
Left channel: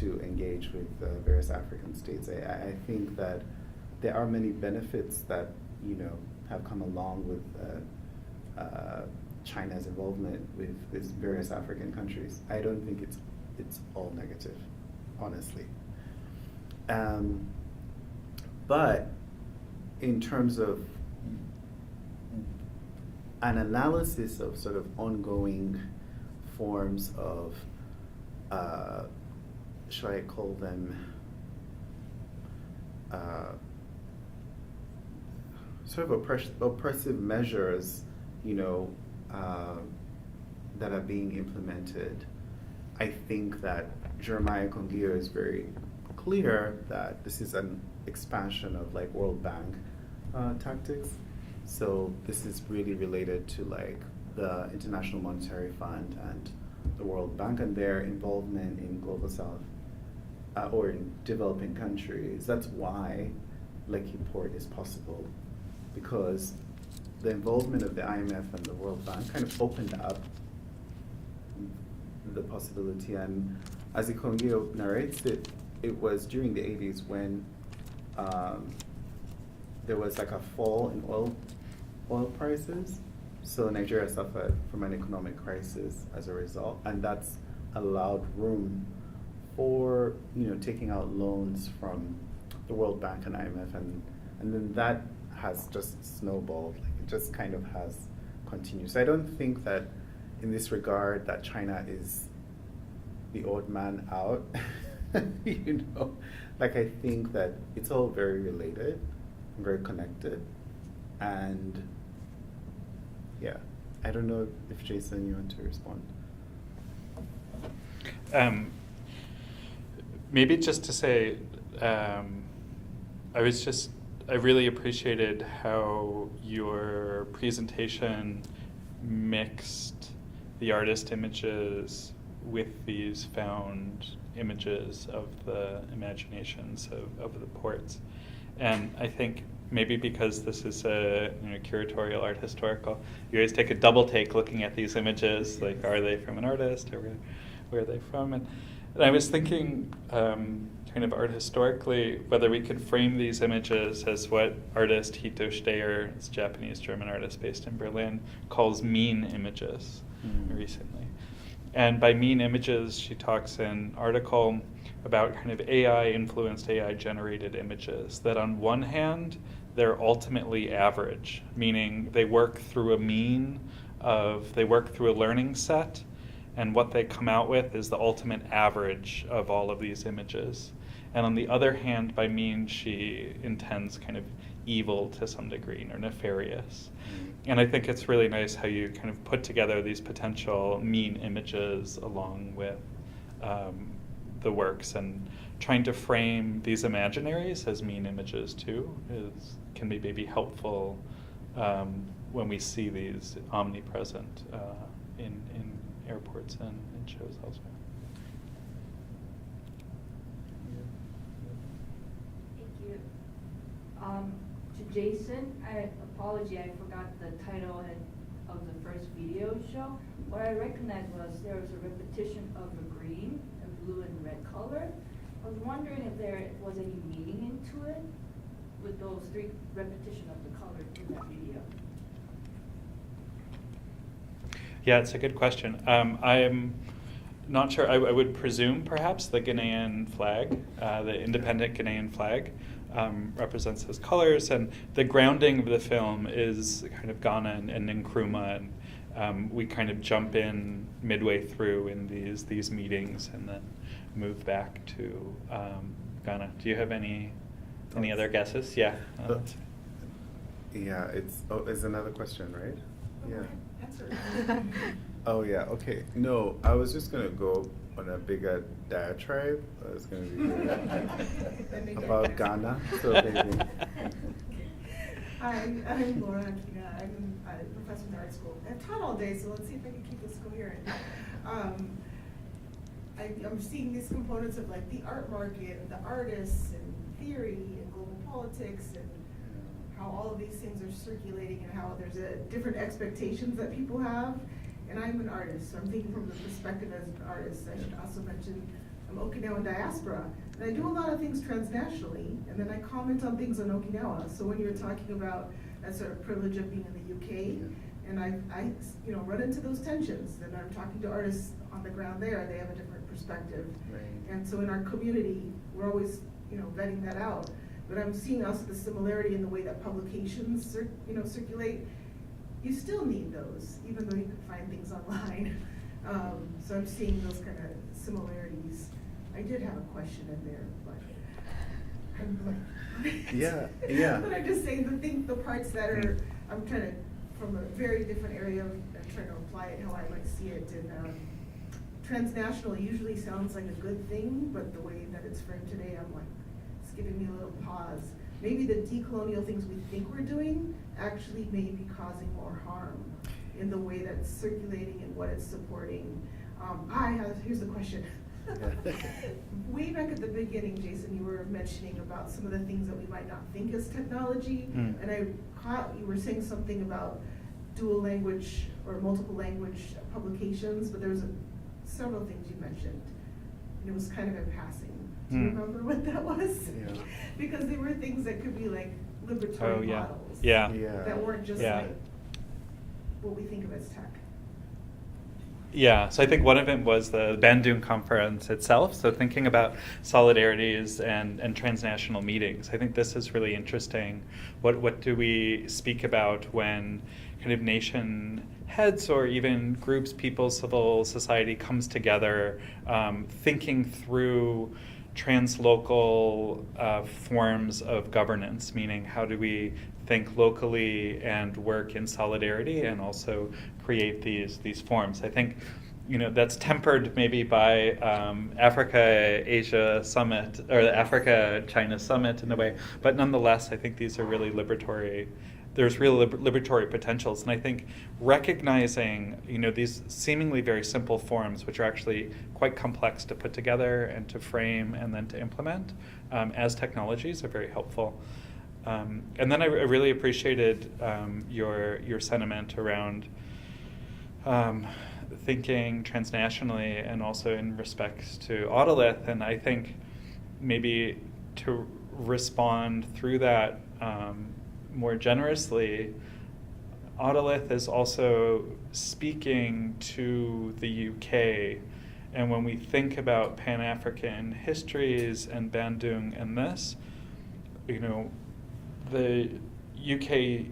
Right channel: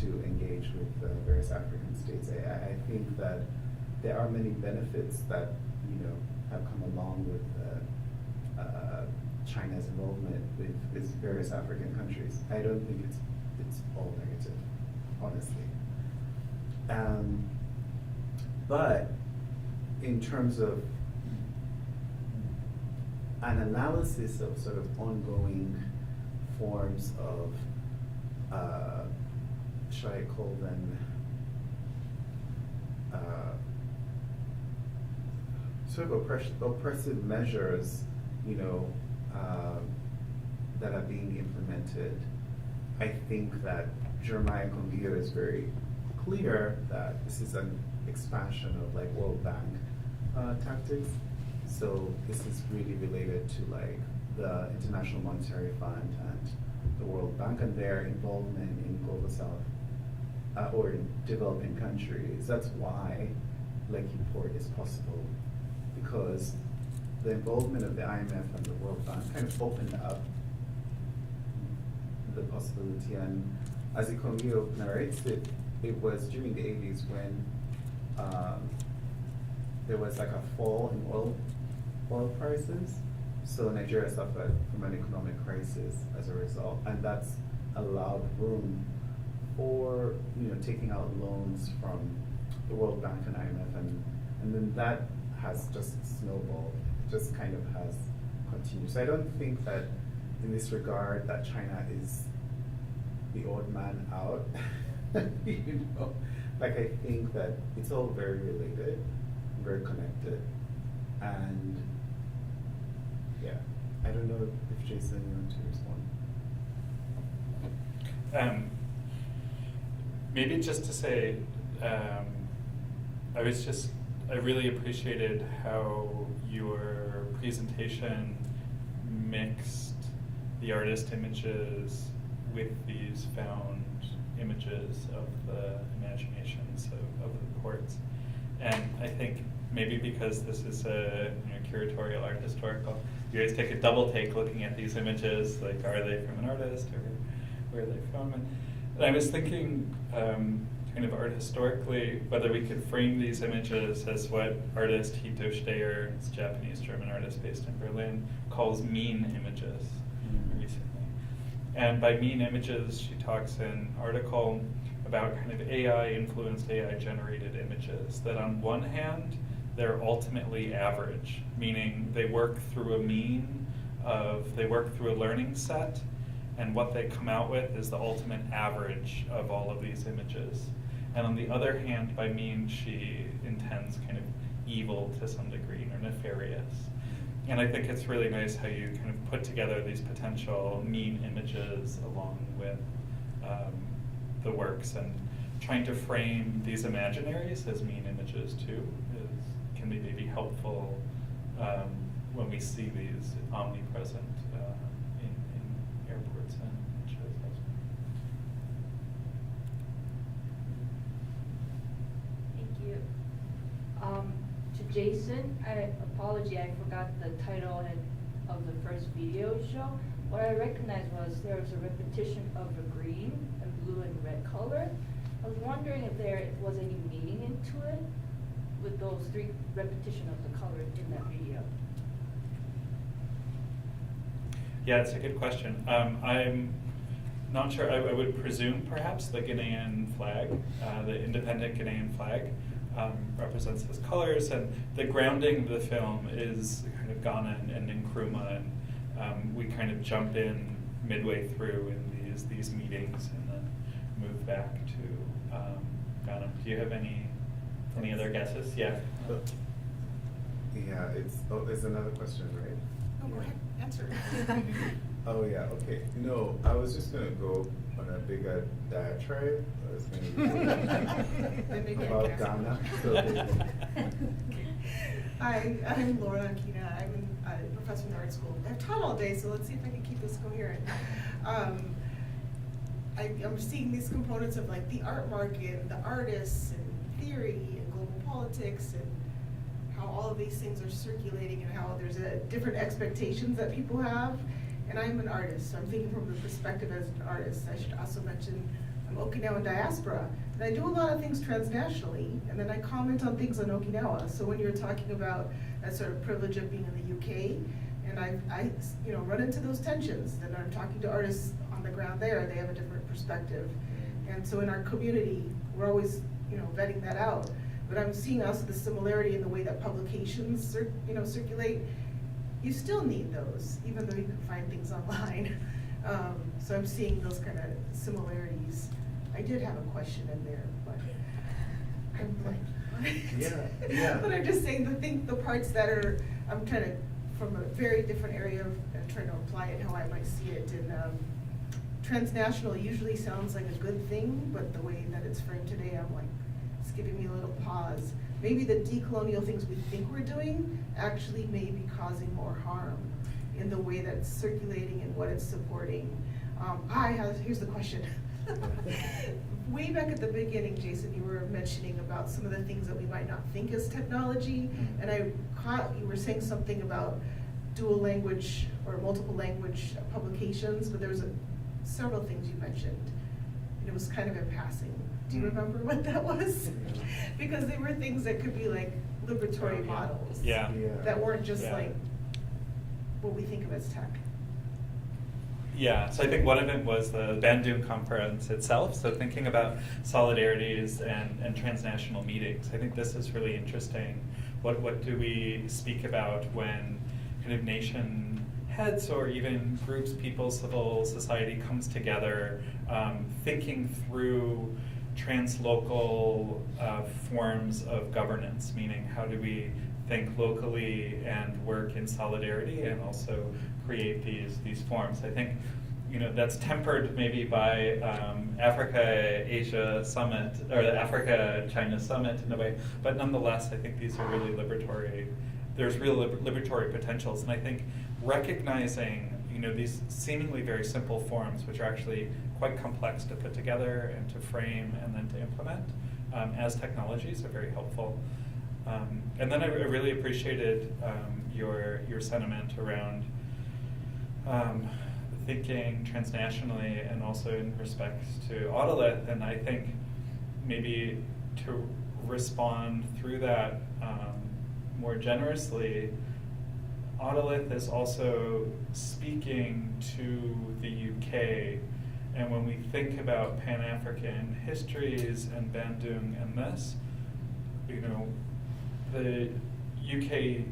to engage with various African states. I think that there are many benefits that, you know, have come along with China's involvement with various African countries. I don't think it's all negative, honestly. But in terms of an analysis of sort of ongoing forms of, shall I call them, sort of oppressive measures, you know, that are being implemented, I think that Jeremiah Kongiyo is very clear that this is an expansion of like World Bank tactics. So this is really related to like the International Monetary Fund and the World Bank and their involvement in Global South or in developing countries. That's why Lekki Port is possible, because the involvement of the IMF and the World Bank kind of opened up the possibility. And as Ikongio narrates it, it was during the 80s when there was like a fall in oil prices. So Nigeria suffered from an economic crisis as a result, and that's allowed room for taking out loans from the World Bank and IMF, and then that has just snowballed. It just kind of has continued. So I don't think that in this regard that China is the odd man out. Like I think that it's all very related, very connected, and yeah, I don't know if Jason, you want to respond. Maybe just to say, I really appreciated how your presentation mixed the artist images with these found images of the imaginations of the ports. And I think maybe because this is a curatorial art historical, you always take a double take looking at these images, like are they from an artist or where are they from? And I was thinking kind of art historically, whether we could frame these images as what artist Hito Steyer, this Japanese-German artist based in Berlin, calls mean images recently. And by mean images, she talks in an article about kind of AI-influenced, AI-generated images, that on one hand, they're ultimately average, meaning they work through a mean they work through a learning set, and what they come out with is the ultimate average of all of these images. And on the other hand, by mean, she intends kind of evil to some degree, or nefarious. And I think it's really nice how you kind of put together these potential mean images along with the works, and trying to frame these imaginaries as mean images too can be maybe helpful when we see these omnipresent in airports and in shows elsewhere. Thank you. To Jason, I forgot the title of the first video show. What I recognized was there was a repetition of a green, a blue, and red color. I was wondering if there was any meaning into it with those three repetition of the color in that video. Yeah, it's a good question. I'm not sure. I would presume perhaps the Ghanaian flag, the independent Ghanaian flag, represents those colors, and the grounding of the film is kind of Ghana and Nkrumah, and we kind of jump in midway through in these meetings and then move back to Ghana. Do you have any other guesses? Yeah. Yeah, it's another question, right? Oh, go ahead, answer. Oh yeah, okay. No, I was just gonna go on a bigger diatribe. I was gonna be about Ghana. So Hi, I'm Laura Akina. I'm a professor in art school. I've taught all day, so let's see if I can keep this coherent. I'm seeing these components of like the art market, and the artists, and theory, and global politics, and how all of these things are circulating, and how there's different expectations that people have. And I'm an artist, so I'm thinking from the perspective as an artist. I should also mention I'm Okinawan diaspora, and I do a lot of things transnationally, and then I comment on things on Okinawa. So when you're talking about that sort of privilege of being in the UK, and I run into those tensions, and I'm talking to artists on the ground there, they have a different perspective. And so in our community, we're always vetting that out. But I'm seeing also the similarity in the way that publications circulate. You still need those, even though you can find things online. So I'm seeing those kind of similarities. I did have a question in there, but I'm blank. Yeah. But I'm just saying the parts that are, I'm trying to, from a very different area, trying to apply it how I might see it. And transnational usually sounds like a good thing, but the way that it's framed today, I'm like giving me a little pause. Maybe the decolonial things we think we're doing actually may be causing more harm in the way that it's circulating and what it's supporting. Here's the question. Way back at the beginning, Jason, you were mentioning about some of the things that we might not think as technology, and I caught you were saying something about dual language or multiple language publications, but there was several things you mentioned, and it was kind of in passing. Do you remember what that was? Yeah. Because they were things that could be like liberatory models. Yeah. That weren't just like what we think of as tech. Yeah, so I think one of it was the Bandung conference itself, so thinking about solidarities and transnational meetings. I think this is really interesting. What do we speak about when kind of nation heads or even groups, people, civil society comes together, thinking through translocal forms of governance, meaning how do we think locally and work in solidarity and also create these forms. I think that's tempered maybe by Africa-Asia Summit or the Africa-China Summit in a way, but nonetheless I think these are really there's real liberatory potentials, and I think recognizing these seemingly very simple forms, which are actually quite complex to put together and to frame and then to implement as technologies are very helpful. And then I really appreciated your sentiment around thinking transnationally and also in respect to Autolith, and I think maybe to respond through that more generously, Autolith is also speaking to the UK, and when we think about Pan-African histories and Bandung and this, the UK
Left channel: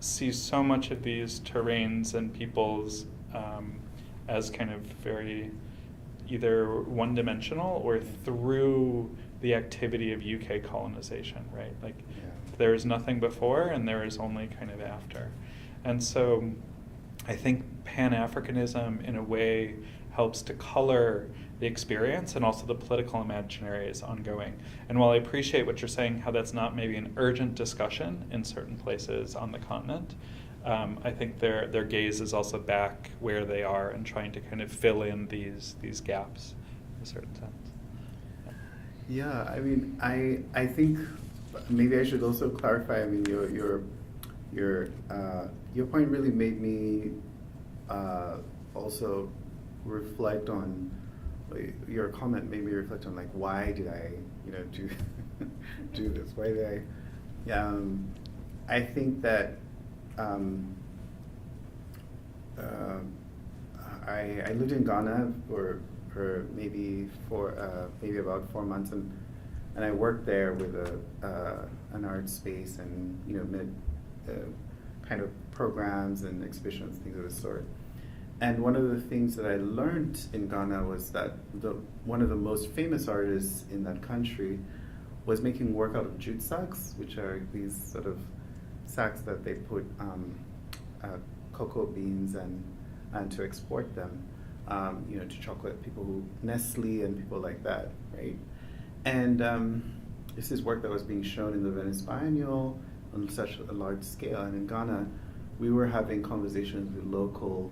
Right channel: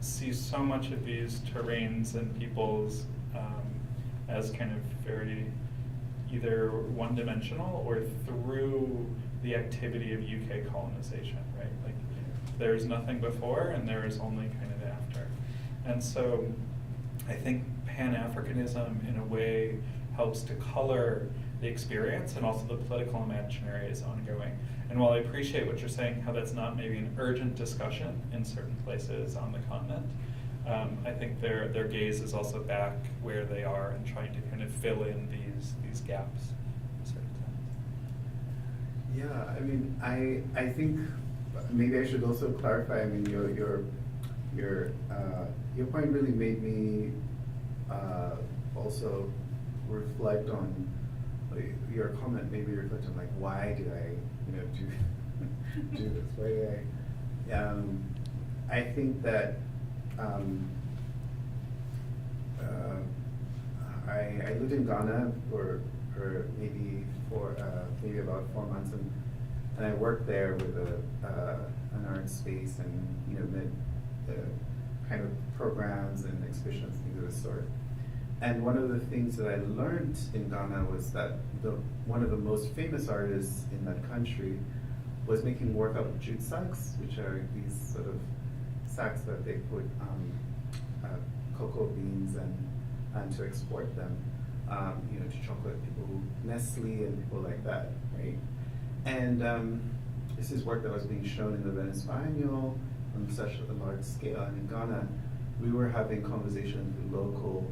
sees so much of these terrains and peoples as kind of very either one-dimensional or through the activity of UK colonization, right? Like there is nothing before and there is only kind of after. And so I think Pan-Africanism in a way helps to color the experience, and also the political imaginary is ongoing. And while I appreciate what you're saying, how that's not maybe an urgent discussion in certain places on the continent, I think their gaze is also back where they are and trying to kind of fill in these gaps in a certain sense. Yeah, I mean, I think maybe I should also clarify. I mean, your point really made me also reflect on your comment. Made me reflect on like, why did I do this? Why did I think that I lived in Ghana for maybe about 4 months, and I worked there with an art space and met kind of programs and exhibitions, things of the sort. And one of the things that I learned in Ghana was that one of the most famous artists in that country was making work out of jute sacks, which are these sort of sacks that they put cocoa beans and to export them, to chocolate people, Nestle and people like that, right? And this is work that was being shown in the Venice Biennial on such a large scale. And in Ghana, we were having conversations with local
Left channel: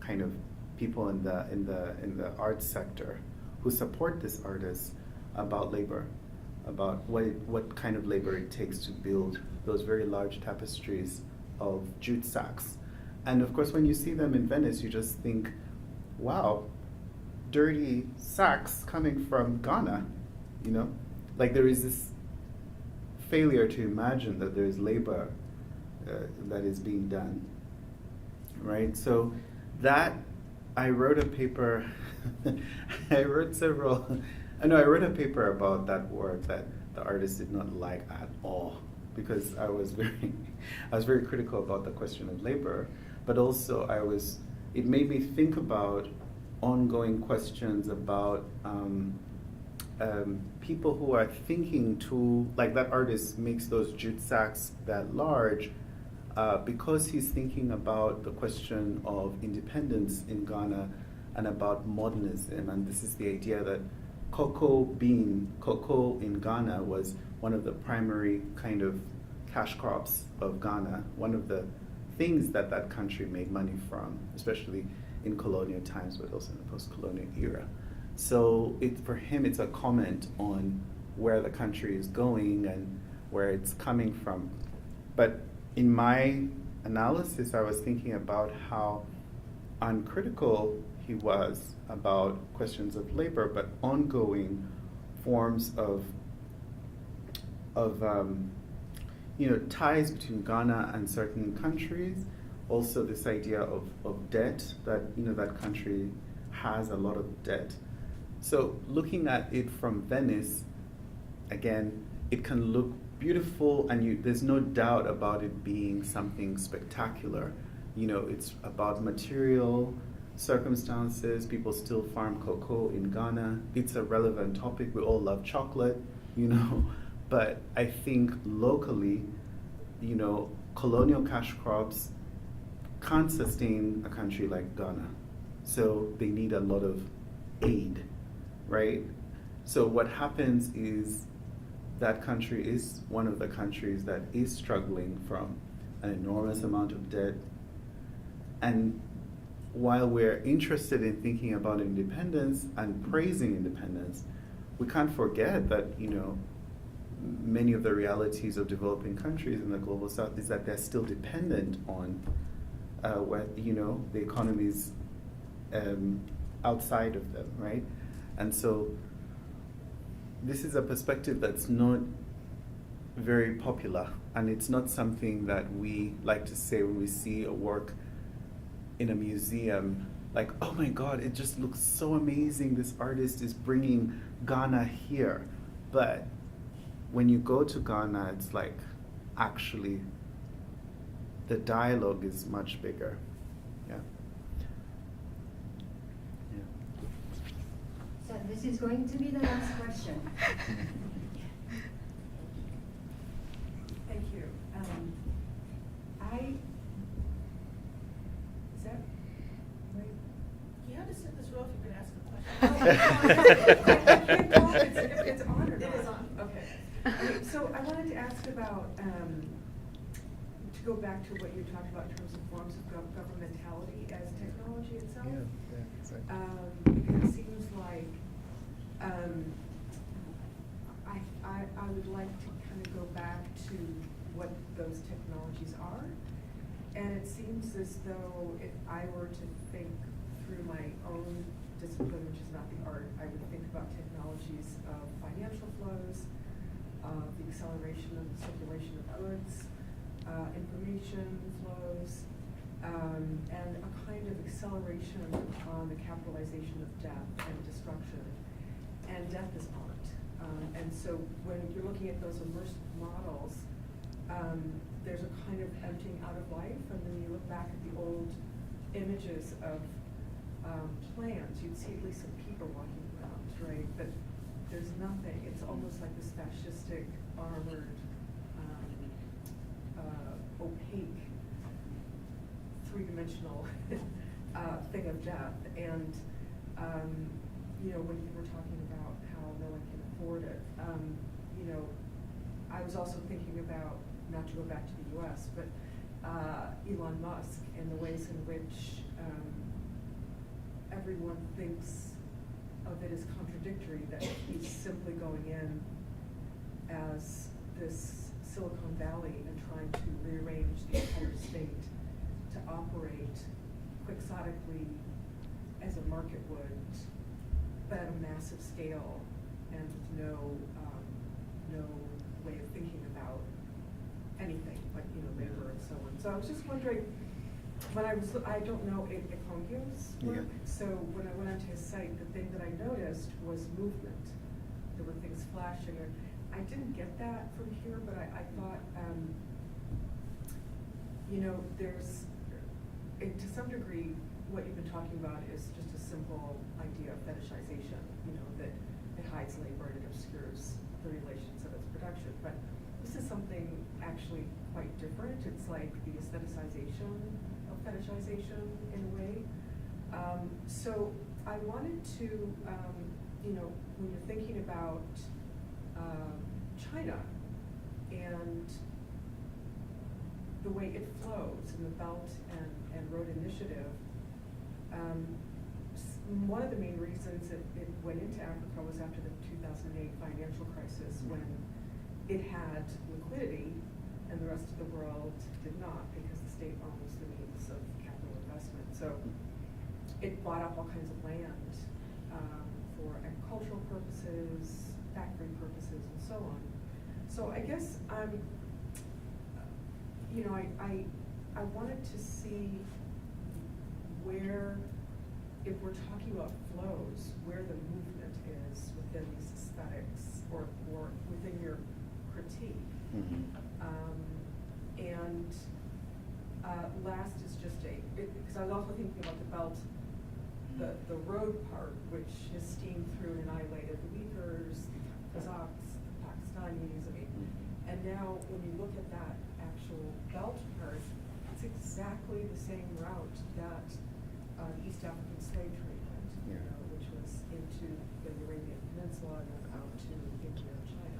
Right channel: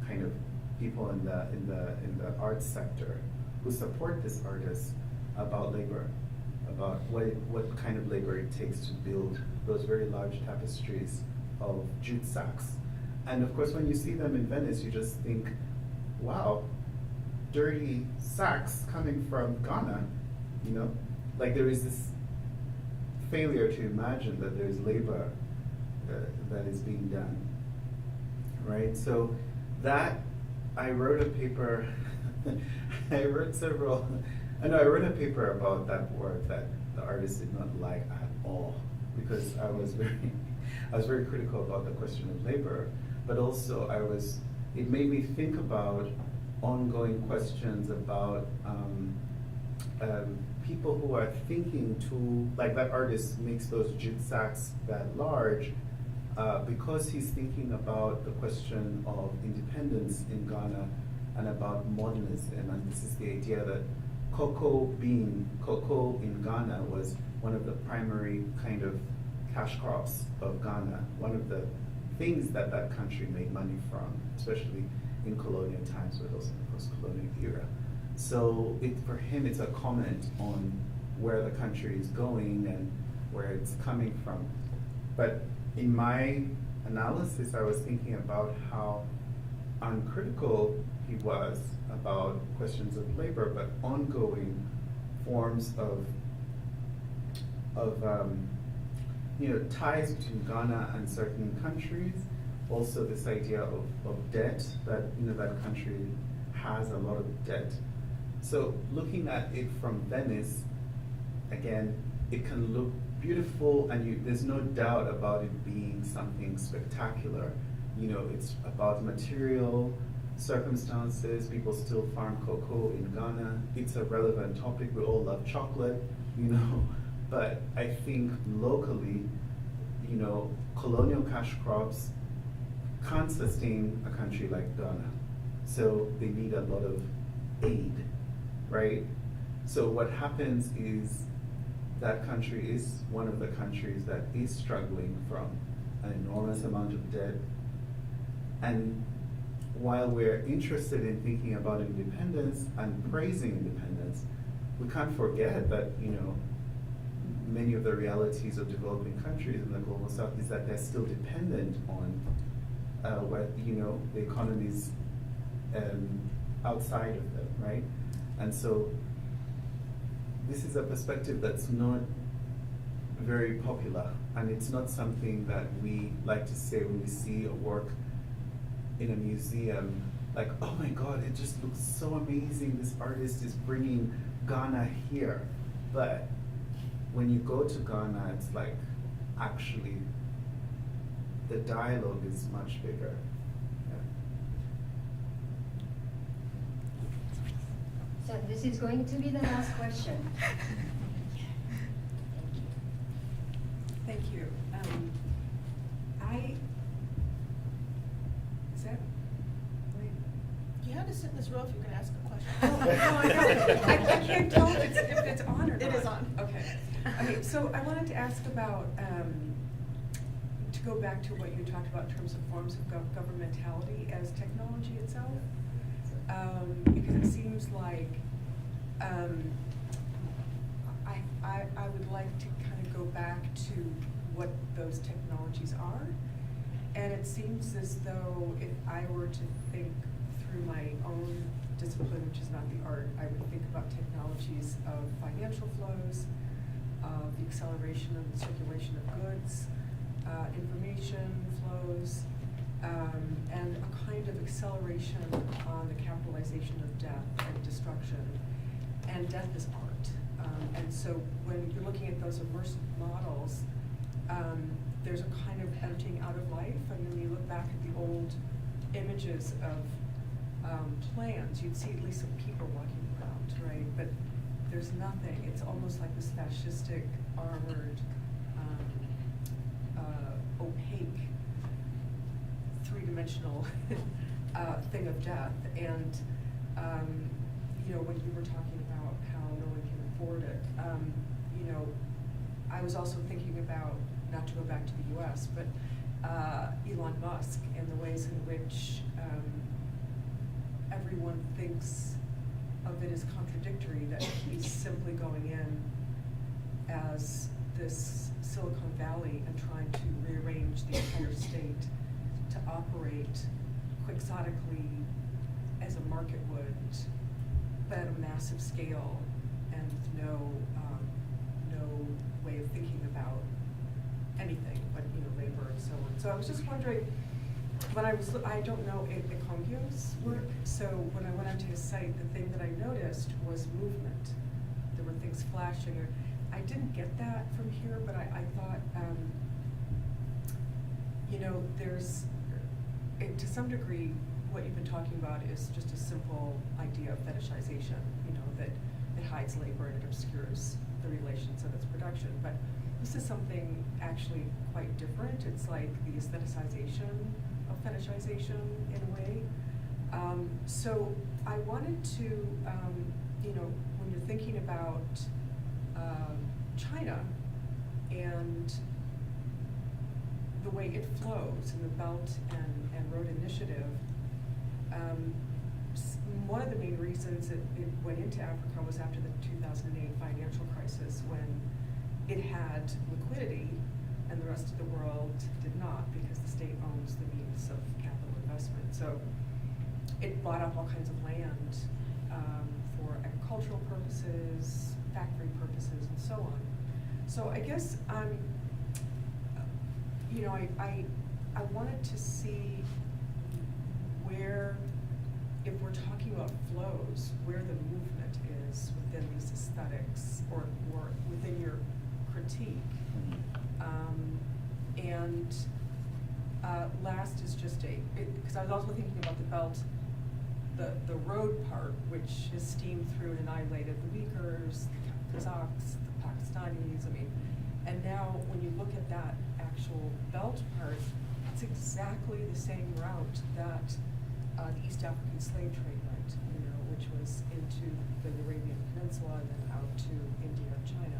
kind of people in the arts sector who support this artist about labor, about what kind of labor it takes to build those very large tapestries of jute sacks. And of course, when you see them in Venice, you just think, wow, dirty sacks coming from Ghana, Like there is this failure to imagine that there's labor that is being done, right? So that, I wrote a paper, I wrote a paper about that work that the artist did not like at all, because I was very critical about the question of labor, but also it made me think about ongoing questions about people who are thinking like that artist makes those jute sacks that large because he's thinking about the question of independence in Ghana and about modernism. And this is the idea that cocoa in Ghana was one of the primary kind of cash crops of Ghana, one of the things that that country made money from, especially in colonial times, but also in the post-colonial era. So for him, it's a comment on where the country is going and where it's coming from. But in my analysis, I was thinking about how uncritical he was about questions of labor, but ongoing forms of ties between Ghana and certain countries. Also, this idea of debt, that that country has a lot of debt. So looking at it from Venice, again, it can look beautiful, and there's no doubt about it being something spectacular. It's about material circumstances. People still farm cocoa in Ghana. It's a relevant topic. We all love chocolate, but I think locally, colonial cash crops can't sustain a country like Ghana. So they need a lot of aid, right? So what happens is that country is one of the countries that is struggling from an enormous amount of debt. And while we're interested in thinking about independence and praising independence, we can't forget that, many of the realities of developing countries in the global south is that they're still dependent on the economies outside of them, right? And so this is a perspective that's not very popular, and it's not something that we like to say when we see a work in a museum, like, oh my God, it just looks so amazing, this artist is bringing Ghana here. But when you go to Ghana, it's like, actually, the dialogue is much bigger. Yeah. So this is going to be the last question. Thank you. Is that right? You have to sit in this row if you're gonna ask a question. I can't tell if it's on or not. It is on. Okay. Okay, so I wanted to ask about, to go back to what you talked about in terms of forms of governmentality as technology itself. Because it seems like I would like to kind of go back to what those technologies are. And it seems as though if I were to think through my own discipline, which is not the art, I would think about technologies of financial flows, the acceleration of the circulation of goods, information flows, and a kind of acceleration on the capitalization of death and destruction. And death is art. And so when you're looking at those immersive models, there's a kind of emptying out of life. And then you look back at the old images of plants, you'd see at least some people walking around, right? But there's nothing. It's almost like this fascistic, armored, opaque, three-dimensional thing of death. And when you were talking about how no one can afford it, I was also thinking about, not to go back to the US, but Elon Musk and the ways in which everyone thinks of it as contradictory, that he's simply going in as this Silicon Valley and trying to rearrange the entire state to operate quixotically as a market would, but at a massive scale and with no way of thinking about anything but labor and so on. So I was just wondering, I don't know Ekongyo's work, so when I went onto his site, the thing that I noticed was movement. There were things flashing. I didn't get that from here, but I thought, there's, to some degree, what you've been talking about is just a simple idea of fetishization, that it hides labor and it obscures the relations of its production. But this is something actually quite different. It's like the aestheticization of fetishization in a way. So I wanted to, when you're thinking about China and the way it flows in the Belt and Road Initiative, one of the main reasons it went into Africa was after the 2008 financial crisis, when it had liquidity and the rest of the world did not, because the state owns the means of capital investment. So it bought up all kinds of land for agricultural purposes, factory purposes, and so on. So I guess you know, I wanted to see where, if we're talking about flows, where the movement is within these aesthetics or within your critique. And last is just because I was also thinking about the Belt, the road part, which is steamed through and annihilated the Uyghurs, the Kazakhs, the Pakistanis, I mean, and now when you look at that actual Belt part, it's exactly the same route that the East African slave trade went, you know, which was into the Arabian Peninsula and then out to India and China.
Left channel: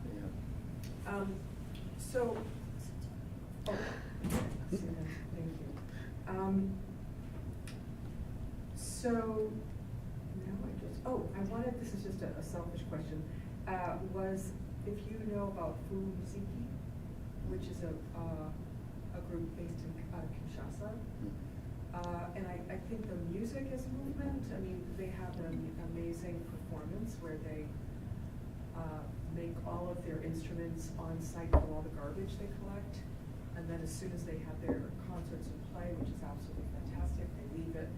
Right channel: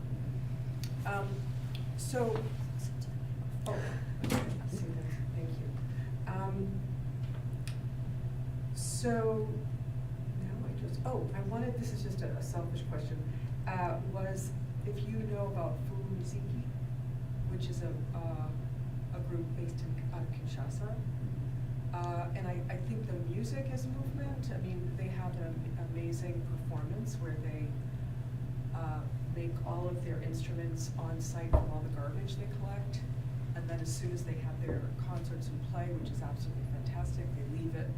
Thank you. So now I wanted, this is just a selfish question, was if you know about Furumiziki, which is a group based out of Kinshasa. And I think the music is movement. I mean, they have an amazing performance where they make all of their instruments on site from all the garbage they collect. And then as soon as they have their concerts and play, which is absolutely fantastic, they leave it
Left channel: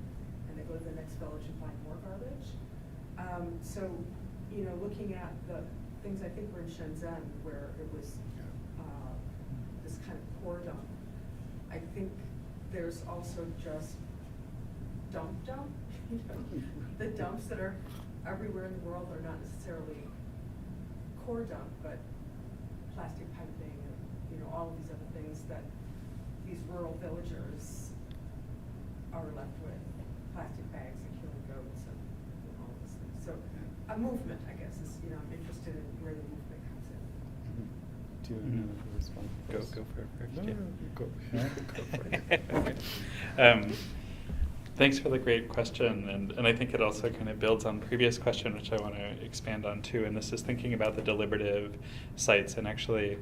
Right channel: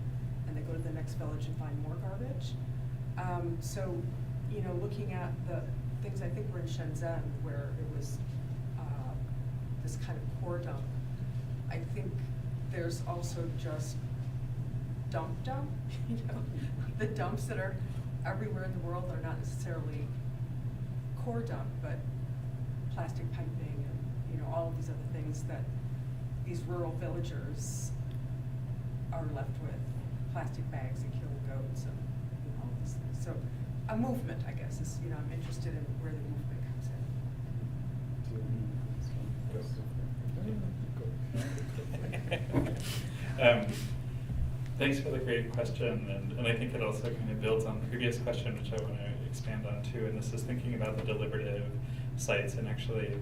and they go to the next village and find more garbage. So, you know, looking at the things, I think we're in Shenzhen, where it was this kind of core dump. I think there's also just dump, you know, the dumps that are everywhere in the world are not necessarily core dump, but plastic piping and, you know, all of these other things that these rural villagers are left with, plastic bags and killing goats and all these things. So a movement, I guess, is, you know, I'm interested in where the movement comes in. Do you want to respond? Go for it. Thanks for the great question, and I think it also kind of builds on the previous question, which I want to expand on too, and this is thinking about the deliberative sites and actually,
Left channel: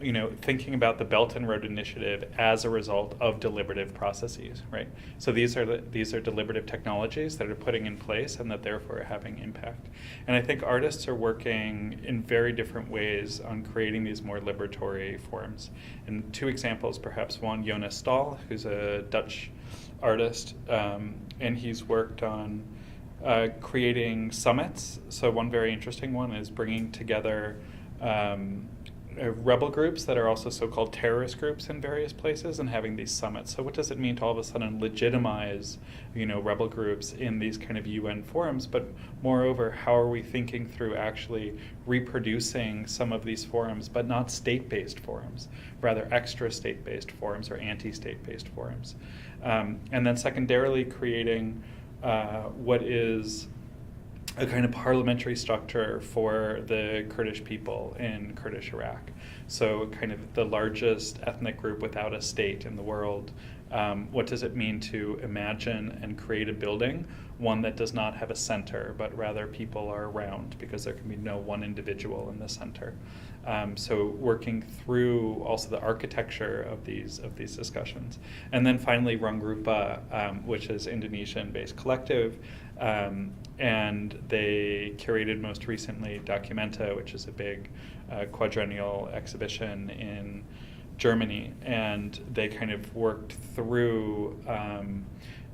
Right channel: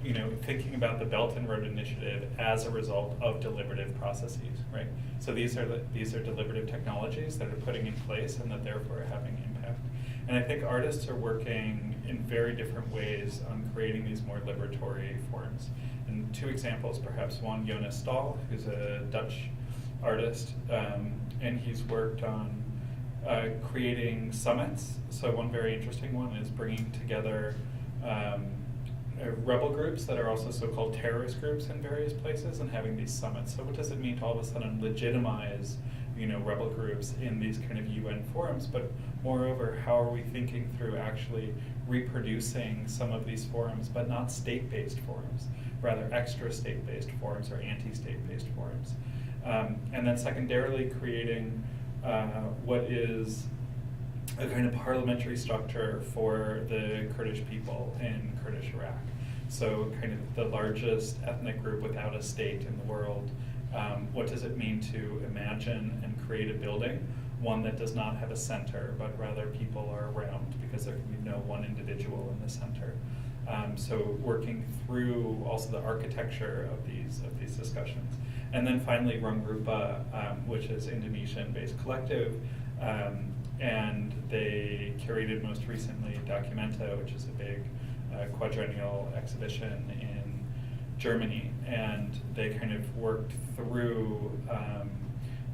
you know, thinking about the Belt and Road Initiative as a result of deliberative processes, right? So these are deliberative technologies that are putting in place and that therefore are having impact. And I think artists are working in very different ways on creating these more liberatory forms. And two examples, perhaps one, Jonas Stahl, who's a Dutch artist, and he's worked on creating summits. So one very interesting one is bringing together rebel groups that are also so-called terrorist groups in various places and having these summits. So what does it mean to all of a sudden legitimize, you know, rebel groups in these kind of UN forums? But moreover, how are we thinking through actually reproducing some of these forums, but not state-based forums, rather extra state-based forums or anti-state-based forums? And then secondarily creating what is a kind of parliamentary structure for the Kurdish people in Kurdish Iraq. So kind of the largest ethnic group without a state in the world. What does it mean to imagine and create a building, one that does not have a center, but rather people are around, because there can be no one individual in the center. So working through also the architecture of these discussions. And then finally Rungrupa, which is Indonesian-based collective, and they curated most recently Documenta, which is a big quadrennial exhibition in Germany, and they kind of worked through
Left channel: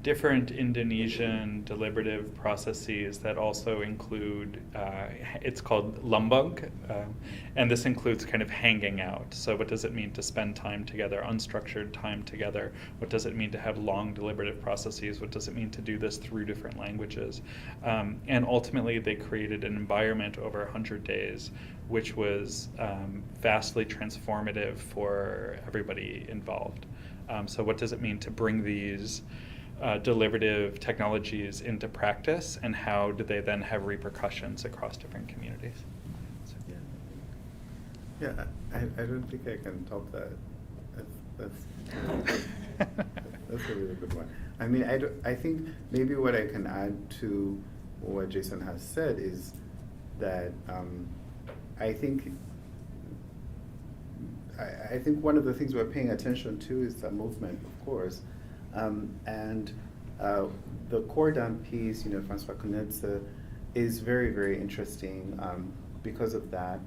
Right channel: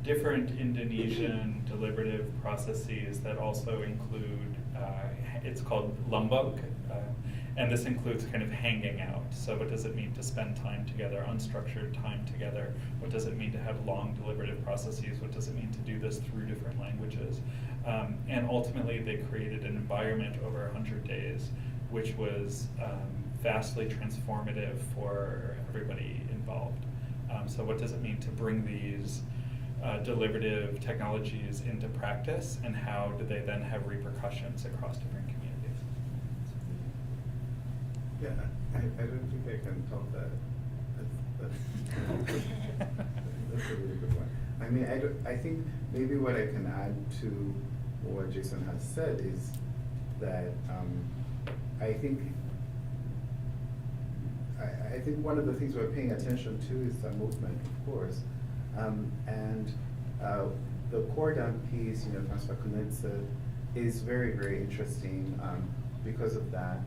different Indonesian deliberative processes that also include, it's called lumbung, and this includes kind of hanging out. So what does it mean to spend time together, unstructured time together? What does it mean to have long deliberative processes? What does it mean to do this through different languages? And ultimately they created an environment over 100 days, which was vastly transformative for everybody involved. So what does it mean to bring these deliberative technologies into practice, and how do they then have repercussions across different communities? So, yeah, I don't think I can top that. That's a really good one. I mean, I think maybe what I can add to what Jason has said is that I think one of the things we're paying attention to is the movement, of course, and the Cordam piece, François Connet's, is very, very interesting because of that.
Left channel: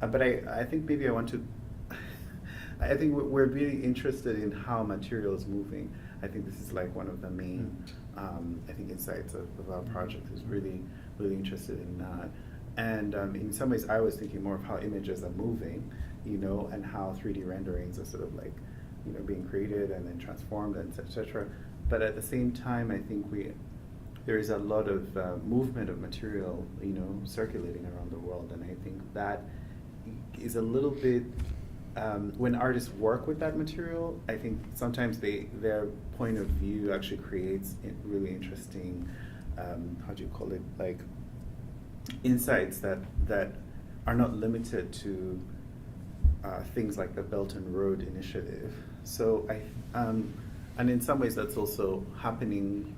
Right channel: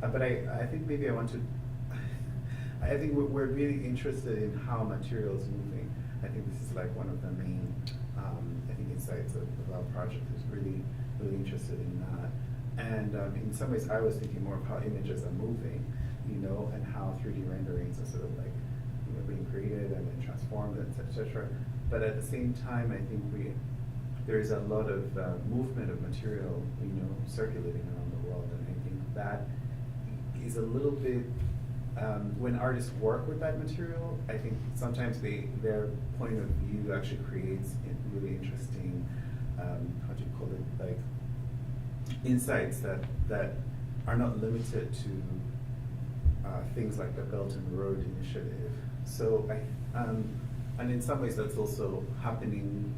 But I think maybe I want to. I think we're really interested in how material is moving. I think this is like one of the main, insights of our project is really, really interested in that. And in some ways, I was thinking more of how images are moving, and how 3D renderings are sort of like, being created and then transformed, and et cetera. But at the same time, I think there is a lot of movement of material, circulating around the world, and I think that is a little bit. When artists work with that material, I think sometimes their point of view actually creates really interesting, how do you call it, like insights that are not limited to things like the Belt and Road Initiative. So and in some ways that's also happening.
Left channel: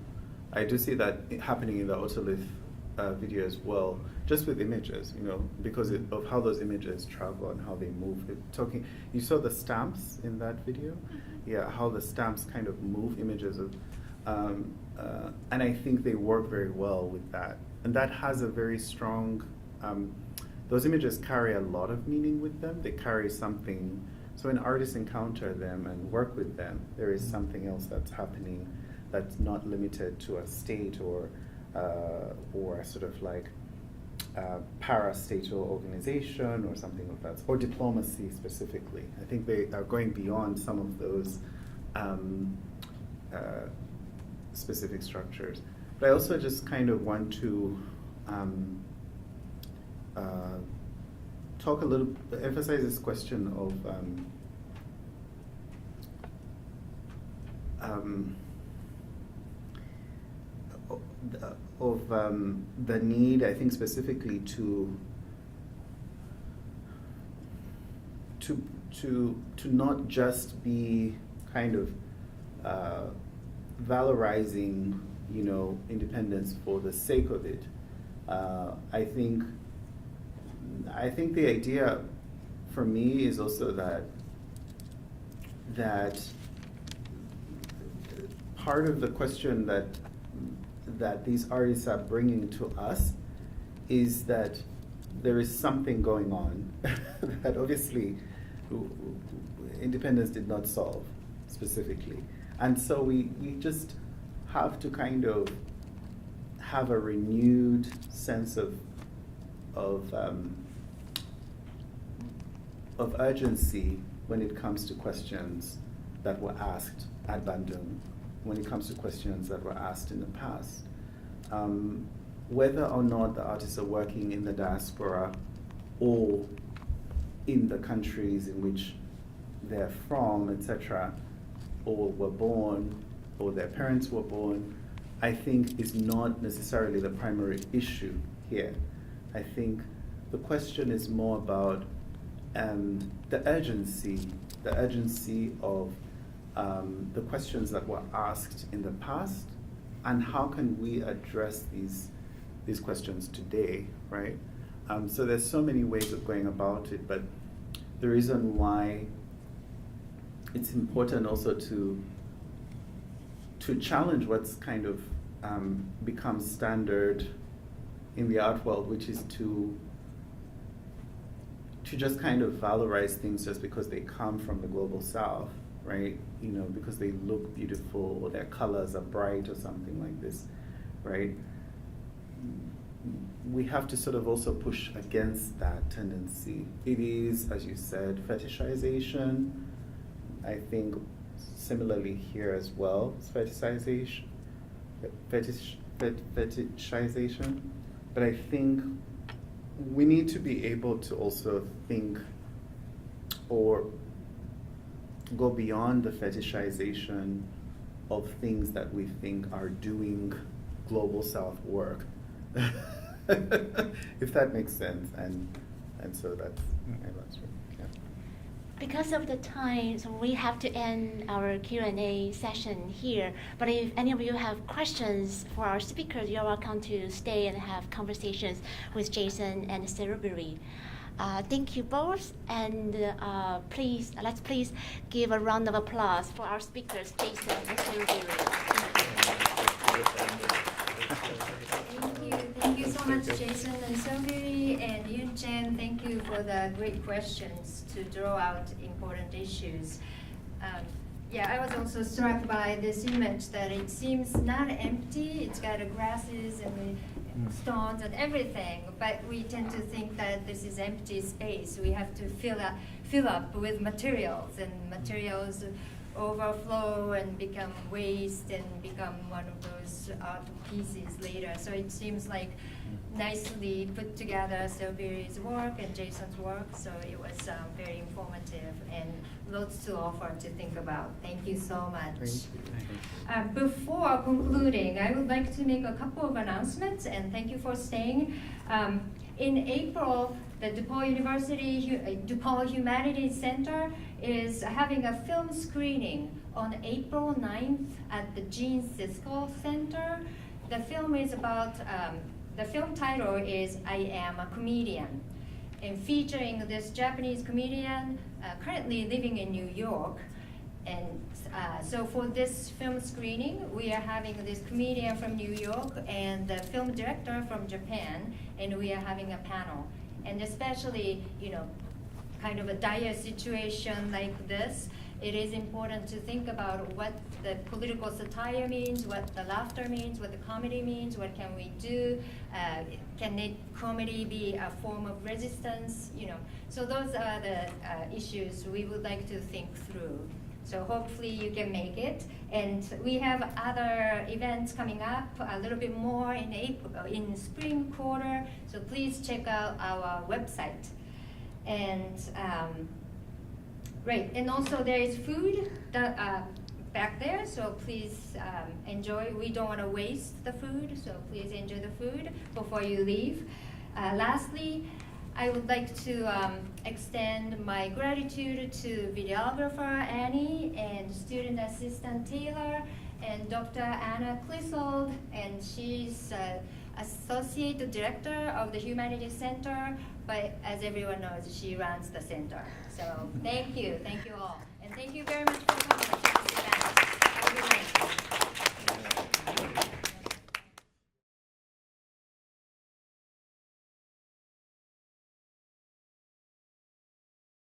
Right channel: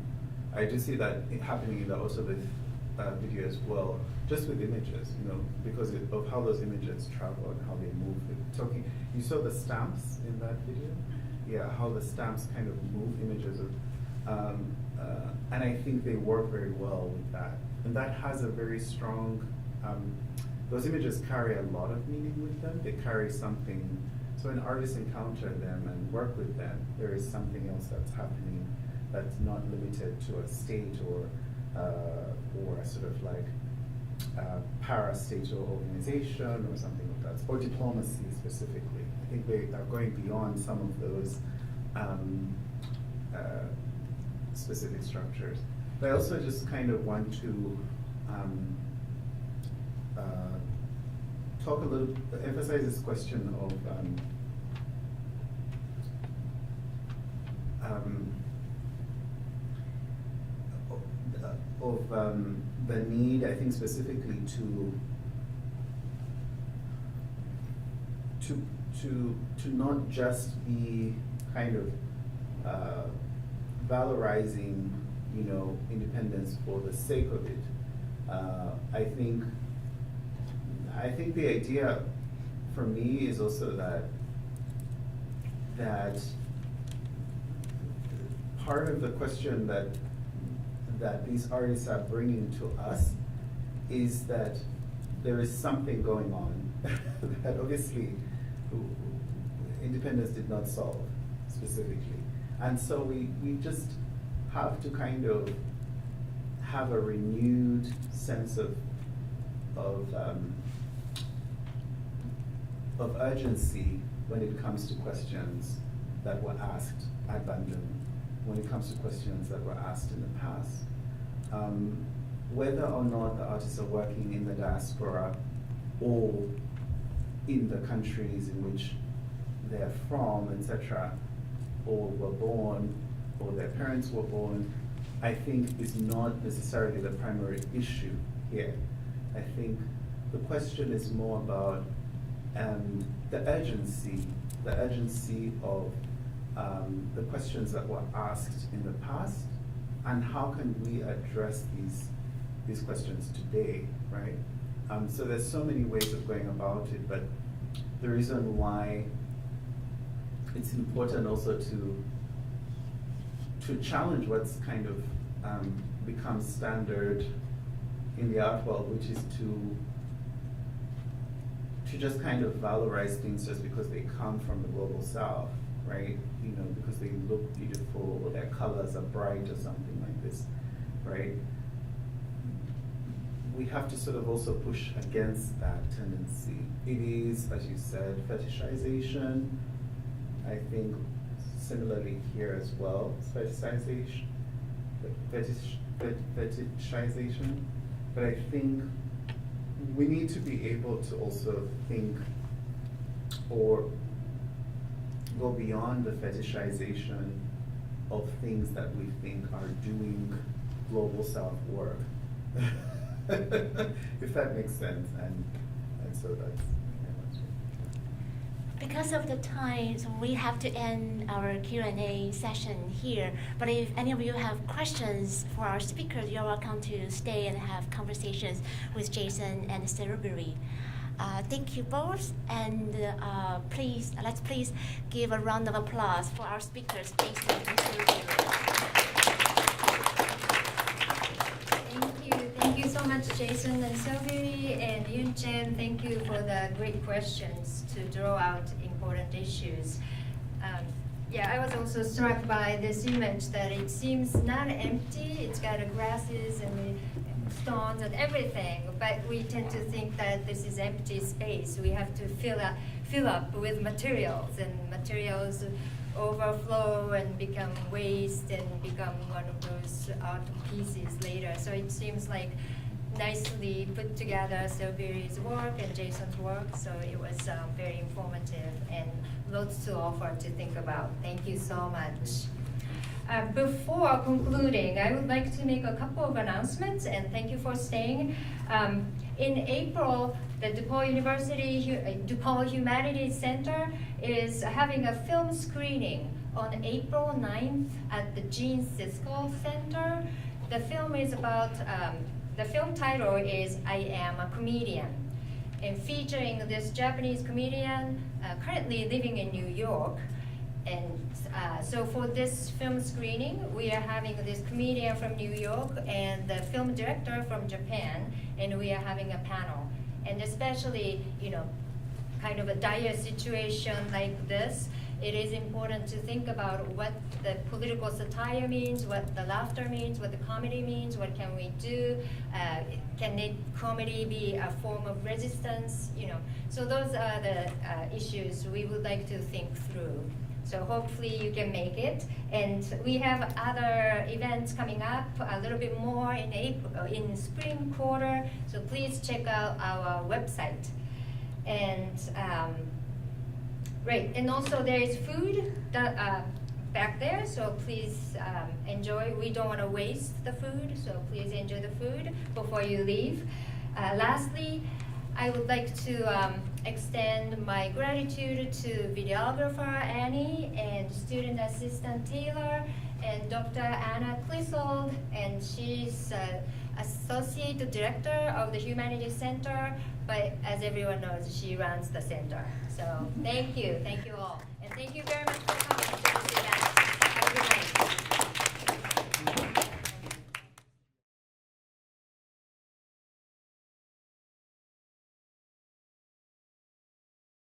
I do see that happening in the Autolith video as well, just with images, because of how those images travel and how they move. You saw the stamps in that video? Yeah, how the stamps kind of move images of, and I think they work very well with that. And that has a very strong, those images carry a lot of meaning with them. They carry something, so when artists encounter them and work with them, there is something else that's happening that's not limited to a state or a sort of like parastatal organization or something like that, or diplomacy specifically. I think they are going beyond some of those specific structures. But I also just kind of want to emphasize this question of the need, I think, specifically to not just be kind of valorizing, independence for the sake of it. I think the idea for me is also that part of the question that these artists are bringing to us is that there is something going on that obviously independence did not solve specifically. And so we just have to kind of have a renewed sense of urgency when it comes to questions that were asked ad bandum, when it comes to questions that were asked in the past. Whether or not the artists are working in the diaspora or in the countries in which they're from, etc., or were born, or their parents were born, I think is not necessarily the primary issue here. I think the question is more about the urgency of the questions that were asked in the past, and how can we address these questions today, right? So there's so many ways of going about it, but the reason why it's important also to challenge what's kind of become standard in the art world, which is to just kind of valorize things just because they come from the global south, right? Because they look beautiful or their colors are bright or something like this, right? We have to sort of also push against that tendency. It is, as you said, fetishization. I think similarly here as well, fetishization. But I think we need to be able to also think or go beyond the fetishization of things that we think are doing global South work. If that makes sense, and so that's yeah. Because of the time, so we have to end our Q&A session here. But if any of you have questions for our speakers, you're welcome to stay and have conversations with Jason and Serubiri. Thank you both, and let's please give a round of applause for our speakers, Jason and Serubiri. Thank you so much, Jason and Serubiri and Yun-chen. Thank you for the great questions to draw out important issues. Yeah, I was also struck by this image that it seems not empty. It's got grasses and stones and everything, but we tend to think that this is empty space. We have to fill up with materials, and materials overflow and become waste and become one of those art pieces later. So it seems like nicely put together Serubiri's work and Jason's work. So it was very informative and lots to offer to think about. Thank you so much. Before concluding, I would like to make a couple of announcements, and thank you for staying. In April, the DePaul Humanities Center is having a film screening on April 9th at the Gene Siskel Center. The film is about, the film title is I Am a Comedian, and featuring this Japanese comedian currently living in New York. And so for this film screening, we are having this comedian from New York and the film director from Japan, and we are having a panel. And especially, kind of a dire situation like this, it is important to think about what the political satire means, what the laughter means, what the comedy means, what can we do, can comedy be a form of resistance, So those are the issues we would like to think through. So hopefully you can make it. And we have other events coming up, a little bit more in April, in spring quarter. So please check out our website. And right, and also there is food back there. So please enjoy. We don't want to waste the food, so please enjoy the food before you leave. Lastly, I would like to extend my gratitude to videographer Annie and student assistant Taylor and Dr. Anna Clissold, and she's associate director of the Humanities Center, but as everyone knows, she runs the center. So thank you all, and thank you very much for coming to this event. Have a good night.